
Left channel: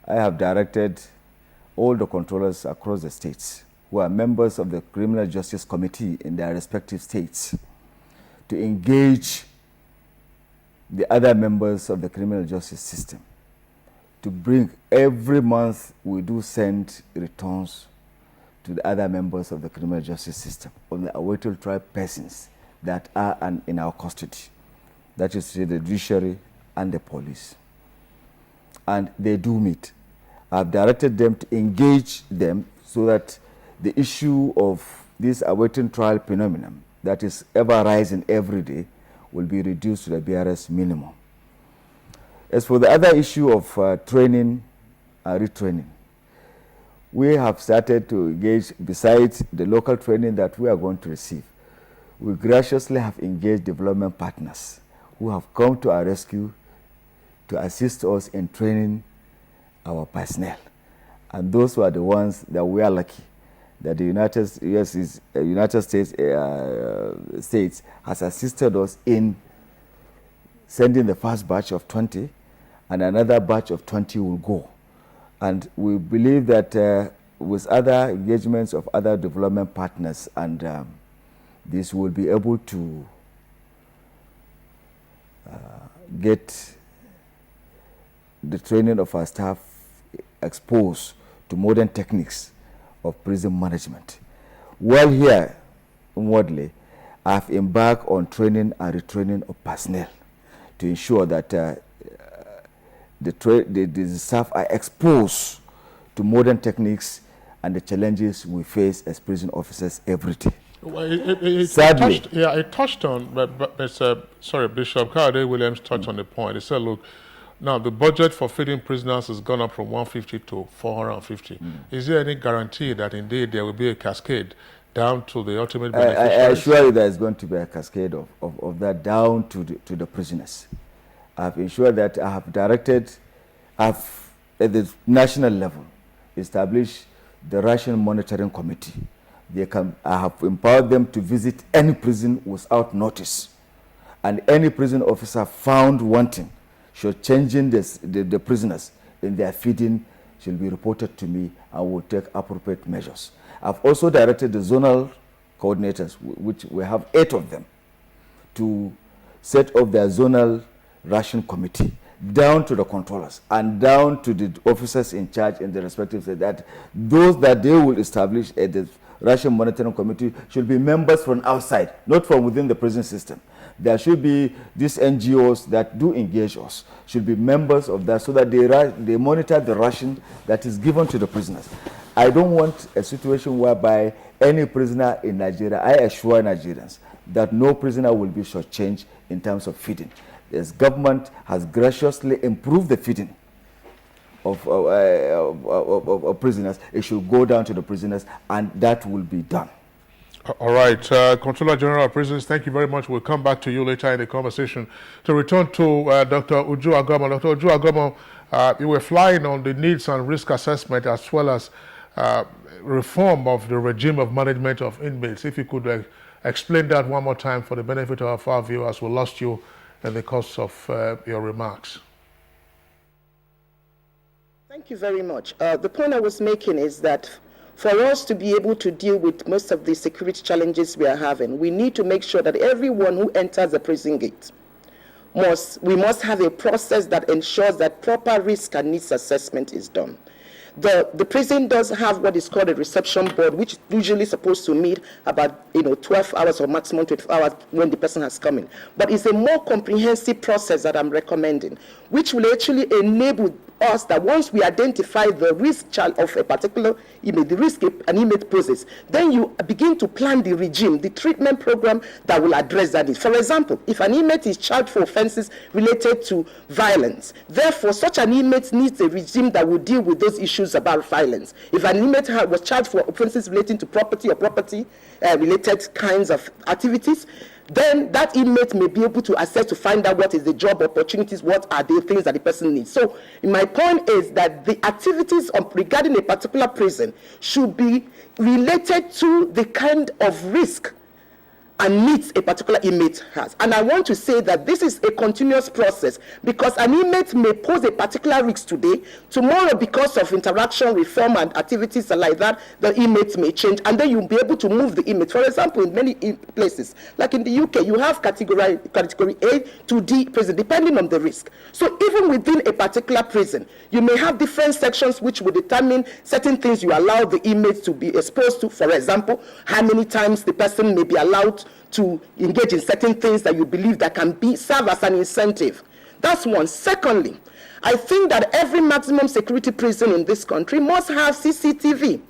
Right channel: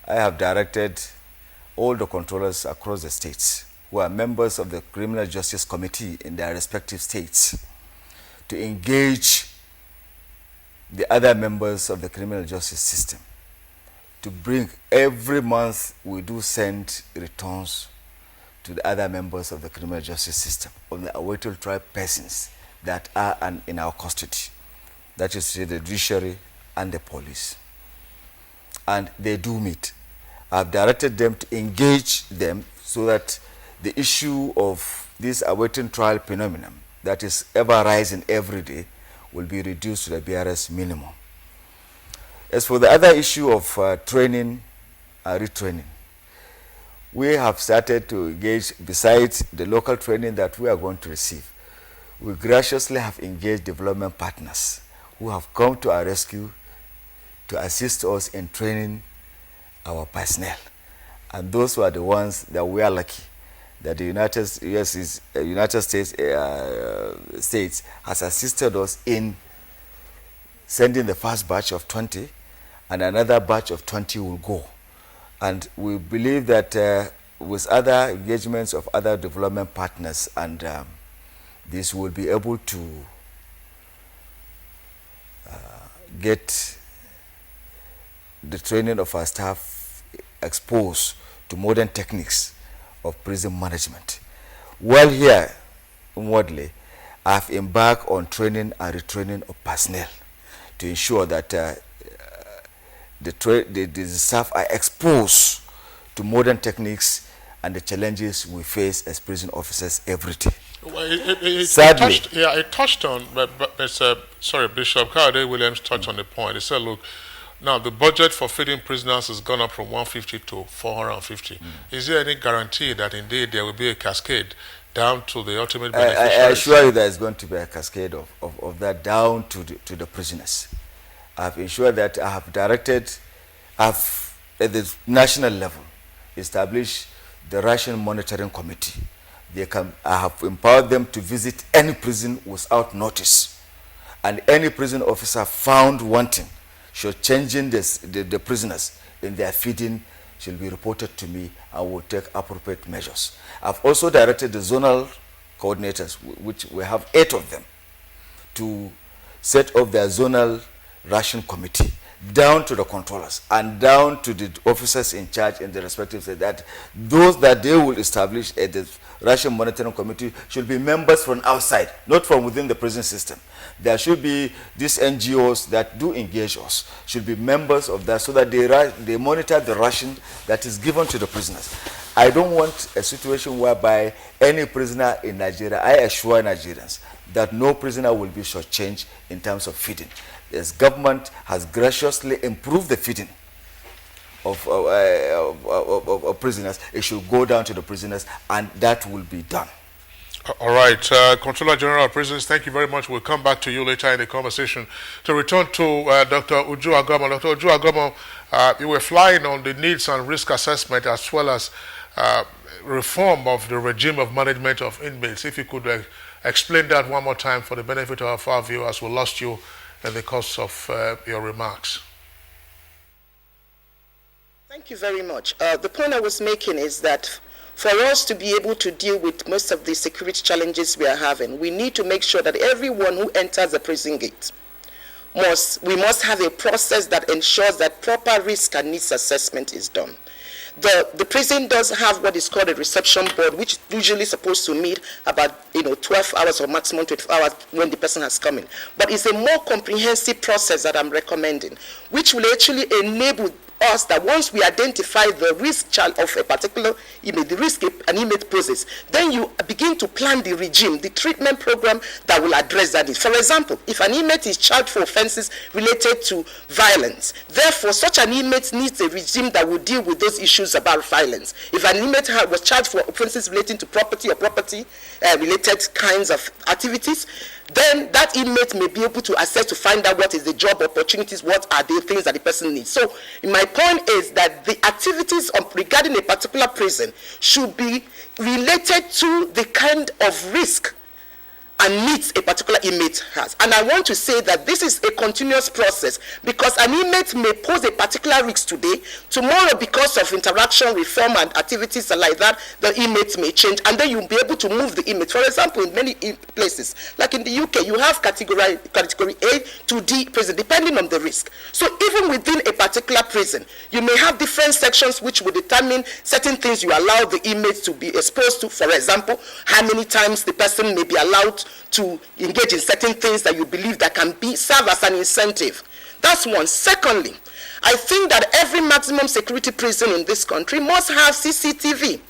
I have directed all the controllers across the states who are members of the Criminal Justice Committee in their respective states to engage the other members of the criminal justice system to bring, every month we do send returns to the other members of the criminal justice system on the awaiting trial persons that are in our custody. That is the judiciary and the police. And they do meet. I've directed them to engage them so that the issue of this awaiting trial phenomenon that is ever rising every day will be reduced to the barest minimum. As for the other issue of training and retraining, we have started to engage, besides the local training that we are going to receive, we graciously have engaged development partners who have come to our rescue to assist us in training our personnel. And those were the ones that we are lucky that the United States has assisted us in sending the first batch of 20, and another batch of 20 will go. And we believe that with other engagements of other development partners, and this will be able to get the training of our staff exposed to modern techniques of prison management. While here, inwardly, I've embarked on training and retraining of personnel to ensure that the staff are exposed to modern techniques and the challenges we face as prison officers every day. Well, Sadly, it touched on, Bishop Cowdery Williams touched on the point. He said, look, now the budget for feeding prisoners has gone up from 150 to 450. Is there any guarantee that indeed there will be a cascade down to the ultimate beneficiaries? I assure you there is going to be a cascade of that down to the prisoners. I've ensured that I have directed, at the national level, established the ration monitoring committee. I have empowered them to visit any prison without notice. And any prison officer found wanting, should changing the prisoners in their feeding, should be reported to me and will take appropriate measures. I've also directed the zonal coordinators, which we have 8 of them, to set up their zonal ration committee down to the controllers and down to the officers in charge in the respective state, that those that they will establish at the Russian Monitoring Committee should be members from outside, not from within the prison system. There should be these NGOs that do engage us, should be members of that, so that they monitor the ration that is given to the prisoners. I don't want a situation whereby any prisoner in Nigeria, I assure Nigerians that no prisoner will be shortchanged in terms of feeding. This government has graciously improved the feeding of prisoners. It should go down to the prisoners, and that will be done. All right, Controller General of Prisons, thank you very much. We'll come back to you later in the conversation. To return to Dr. Uju Agamo. Dr. Uju Agamo, you were flying on the needs and risk assessment as well as reform of the regime of management of inmates. If you could explain that one more time for the benefit of our viewers. We lost you in the course of your remarks. Thank you very much. The point I was making is that for us to be able to deal with most of the security challenges we are having, we need to make sure that everyone who enters the prison gate we must have a process that ensures that proper risk and needs assessment is done. The prison does have what is called a reception board, which is usually supposed to meet about 12 hours or maximum 12 hours when the person has come in. But it's a more comprehensive process that I'm recommending, which will actually enable us that once we identify the risk of a particular inmate, the risk an inmate poses, then you begin to plan the regime, the treatment program that will address that. For example, if an inmate is charged for offenses related to violence, therefore such an inmate needs a regime that will deal with those issues about violence. If an inmate was charged for offenses relating to property or property-related kinds of activities, then that inmate may be able to assess to find out what is the job opportunities, what are the things that the person needs. So my point is that the activities regarding a particular prison should be related to the kind of risk and needs a particular inmate has. And I want to say that this is a continuous process, because an inmate may pose a particular risk today, tomorrow because of interaction, reform and activities like that, the inmate may change, and then you'll be able to move the inmate. For example, in many places, like in the UK, you have category A to D prison, depending on the risk. So even within a particular prison, you may have different sections which will determine certain things you allow the inmates to be exposed to. For example, how many times the person may be allowed to engage in certain things that you believe that can serve as an incentive. That's one. Secondly, I think that every maximum security prison in this country must have CCTV.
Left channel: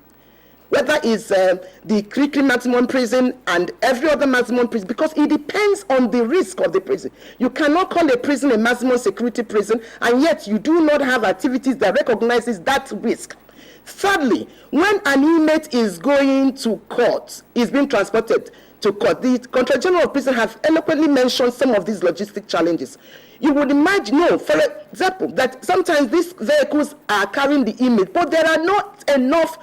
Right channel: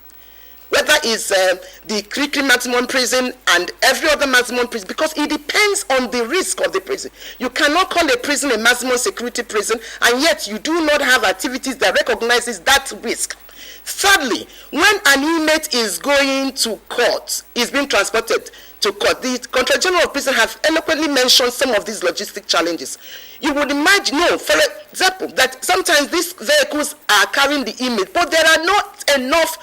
Whether it's the Kirikiri maximum prison and every other maximum prison, because it depends on the risk of the prison. You cannot call a prison a maximum security prison, and yet you do not have activities that recognizes that risk. Thirdly, when an inmate is going to court, is being transported to court, the Controller General of Prison have eloquently mentioned some of these logistic challenges. You would imagine, for example, that sometimes these vehicles are carrying the inmate, but there are not enough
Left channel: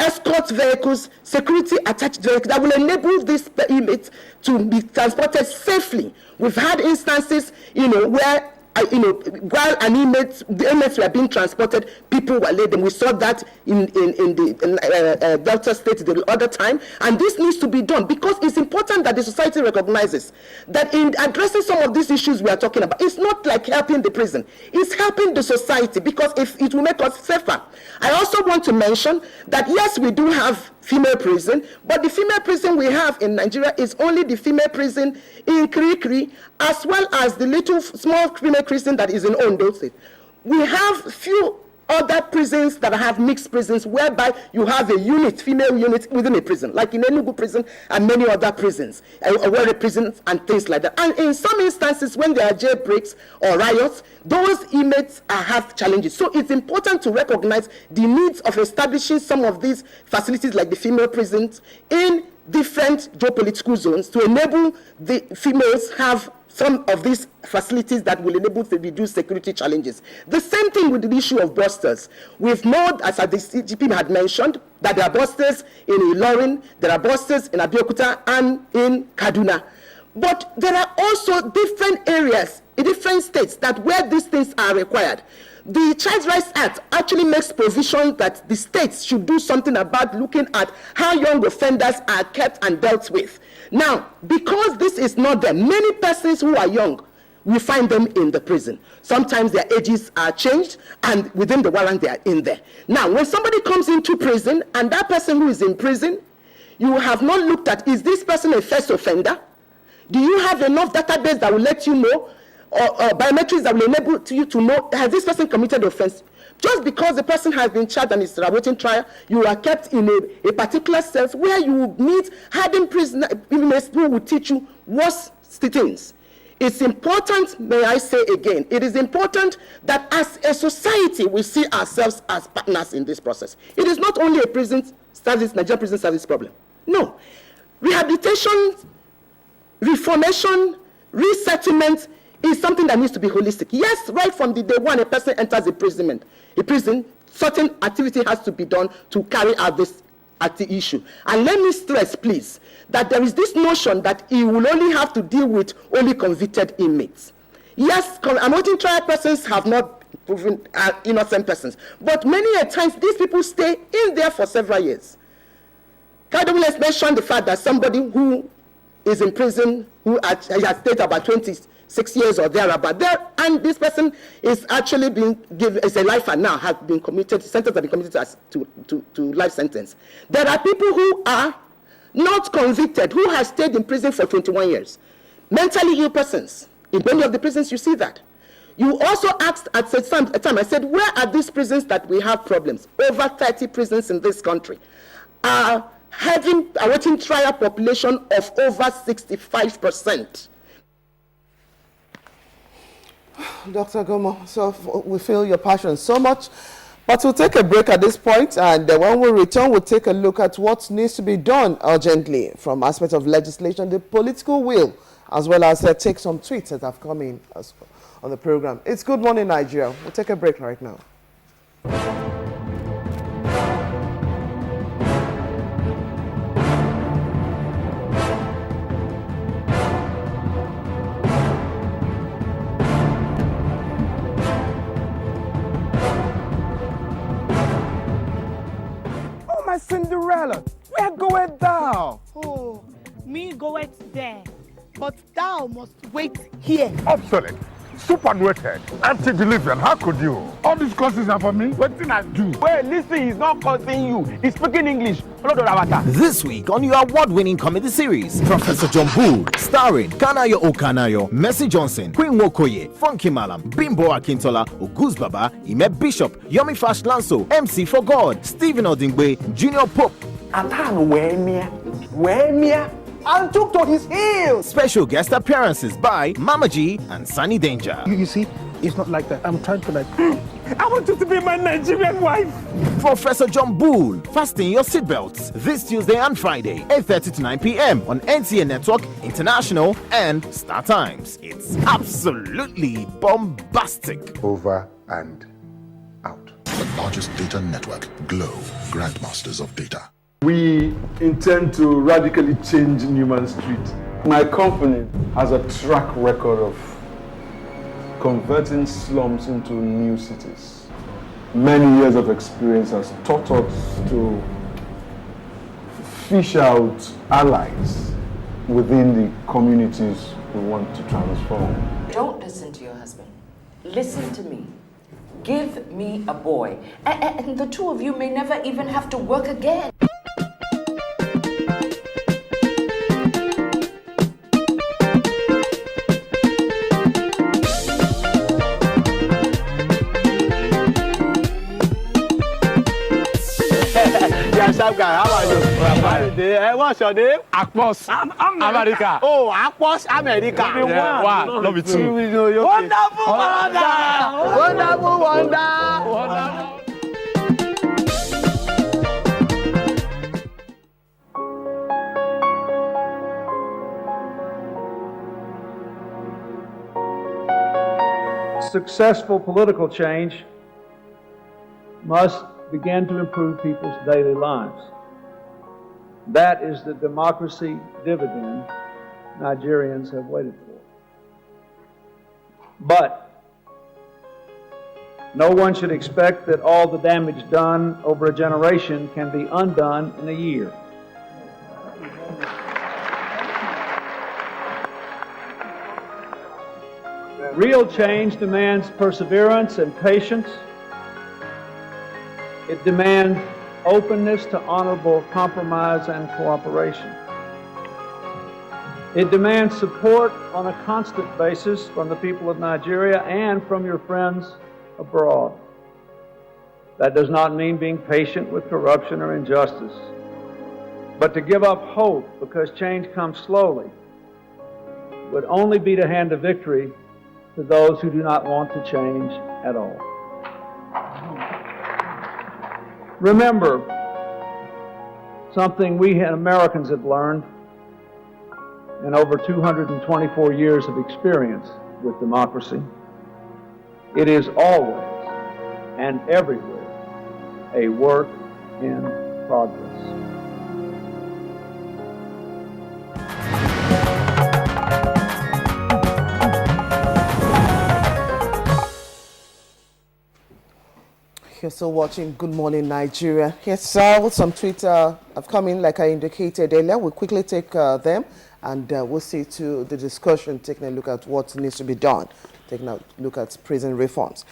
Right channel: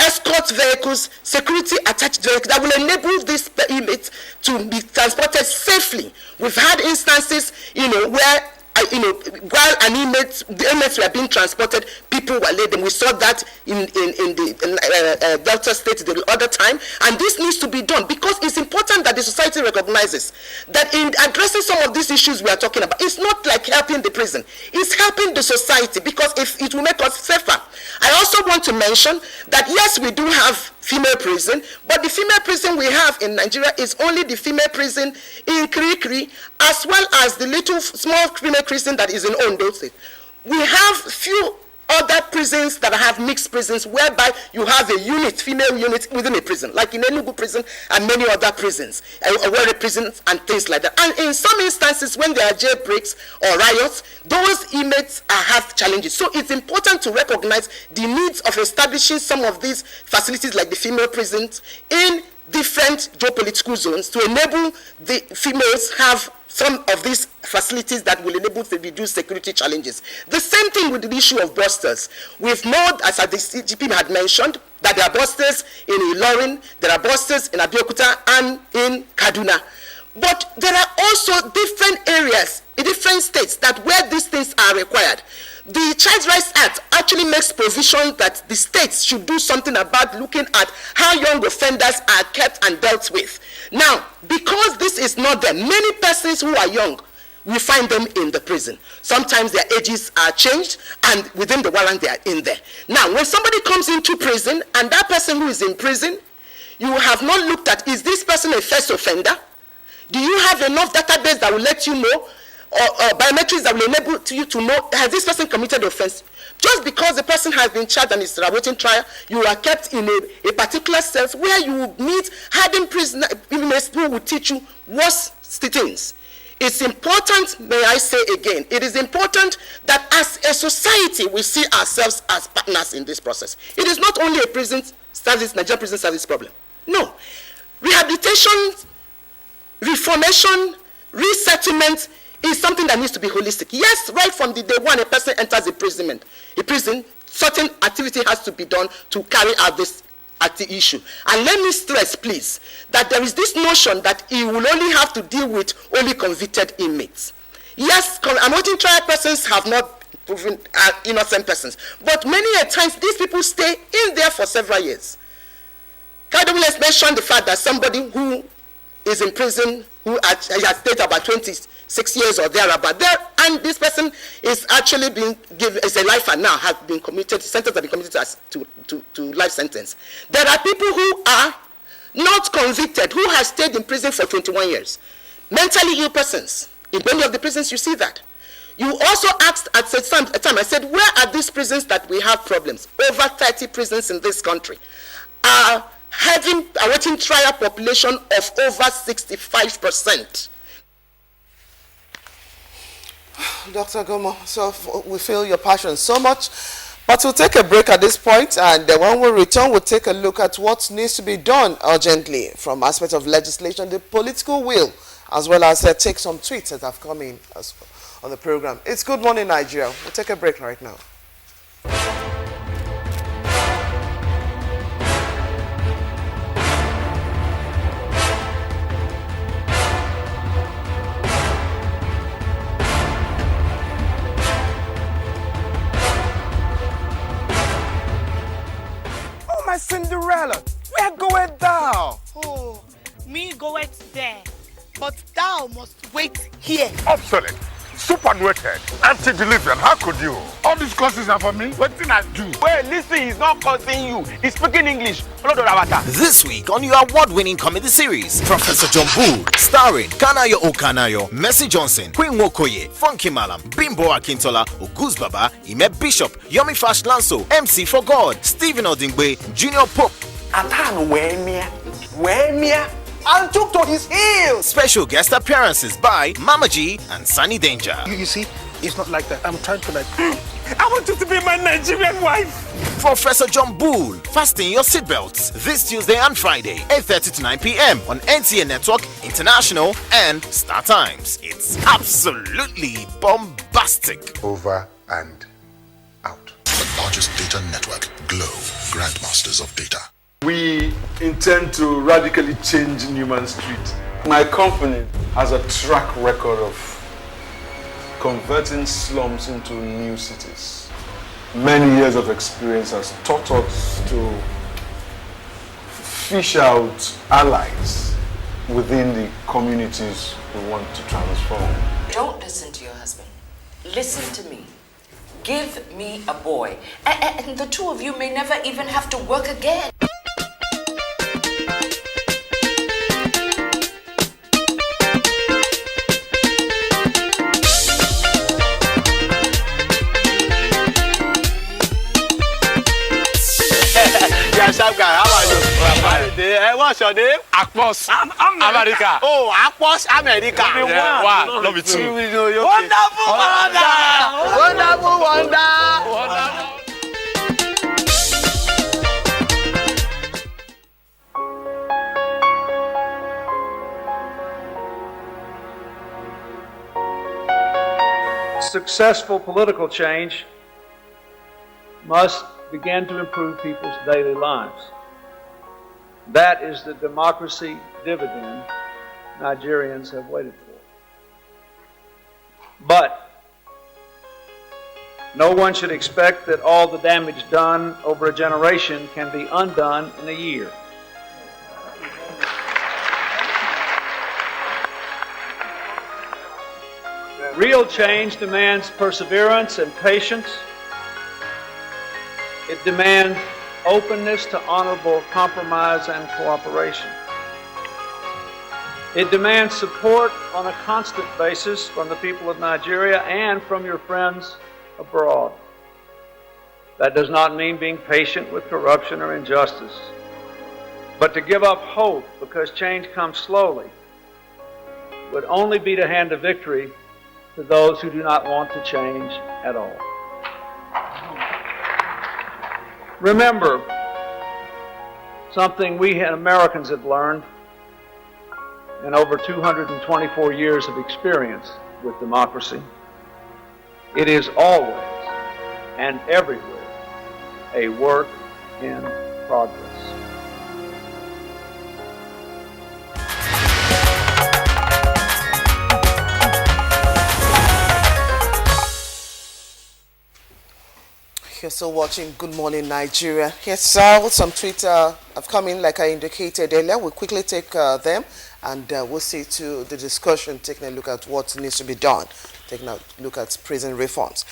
escort vehicles, security attached vehicles that will enable these inmates to be transported safely. We've had instances, where while the inmates were being transported, people were laid them. We saw that in the Delta State the other time, and this needs to be done because it's important that the society recognizes that in addressing some of these issues we are talking about, it's not like helping the prison, it's helping the society, because if it will make us safer. I also want to mention that yes, we do have female prison, but the female prison we have in Nigeria is only the female prison in Kirikiri, as well as the little small female prison that is in Ondo State. We have few other prisons that have mixed prisons, whereby you have a unit, female unit within a prison, like in Enugu prison and many other prisons, Owerri prisons and things like that. And in some instances, when there are jailbreaks or riots, those inmates have challenges. So it's important to recognize the needs of establishing some of these facilities, like the female prisons, in different geopolitical zones to enable the females have some of these facilities that will enable to reduce security challenges. The same thing with the issue of busters. We've known, as the CGP had mentioned, that there are busters in Ilorin, there are busters in Abuja and in Kaduna. But there are also different areas in different states that where these things are required. The Child Rights Act actually makes provision that the states should do something about looking at how young offenders are kept and dealt with. Now, because this is not there, many persons who are young we find them in the prison. Sometimes their ages are changed, and within the warrant they are in there. Now, when somebody comes into prison, and that person who is in prison, you have not looked at, is this person a first offender? Do you have enough database that will let you know, or biometrics that will enable you to know, has this person committed offense? Just because the person has been charged and is awaiting trial, you are kept in a particular cell where you will meet hardened prisoners, even who will teach you worse things. It's important, may I say again, it is important that as a society we see ourselves as partners in this process. It is not only a prison service, Nigerian prison service problem. No. Rehabilitation, reformation, resettlement is something that needs to be holistic. Yes, right from the day one a person enters a prison, certain activity has to be done to carry out this issue. And let me stress, please, that there is this notion that he will only have to deal with only convicted inmates. Yes, awaiting trial persons have not proven innocent persons, but many a times these people stay in there for several years. Kadum has mentioned the fact that somebody who is in prison, who has stayed about 26 years or thereabout there, and this person is actually being given, is a lifer now, has been committed, sentenced, have been committed to life sentence. There are people who are not convicted, who have stayed in prison for 21 years. Mentally ill persons. In many of the prisons you see that. You also asked at a time, I said, where are these prisons that we have problems? Over 30 prisons in this country are having awaiting trial population of over 65%. Dr. Gomo, so we feel your passion so much, but we'll take a break at this point, and when we return, we'll take a look at what needs to be done urgently from aspects of legislation, the political will, as well as take some tweets that have come in on the program. It's Good Morning Nigeria. We'll take a break right now. Cinderella, where goeth thou? Oh, me goeth there, but thou must wait here. Obsolete, superannuated, antediluvian, how could you? All these courses are for me. What did I do? Well, listen, he's not cursing you. He's speaking English. This week on your award-winning comedy series, Professor John Bull, starring Kanayo Okanayo, Mercy Johnson, Queen Wokoye, Funky Malam, Bimbo Akintola, Oguz Baba, Ime Bishop, Yomi Fash Lanso, MC for God, Stephen Odingbe, Junior Pope. Atano Wemia, and took to his heels. Special guest appearances by Mama G and Sunny Danger. You see, it's not like that. I'm trying to I want you to be my Nigerian wife. Professor John Bull, fasten your seatbelts this Tuesday and Friday, 8:30 to 9 p.m. on NTA Network, International, and Star Times. It's absolutely bombastic. Over and out. The largest data network, Glow, grandmasters of data. We intend to radically change Newman Street. My company has a track record of converting slums into new cities. Many years of experience has taught us to fish out allies within the communities we want to transform. Don't listen to your husband. Listen to me. Give me a boy. And the two of you may never even have to work again. Sharp guy, how are you? What's your name? Akpos. America. Oh, Akpos America. Yeah, wow. Love it too. Wonderful wonder. Wonderful wonder. Successful political change must begin to improve people's daily lives. That is the democracy dividend Nigerians have waited for. But no one should expect that all the damage done over a generation can be undone in a year. Real change demands perseverance and patience. It demands openness to honorable compromise and cooperation. It demands support on a constant basis from the people of Nigeria and from your friends abroad. That does not mean being patient with corruption or injustice, but to give up hope because change comes slowly would only be to hand a victory to those who do not want to change at all. Remember something we Americans have learned in over 224 years of experience with democracy. It is always and everywhere a work in progress. You're still watching Good Morning Nigeria. Yes, sir, with some tweets have come in, like I indicated earlier. We'll quickly take them and we'll see to the discussion, taking a look at what needs to be done, taking a look at prison reforms.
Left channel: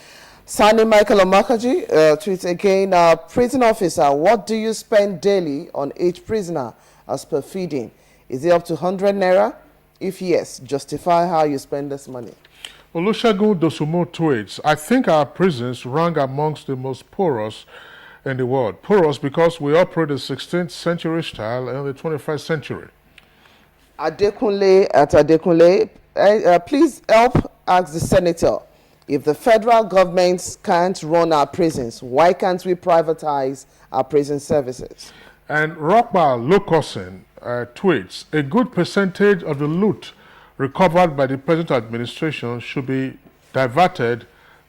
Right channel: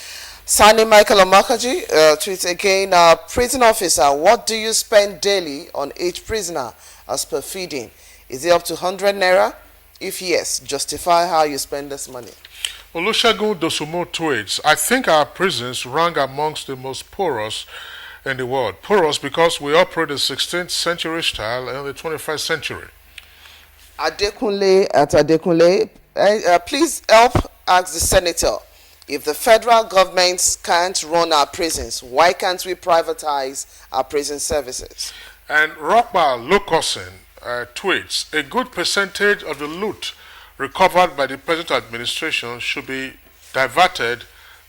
Sani Michael Omakaji tweets again, prison officer, what do you spend daily on each prisoner as per feeding? Is it up to 100 naira? If yes, justify how you spend this money. Olusegun Dosumo tweets, I think our prisons rank amongst the most porous in the world. Porous because we operate the 16th century style and the 21st century. Adekunle at Adekunle, please help ask the senator, if the federal government can't run our prisons, why can't we privatize our prison services? And Rockbar Locosin tweets, a good percentage of the loot recovered by the present administration should be diverted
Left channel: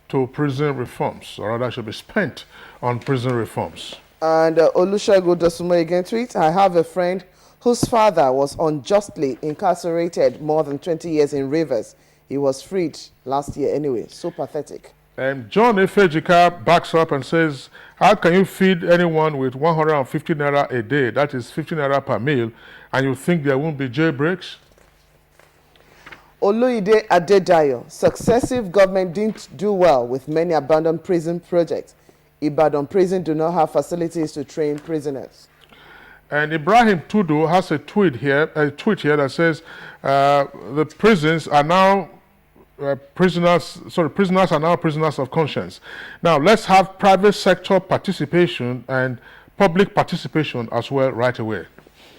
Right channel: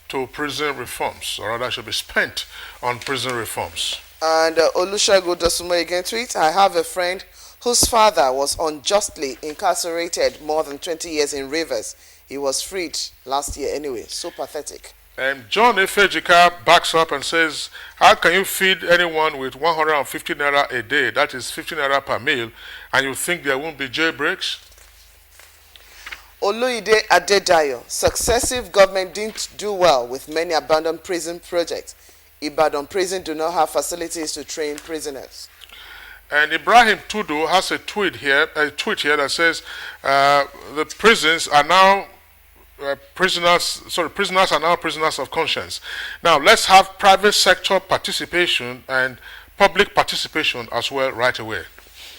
to prison reforms, or rather should be spent on prison reforms. And Olusegun Dosumo again tweets, I have a friend whose father was unjustly incarcerated more than 20 years in Rivers. He was freed last year anyway. So pathetic. John Efejika backs up and says, how can you feed anyone with 150 naira a day, that is 50 naira per meal, and you think there won't be jailbreaks? Oluide Adedayo, successive government didn't do well with many abandoned prison projects. Ibadan prison do not have facilities to train prisoners. And Ibrahim Tudu has a tweet here that says the prisons are now prisoners are now prisoners of conscience. Now let's have private sector participation and public participation as well right away.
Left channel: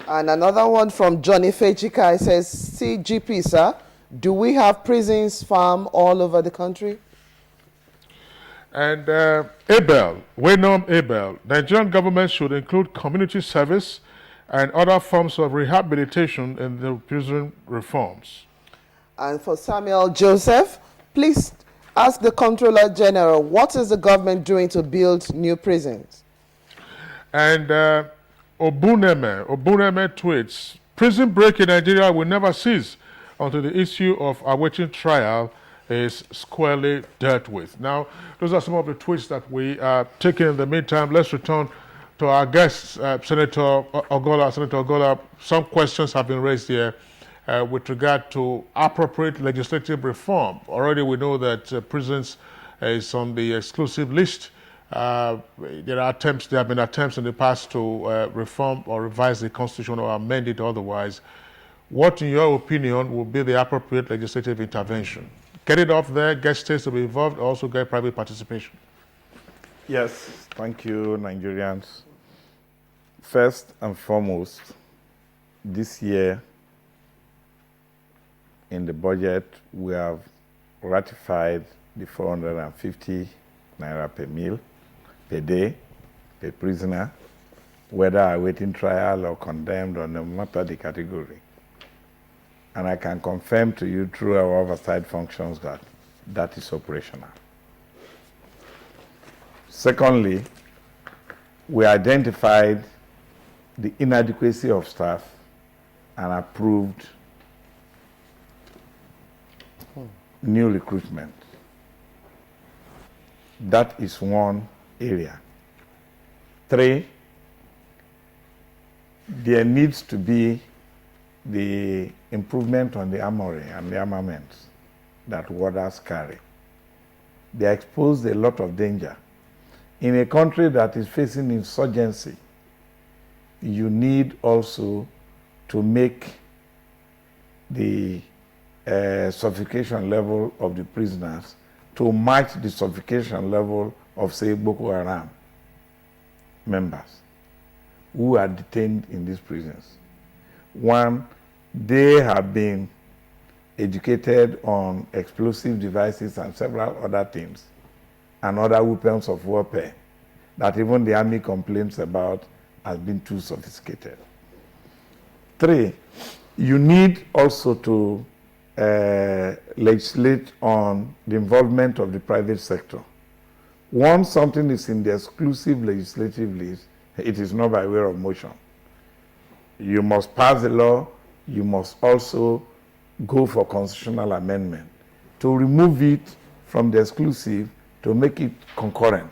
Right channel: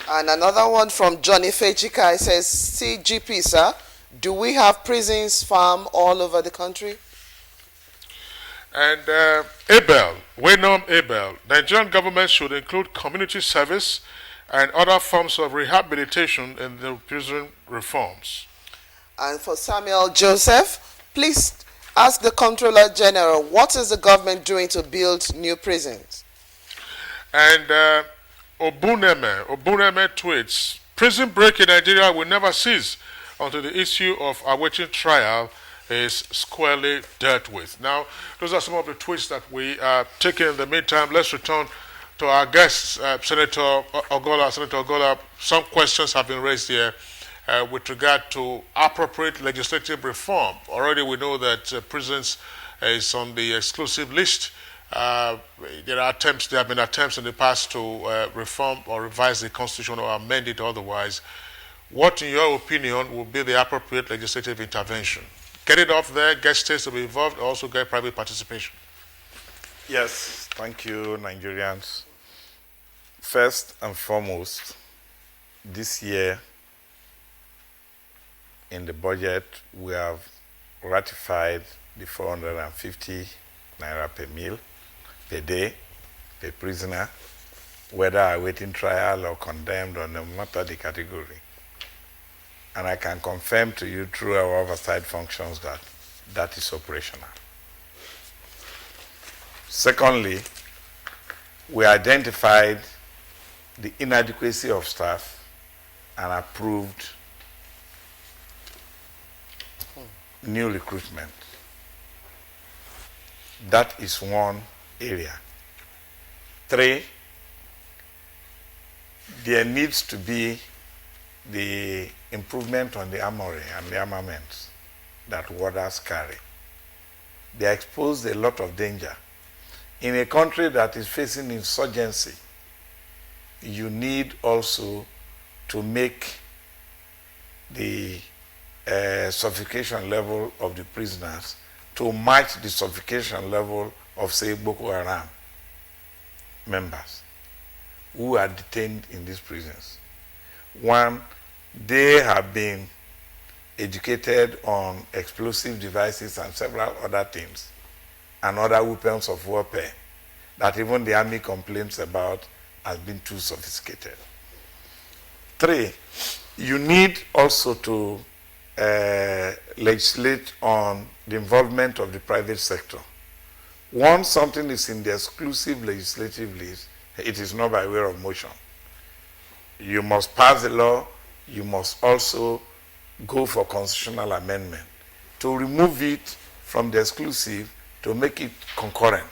And another one from Johnny Fejika says, CGP, sir, do we have prisons farm all over the country? And Waynom Abel, Nigerian government should include community service and other forms of rehabilitation in the prison reforms. And for Samuel Joseph, please ask the Comptroller General, what is the government doing to build new prisons? And Obuneme tweets, prison break in Nigeria will never cease until the issue of awaiting trial is squarely dealt with. Now, those are some of the tweets that we are taking in the meantime. Let's return to our guests, Senator Ogola. Some questions have been raised here with regard to appropriate legislative reform. Already we know that prisons is on the exclusive list. There have been attempts in the past to reform or revise the Constitution or amend it otherwise. What, in your opinion, will be the appropriate legislative intervention? Get it off there, get states to be involved, also get private participation. Yes, thank you, Nigerians. First and foremost, this year in the budget, we have ratified the 450 naira per meal per day per prisoner, whether awaiting trial or condemned or no matter the category. And I can confirm to you through our oversight functions that that is operational. Secondly, we identified the inadequacy of staff and approved new recruitment. That is one area. 3, there needs to be the improvement on the armory and the armaments. that warders carry. They expose a lot of danger. In a country that is facing insurgency, you need also to make the suffocation level of the prisoners to match the suffocation level of, say, Boko Haram members who are detained in these prisons. One, they have been educated on explosive devices and several other things and other weapons of warfare that even the army complains about as being too sophisticated. 3, you need also to legislate on the involvement of the private sector. Once something is in the exclusive legislative list, it is not by way of motion. You must pass the law, you must also go for constitutional amendment to remove it from the exclusive to make it concurrent.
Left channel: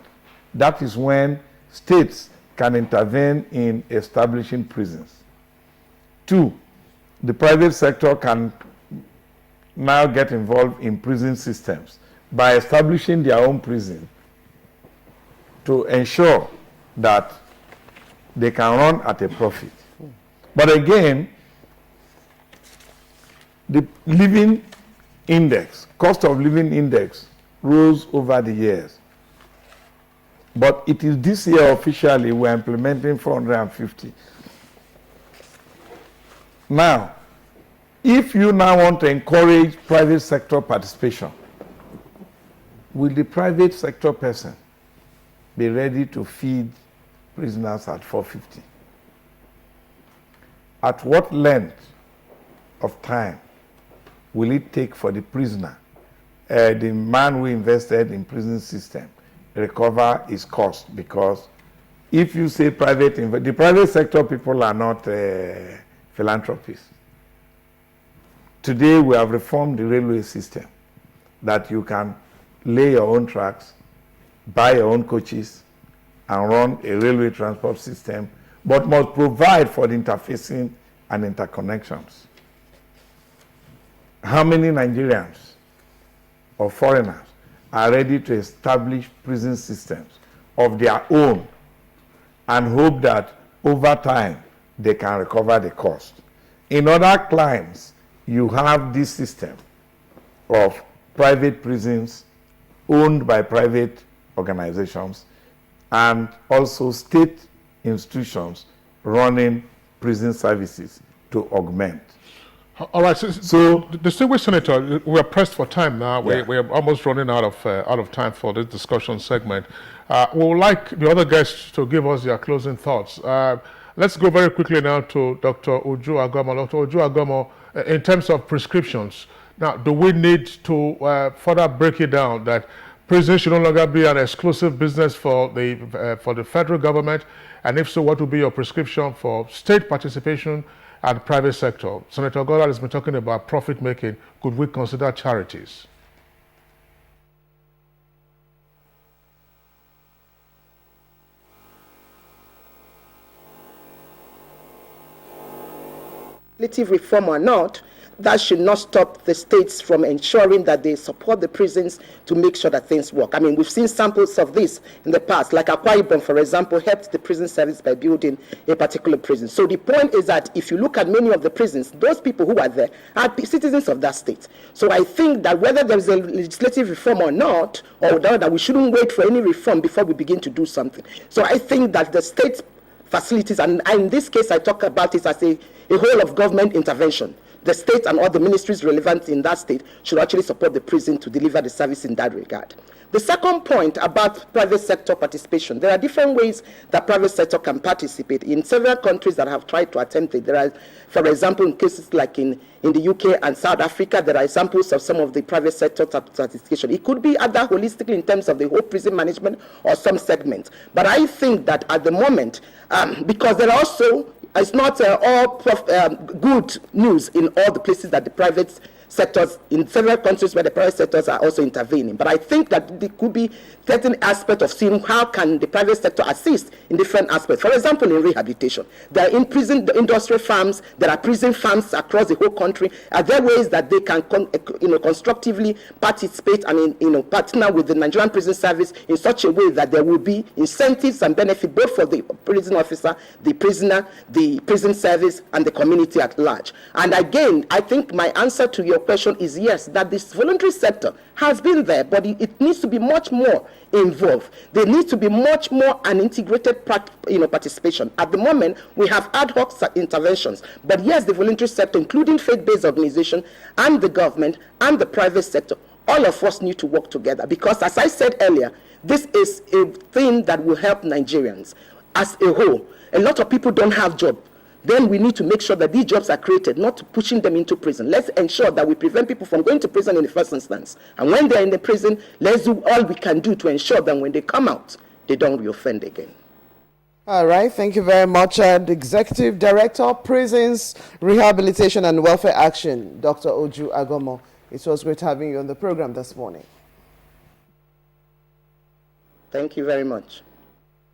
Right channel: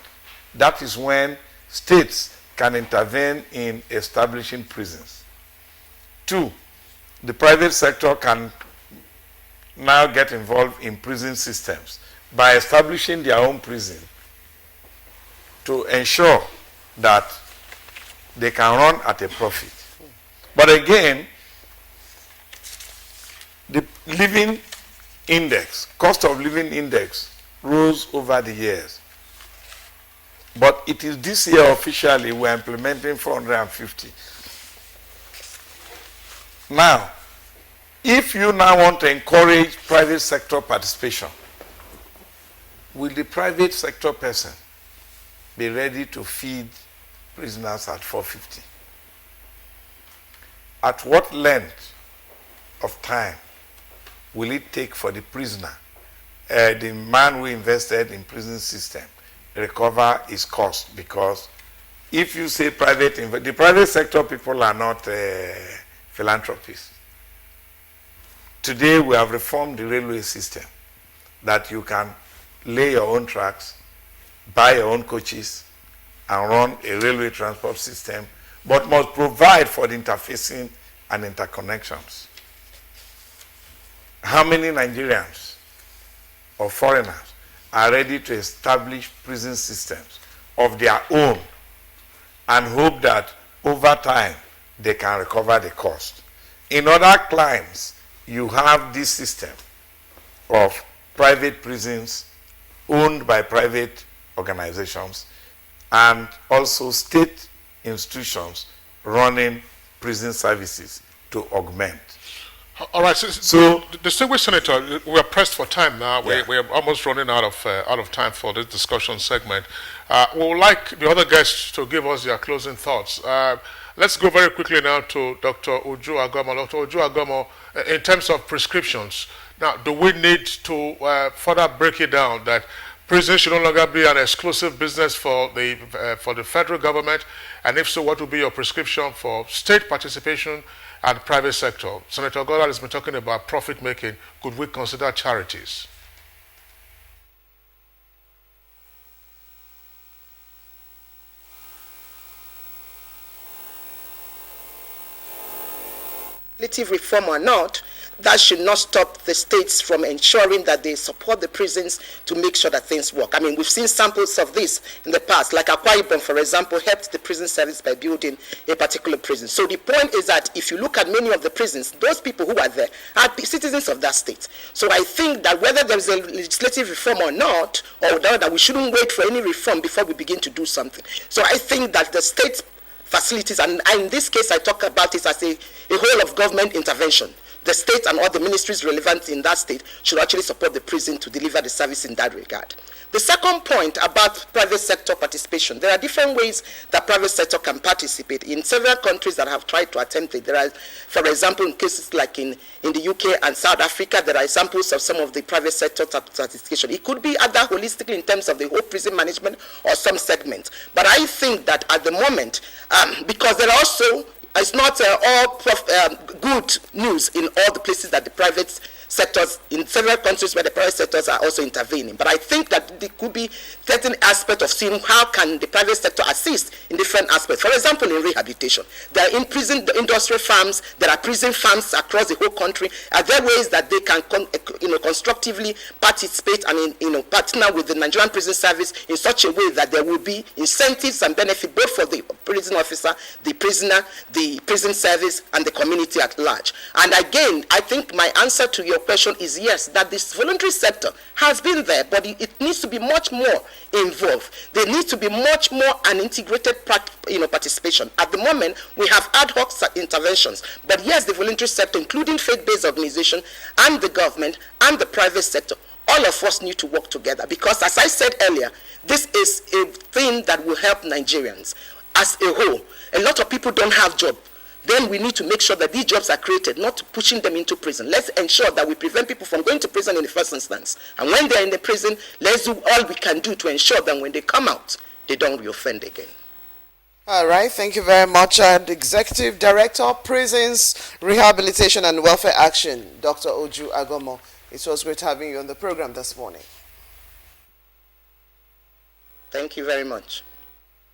That is when states can intervene in establishing prisons. 2, the private sector can now get involved in prison systems by establishing their own prison to ensure that they can run at a profit. But again, the living index, cost of living index, rose over the years. But it is this year officially we're implementing 450. Now, if you now want to encourage private sector participation, will the private sector person be ready to feed prisoners at 450? At what length of time will it take for the prisoner, the man who invested in prison system, recover his cost? Because if you say the private sector people are not philanthropists. Today we have reformed the railway system that you can lay your own tracks, buy your own coaches, and run a railway transport system, but must provide for the interfacing and interconnections. How many Nigerians or foreigners are ready to establish prison systems of their own and hope that over time they can recover the cost? In other climes, you have this system of private prisons owned by private organizations and also state institutions running prison services to augment. All right, so distinguished Senator, we are pressed for time now. We're almost running out of time for this discussion segment. We would like the other guests to give us their closing thoughts. Let's go very quickly now to Dr. Uju Agomo. Dr. Uju Agomo, in terms of prescriptions, now, do we need to further break it down that prison should no longer be an exclusive business for the federal government? And if so, what will be your prescription for state participation and private sector? Senator Goddard has been talking about profit making. Could we consider charities? Legislative reform or not, that should not stop the states from ensuring that they support the prisons to make sure that things work. I mean, we've seen samples of this in the past, like Akwa Ibom, for example, helped the prison service by building a particular prison. So the point is that if you look at many of the prisons, those people who are there are citizens of that state. So I think that whether there is a legislative reform or not, or that we shouldn't wait for any reform before we begin to do something. So I think that the state facilities, and in this case I talk about it as a whole of government intervention. The state and all the ministries relevant in that state should actually support the prison to deliver the service in that regard. The second point about private sector participation, there are different ways that private sector can participate. In several countries that have tried to attempt it, there are, for example, in cases like in the UK and South Africa, there are examples of some of the private sector participation. It could be either holistically in terms of the whole prison management or some segments. But I think that at the moment, because there are also, it's not all good news in all the places that the private sectors, in several countries where the private sectors are also intervening. But I think that there could be certain aspect of seeing how can the private sector assist in different aspects. For example, in rehabilitation, there are in prison industry farms, there are prison farms across the whole country. Are there ways that they can constructively participate and partner with the Nigerian Prison Service in such a way that there will be incentives and benefits both for the prison officer, the prisoner, the prison service, and the community at large? And again, I think my answer to your question is yes, that this voluntary sector has been there, but it needs to be much more involved. There needs to be much more an integrated participation. At the moment, we have ad hoc interventions, but yes, the voluntary sector, including faith-based organizations and the government and the private sector, all of us need to work together, because as I said earlier, this is a thing that will help Nigerians as a whole. A lot of people don't have jobs. Then we need to make sure that these jobs are created, not pushing them into prison. Let's ensure that we prevent people from going to prison in the first instance. And when they're in the prison, let's do all we can do to ensure that when they come out, they don't reoffend again. All right, thank you very much. The Executive Director, Prisons, Rehabilitation and Welfare Action, Dr. Oju Agomo. It was great having you on the program this morning. Thank you very much.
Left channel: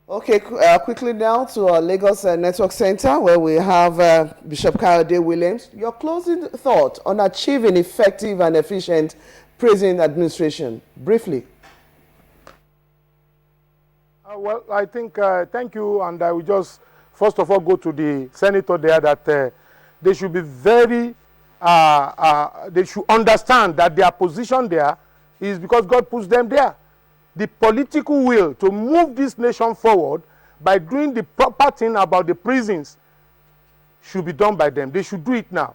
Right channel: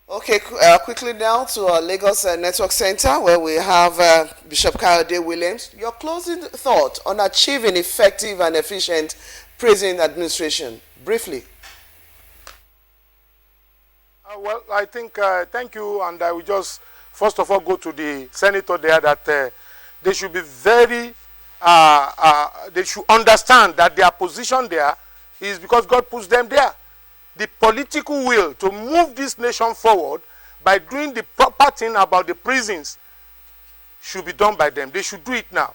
Okay, quickly now to our Lagos Network Center, where we have Bishop Kayode Williams. Your closing thought on achieving effective and efficient prison administration, briefly. Well, I think, thank you, and I will just, first of all, go to the senator there that they should be very, they should understand that their position there is because God puts them there. The political will to move this nation forward by doing the proper thing about the prisons should be done by them. They should do it now.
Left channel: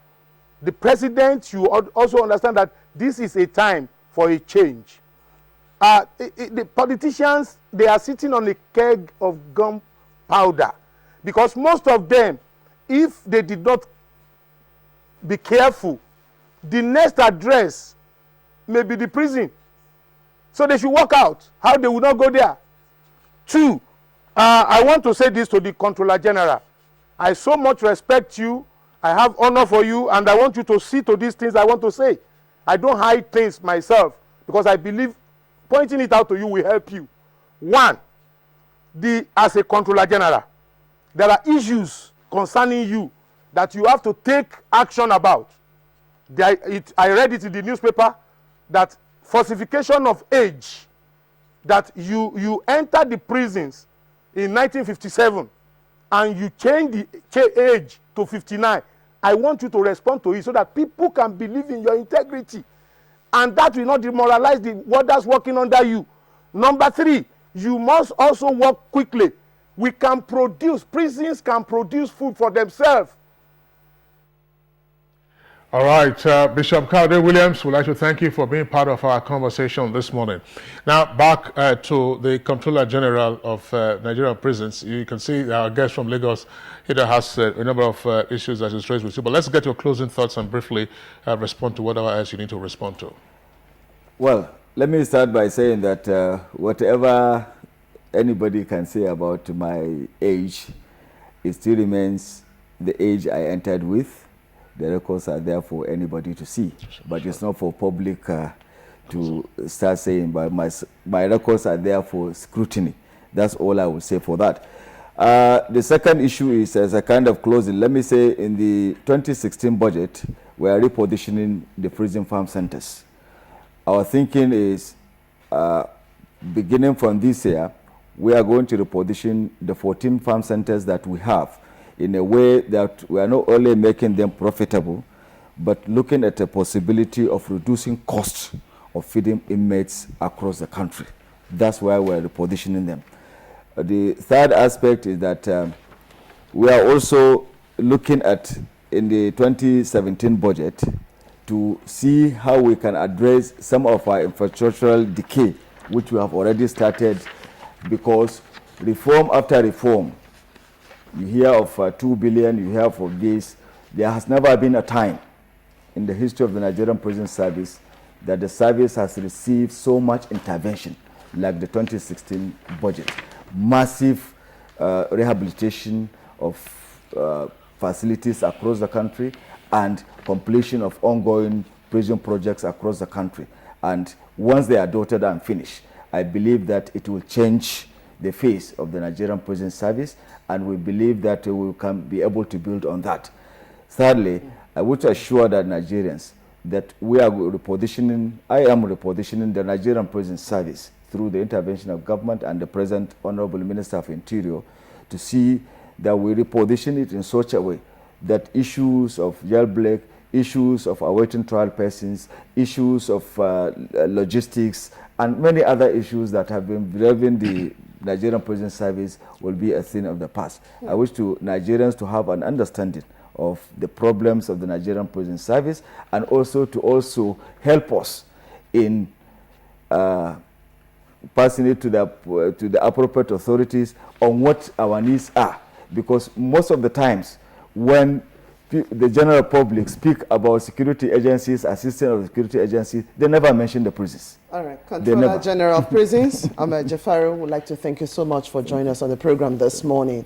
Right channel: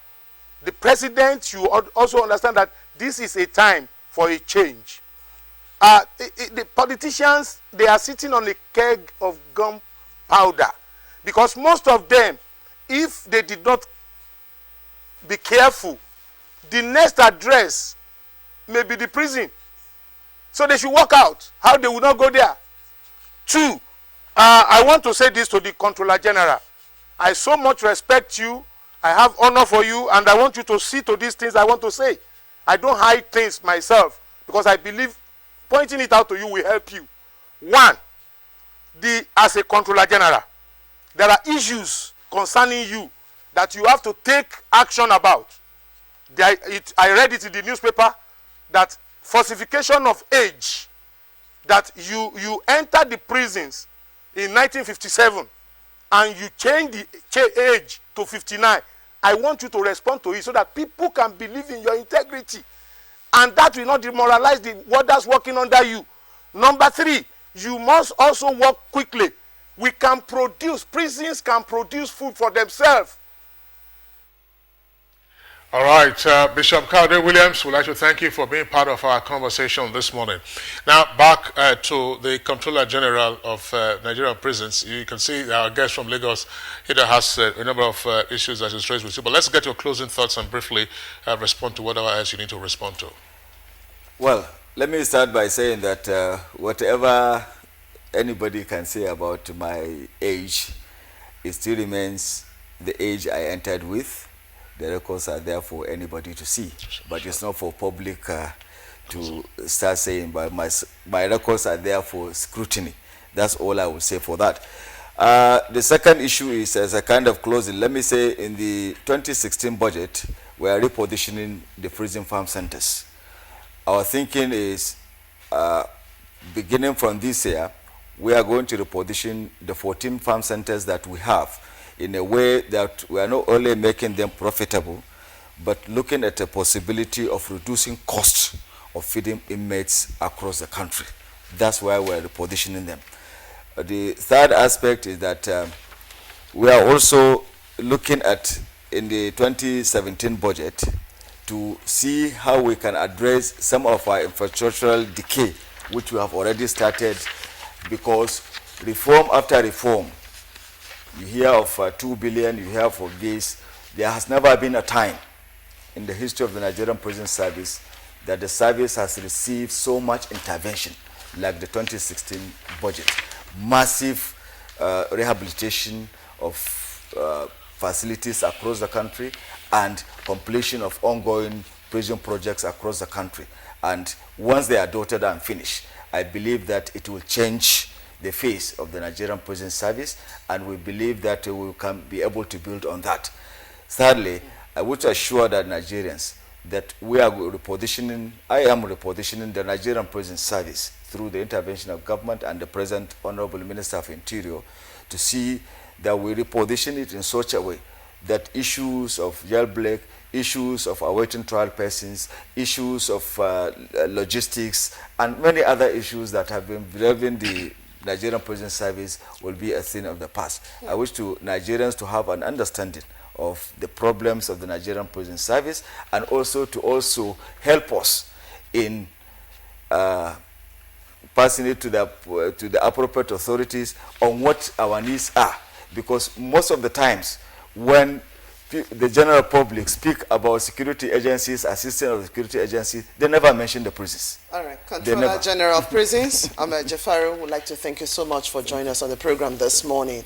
The president should also understand that this is a time for a change. The politicians, they are sitting on a keg of gunpowder, because most of them, if they did not be careful, the next address may be the prison. So they should work out how they will not go there. Two, I want to say this to the Controller General. I so much respect you, I have honor for you, and I want you to see to these things I want to say. I don't hide things myself, because I believe pointing it out to you will help you. One, as a Controller General, there are issues concerning you that you have to take action about. I read it in the newspaper that falsification of age, that you entered the prisons in 1957 and you change the age to 59. I want you to respond to it so that people can believe in your integrity, and that will not demoralize the warders working under you. Number three, you must also work quickly. Prisons can produce food for themselves. All right, Bishop Kayode Williams, we'd like to thank you for being part of our conversation this morning. Now, back to the Comptroller General of Nigerian prisons. You can see our guest from Lagos here has a number of issues that is raised with you. But let's get your closing thoughts and briefly respond to whatever else you need to respond to. Well, let me start by saying that whatever anybody can say about my age, it still remains the age I entered with. The records are there for anybody to see, but it's not for public to start saying, but my records are there for scrutiny. That's all I would say for that. The second issue is, as a kind of closing, let me say in the 2016 budget, we are repositioning the prison farm centers. Our thinking is, beginning from this year, we are going to reposition the 14 farm centers that we have in a way that we are not only making them profitable, but looking at the possibility of reducing costs of feeding inmates across the country. That's why we're repositioning them. The third aspect is that we are also looking at, in the 2017 budget, to see how we can address some of our infrastructural decay, which we have already started, because reform after reform, you hear of 2 billion, you hear of this. There has never been a time in the history of the Nigerian Prison Service that the service has received so much intervention like the 2016 budget. Massive rehabilitation of facilities across the country and completion of ongoing prison projects across the country. And once they are dotted and finished, I believe that it will change the face of the Nigerian prison service, and we believe that we can be able to build on that. Thirdly, I would assure that Nigerians that we are repositioning, I am repositioning the Nigerian prison service through the intervention of government and the present Honorable Minister of Interior to see that we reposition it in such a way that issues of jailbreak, issues of awaiting trial persons, issues of logistics, and many other issues that have been driving the Nigerian prison service will be a thing of the past. I wish to Nigerians to have an understanding of the problems of the Nigerian prison service, and also to help us in passing it to the appropriate authorities on what our needs are. Because most of the times when the general public speak about security agencies, assistant of the security agencies, they never mention the prisons. All right, Controller General of Prisons, Ahmed Jafaru, would like to thank you so much for joining us on the program this morning.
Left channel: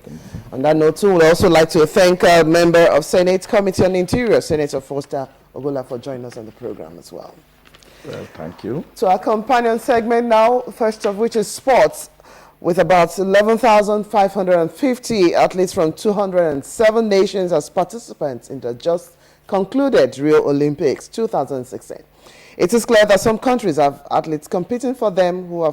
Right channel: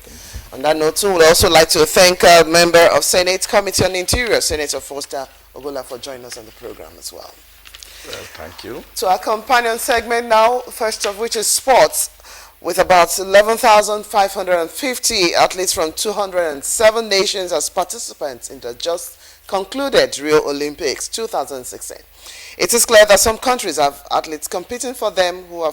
On that note, too, we'd also like to thank a member of Senate Committee on Interior, Senator Foster Ogola, for joining us on the program as well. Well, thank you. To our companion segment now, first of which is sports, with about 11,550 athletes from 207 nations as participants in the just concluded Rio Olympics 2016. It is clear that some countries have athletes competing for them who have